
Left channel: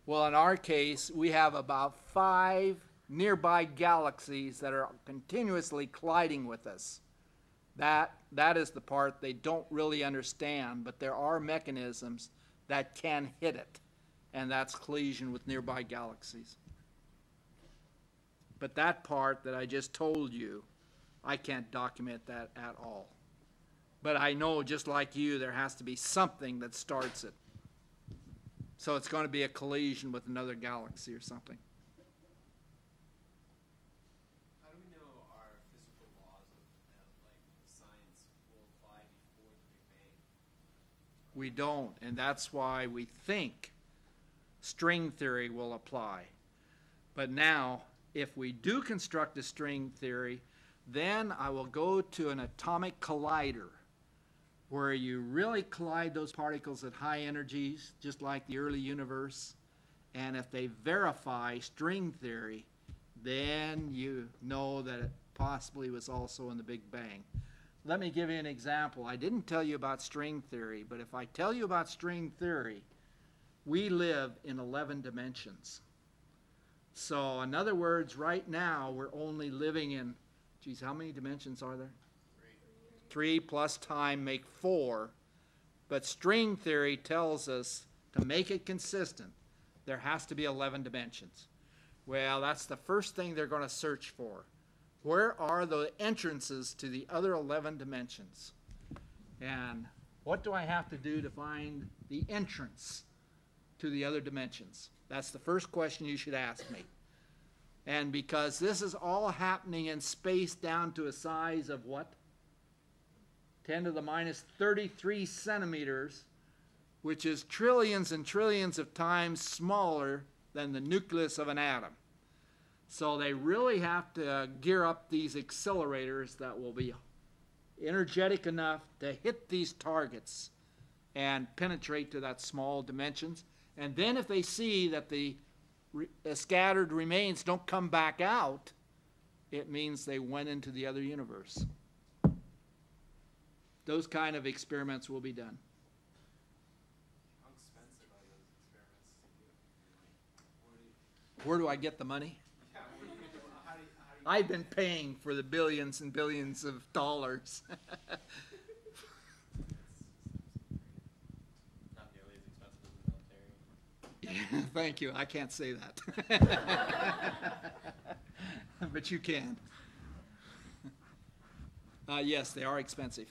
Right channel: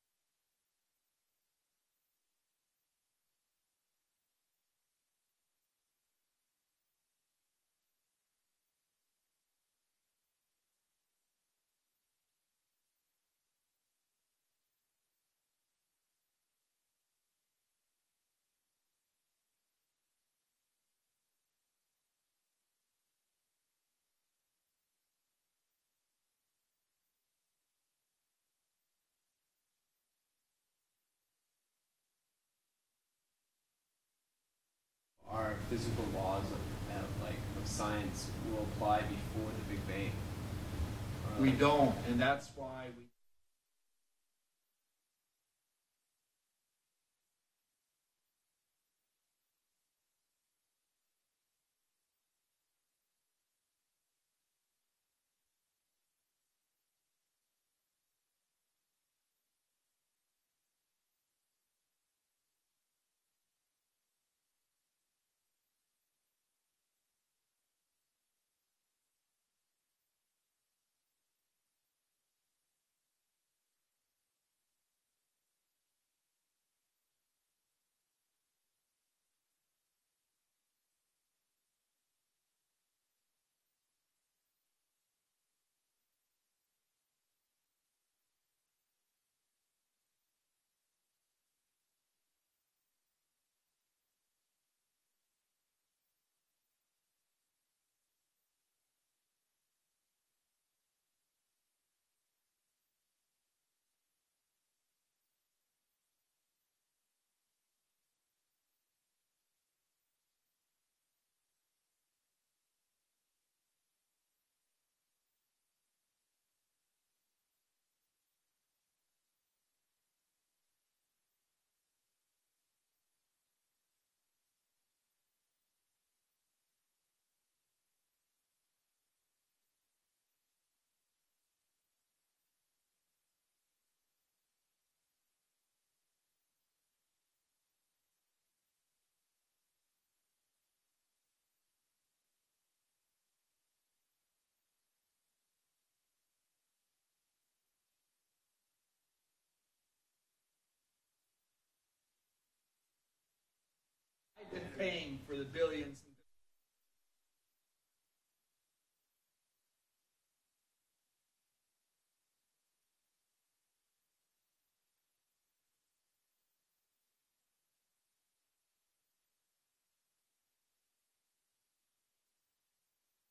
Well, in our case, we have about 5 nearby galaxies that are continuously colliding with us. That is the part they don't really understand, but there are mechanisms that can hit it, and that's collision with nearby galaxies. But that part that I just told you, I can't document that at all. But I know, just like you, there has to be something that starts it. So it's going to be a collision with another galaxy or something. How do we know our physical laws of science will apply before the Big Bang? We don't, and that's why we think string theory will apply. But now, if we do construct a string theory, then I will go to an atomic collider where you really collide those particles at high energies, just like the early universe. And if they verify string theory, then you know that it possibly was also in the Big Bang. Let me give you an example. I didn't tell you about string theory, but if I tell you about string theory, we live in 11 dimensions. So in other words, right now we're only living in, geez, how many dimensions are there? 3 plus time make 4. But string theory tells us to make it consistent, there has to be 11 dimensions. Well, that's the first thing they're going to search for. Where are the entrances to the other 11 dimensions? And what do I have to do to find the entrance to the other dimensions? That's the first question you should ask me. And because this is all happening in space down to a size of what? 10 to the minus 33 centimeters, which is trillions and trillions of times smaller than the nucleus of an atom. So they really have to gear up these accelerators that will be energetic enough to hit these targets and penetrate to that small dimensions. And then if they see that the scattered remains don't come back out, it means they went into the other universe. Those kind of experiments will be done. How expensive are those experiments to do? Where do I get the money? Yeah, how do you I've been paying for the billions and billions of dollars. Not nearly as expensive as the military. Yeah, thank you. I can't say that. But you can. Yes, they are expensive.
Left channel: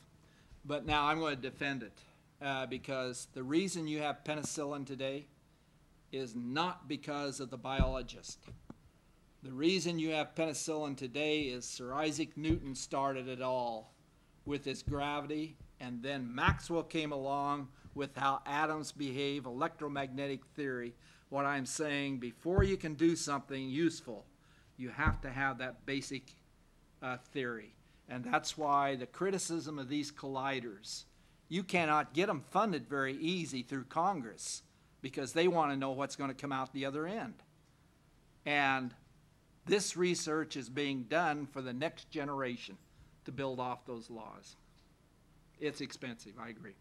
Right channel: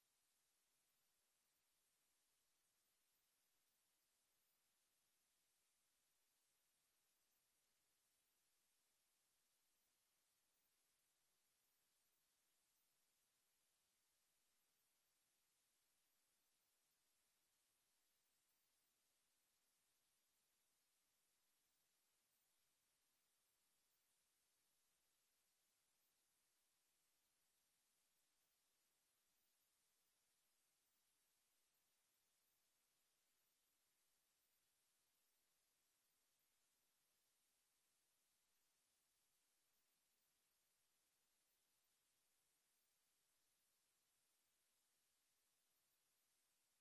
But now I'm going to defend it because the reason you have penicillin today is not because of the biologist. The reason you have penicillin today is Sir Isaac Newton started it all with his gravity, and then Maxwell came along with how atoms behave, electromagnetic theory. What I'm saying, before you can do something useful, you have to have that basic theory. And that's why the criticism of these colliders, you cannot get them funded very easy through Congress because they want to know what's going to come out the other end. And this research is being done for the next generation to build off those laws. It's expensive, I agree.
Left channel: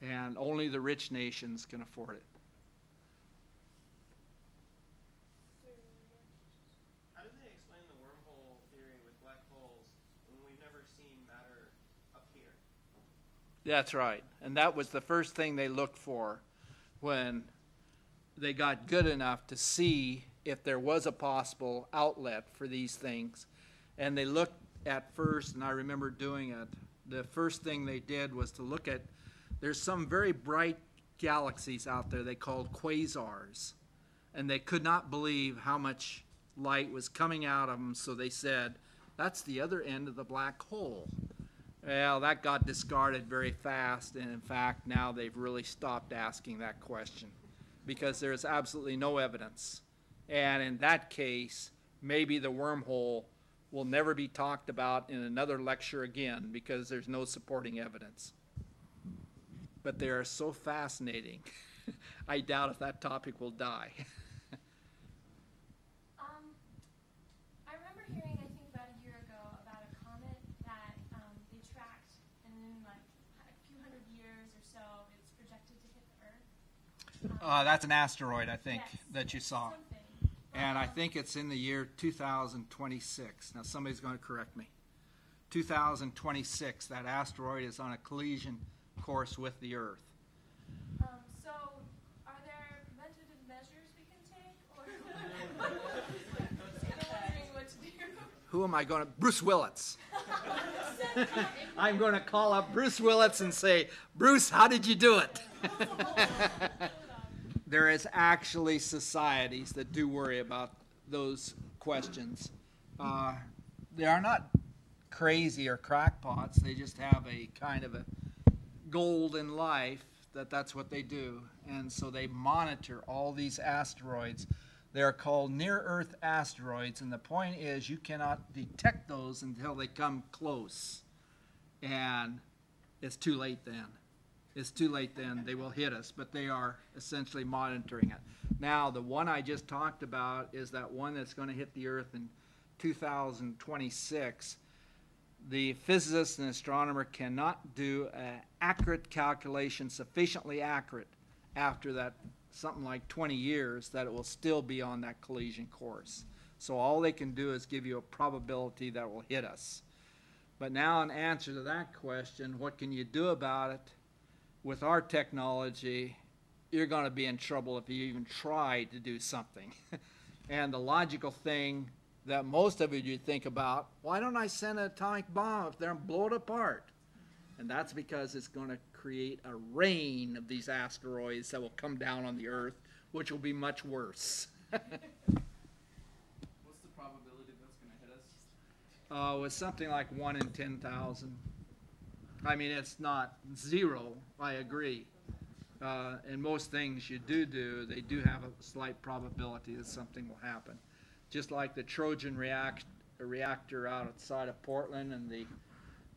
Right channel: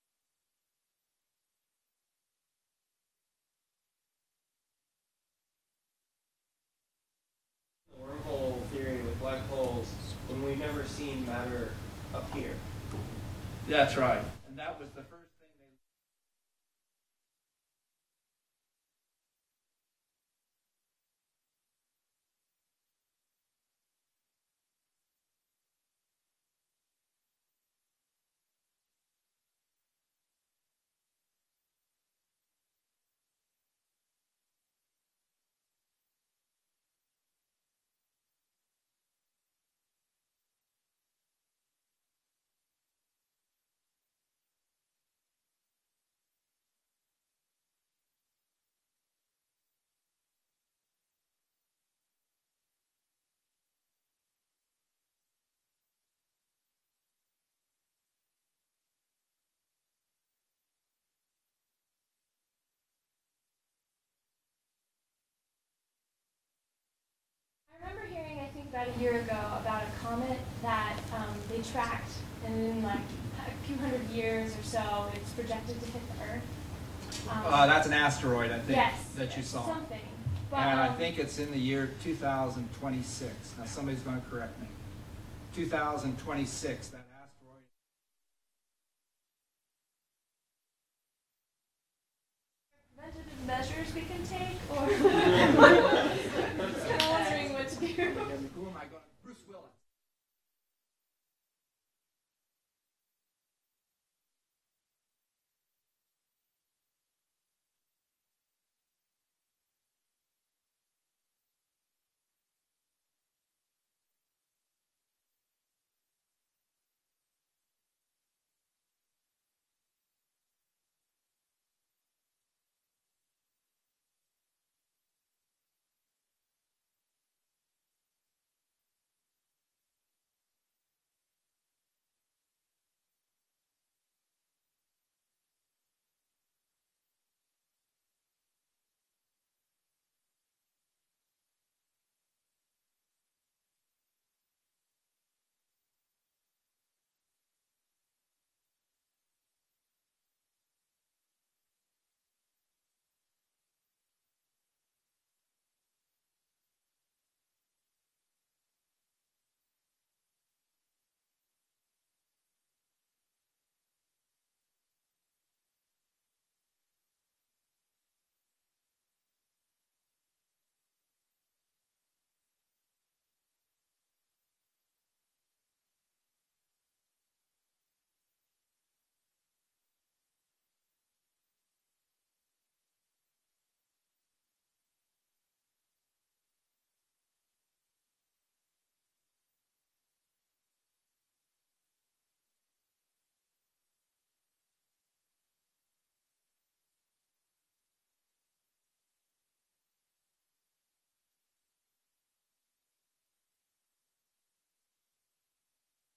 And only the rich nations can afford it. How do they explain the wormhole theory with black holes when we've never seen matter appear? That's right. And that was the first thing they looked for when they got good enough to see if there was a possible outlet for these things. And they looked at first, and I remember doing it, the first thing they did was to look at, there's some very bright galaxies out there they called quasars. And they could not believe how much light was coming out of them, so they said, that's the other end of the black hole. Well, that got discarded very fast, and in fact, now they've really stopped asking that question because there's absolutely no evidence. And in that case, maybe the wormhole will never be talked about in another lecture again because there's no supporting evidence. But they are so fascinating. I doubt if that topic will die. I remember hearing, I think about a year ago, about a comet that they tracked, and in like a few hundred years or so, it's projected to hit the Earth. That's an asteroid, I think, yes, that you saw. Something. But, And I think it's in the year 2026. Now somebody's going to correct me. 2026, that asteroid is on a collision course with the Earth. So, are there preventative measures we can take, or I'm wondering what to do? Who am I going to? Bruce Willits. I'm going to call up Bruce Willits and say, Bruce, how did you do it? There is actually societies that do worry about those questions. They are not crazy or crackpots. They just have a kind of a goal in life that's what they do. And so they monitor all these asteroids. They're called near-Earth asteroids, and the point is you cannot detect those until they come close. And it's too late then. It's too late then. They will hit us, but they are essentially monitoring it. Now, the one I just talked about is that one that's going to hit the Earth in 2026. The physicist and astronomer cannot do an accurate calculation, sufficiently accurate, after that something like 20 years, that it will still be on that collision course. So all they can do is give you a probability that it will hit us. But now in answer to that question, what can you do about it? With our technology, you're going to be in trouble if you even try to do something. And the logical thing that most of you think about, why don't I send an atomic bomb up there and blow it apart? And that's because it's going to create a rain of these asteroids that will come down on the Earth, which will be much worse. What's the probability that's going to hit us? It's something like 1 in 10,000. I mean, it's not zero, I agree. And most things you do, they do have a slight probability that something will happen. Just like the Trojan reactor outside of Portland and the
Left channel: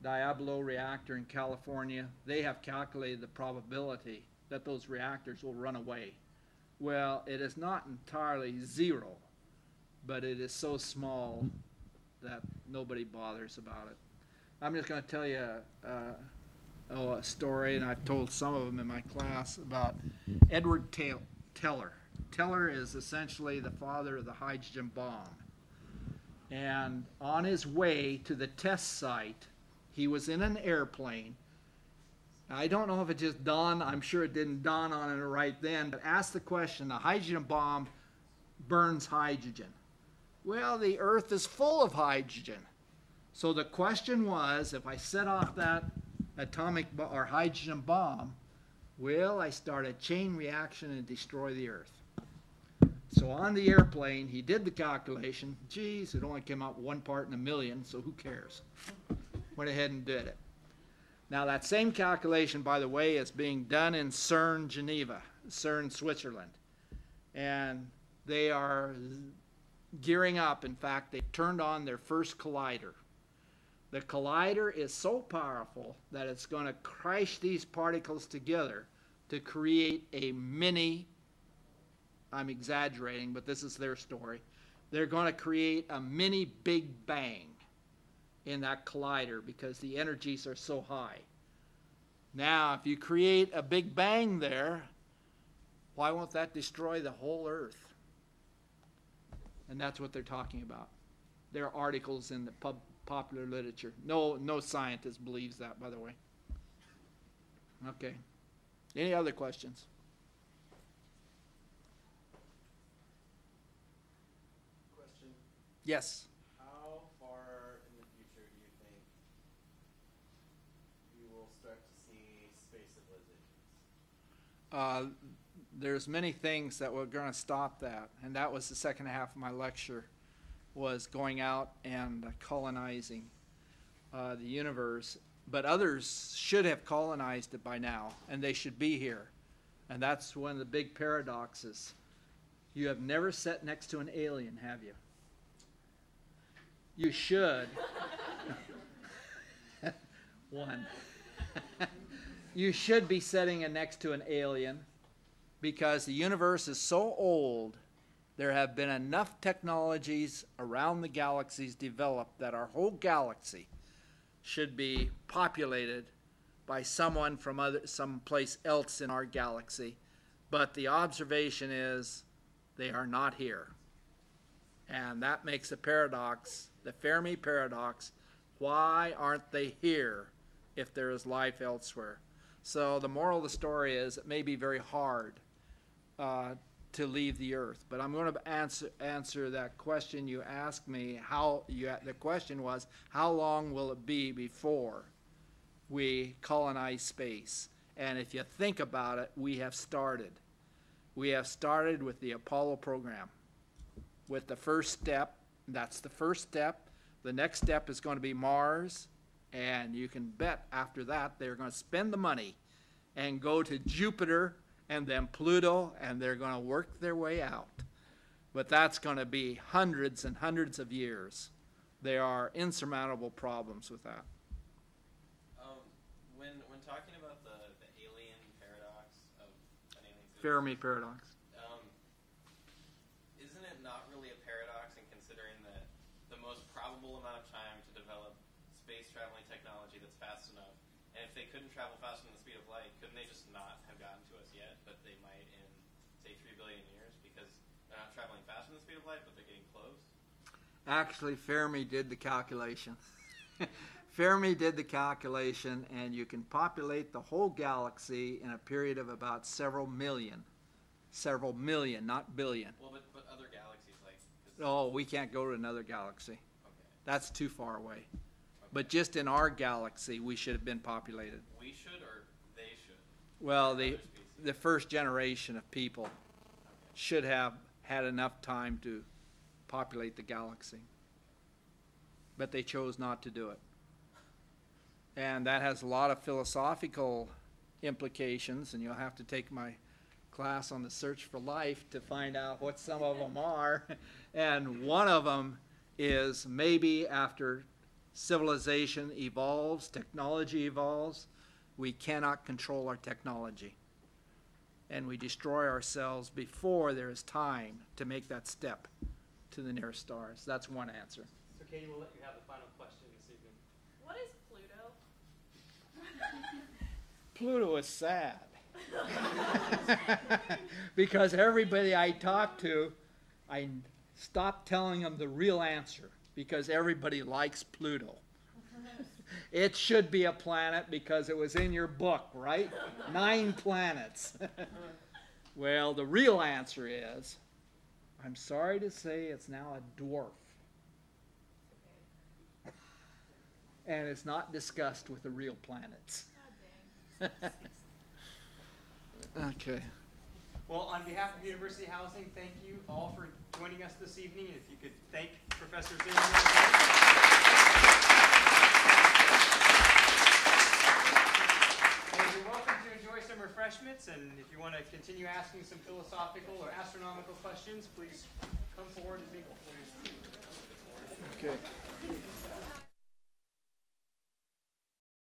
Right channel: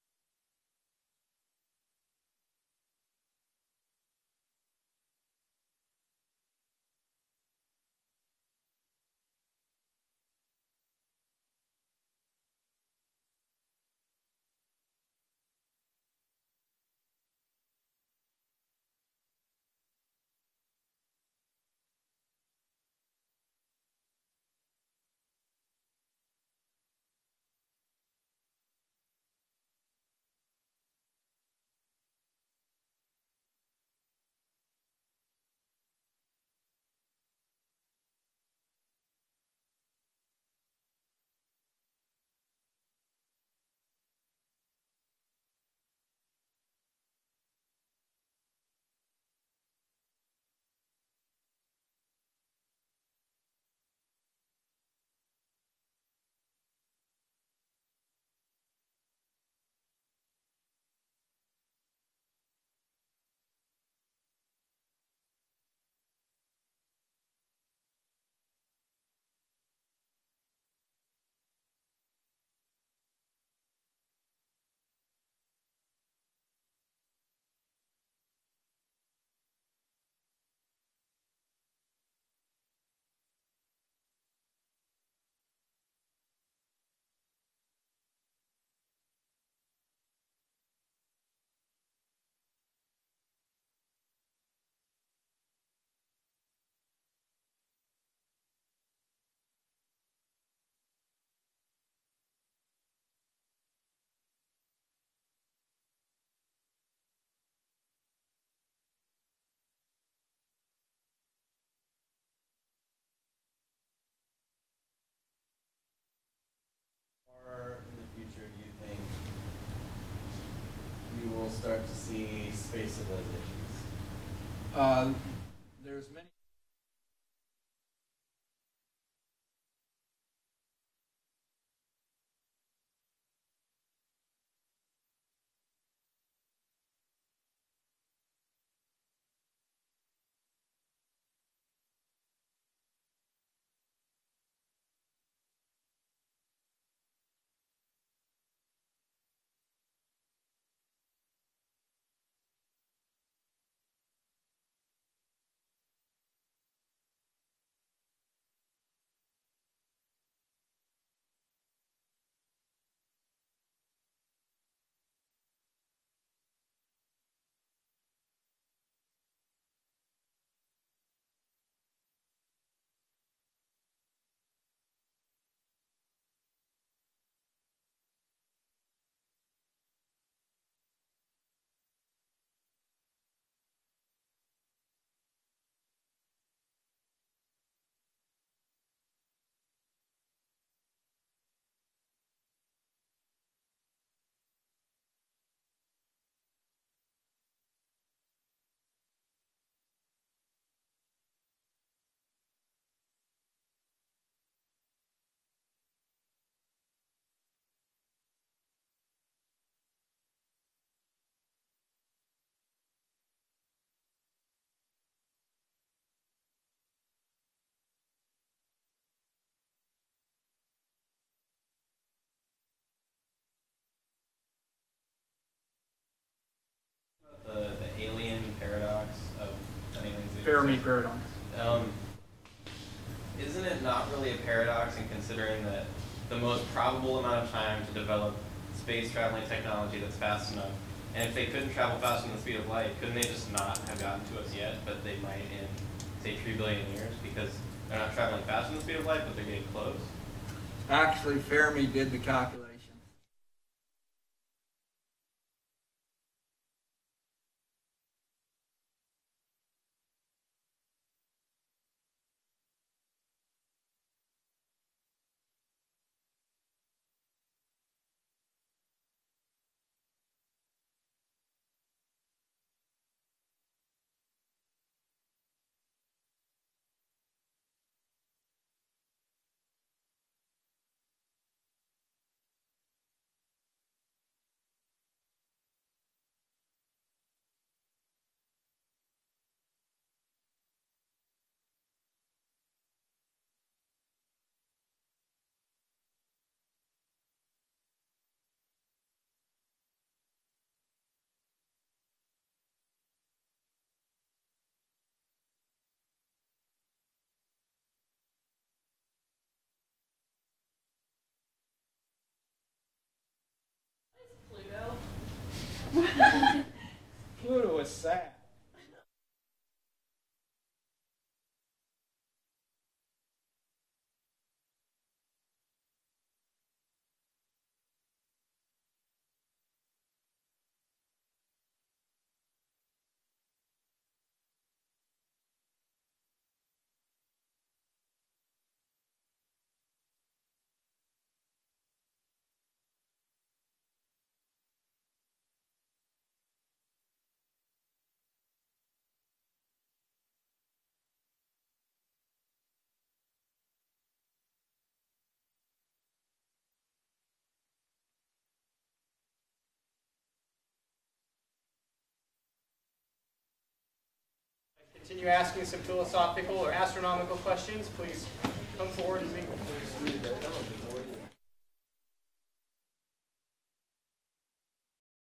Diablo reactor in California, they have calculated the probability that those reactors will run away. Well, it is not entirely zero, but it is so small that nobody bothers about it. I'm just going to tell you a story, and I've told some of them in my class, about Edward Teller. Teller is essentially the father of the hydrogen bomb. And on his way to the test site, he was in an airplane. I don't know if it just dawned, I'm sure it didn't dawn on him right then, but asked the question, the hydrogen bomb burns hydrogen. Well, the Earth is full of hydrogen. So the question was, if I set off that or hydrogen bomb, will I start a chain reaction and destroy the Earth? So on the airplane, he did the calculation. Geez, it only came out 1 part in a million, so who cares? Went ahead and did it. Now that same calculation, by the way, is being done in CERN, Geneva, CERN, Switzerland. And they are gearing up. In fact, they turned on their first collider. The collider is so powerful that it's going to crash these particles together to create a mini, I'm exaggerating, but this is their story. They're going to create a mini Big Bang in that collider because the energies are so high. Now, if you create a Big Bang there, why won't that destroy the whole Earth? And that's what they're talking about. There are articles in the popular literature. No scientist believes that, by the way. Okay. Any other questions? Question. Yes. How far in the future do you think we will start to see space civilizations? There's many things that were going to stop that, and that was the second half of my lecture, was going out and colonizing the universe. But others should have colonized it by now, and they should be here. And that's one of the big paradoxes. You have never sat next to an alien, have you? You should. One. You should be sitting next to an alien, because the universe is so old, there have been enough technologies around the galaxies developed that our whole galaxy should be populated by someone from someplace else in our galaxy. But the observation is they are not here. And that makes a paradox, the Fermi paradox. Why aren't they here if there is life elsewhere? So the moral of the story is it may be very hard to leave the Earth. But I'm going to answer that question you asked me. The question was, how long will it be before we colonize space? And if you think about it, we have started. We have started with the Apollo program. With the first step, that's the first step. The next step is going to be Mars. And you can bet after that they're going to spend the money and go to Jupiter and then Pluto, and they're going to work their way out. But that's going to be hundreds and hundreds of years. There are insurmountable problems with that. When talking about the alien paradox of Fermi paradox. Isn't it not really a paradox in considering that the most probable amount of time to develop space traveling technology that's fast enough, and if they couldn't travel faster than the speed of light, couldn't they just not have gotten to us yet, but they might in, say, 3 billion years, because they're not traveling faster than the speed of light, but they're getting close? Actually, Fermi did the calculation. Fermi did the calculation, and you can populate the whole galaxy in a period of about several million, not billion. Well, but other galaxies, like... Oh, we can't go to another galaxy. Okay. That's too far away. Okay. But just in our galaxy, we should have been populated. We should, or they should? Well, the first generation of people should have had enough time to populate the galaxy. But they chose not to do it. And that has a lot of philosophical implications, and you'll have to take my class on the search for life to find out what some of them are. And one of them is maybe after civilization evolves, technology evolves, we cannot control our technology. And we destroy ourselves before there is time to make that step to the nearest stars. That's one answer. So Katie, we'll let you have the final question this evening. What is Pluto? Pluto is sad. Because everybody I talk to, I stop telling them the real answer because everybody likes Pluto. It should be a planet because it was in your book, right? 9 planets. Well, the real answer is, I'm sorry to say it's now a dwarf. And it's not discussed with the real planets. Okay. Well, on behalf of University Housing, thank you all for joining us this evening. If you could thank Professor Zimmerman. You're welcome to enjoy some refreshments, and if you want to continue asking some philosophical or astronomical questions, please come forward and meet. Okay.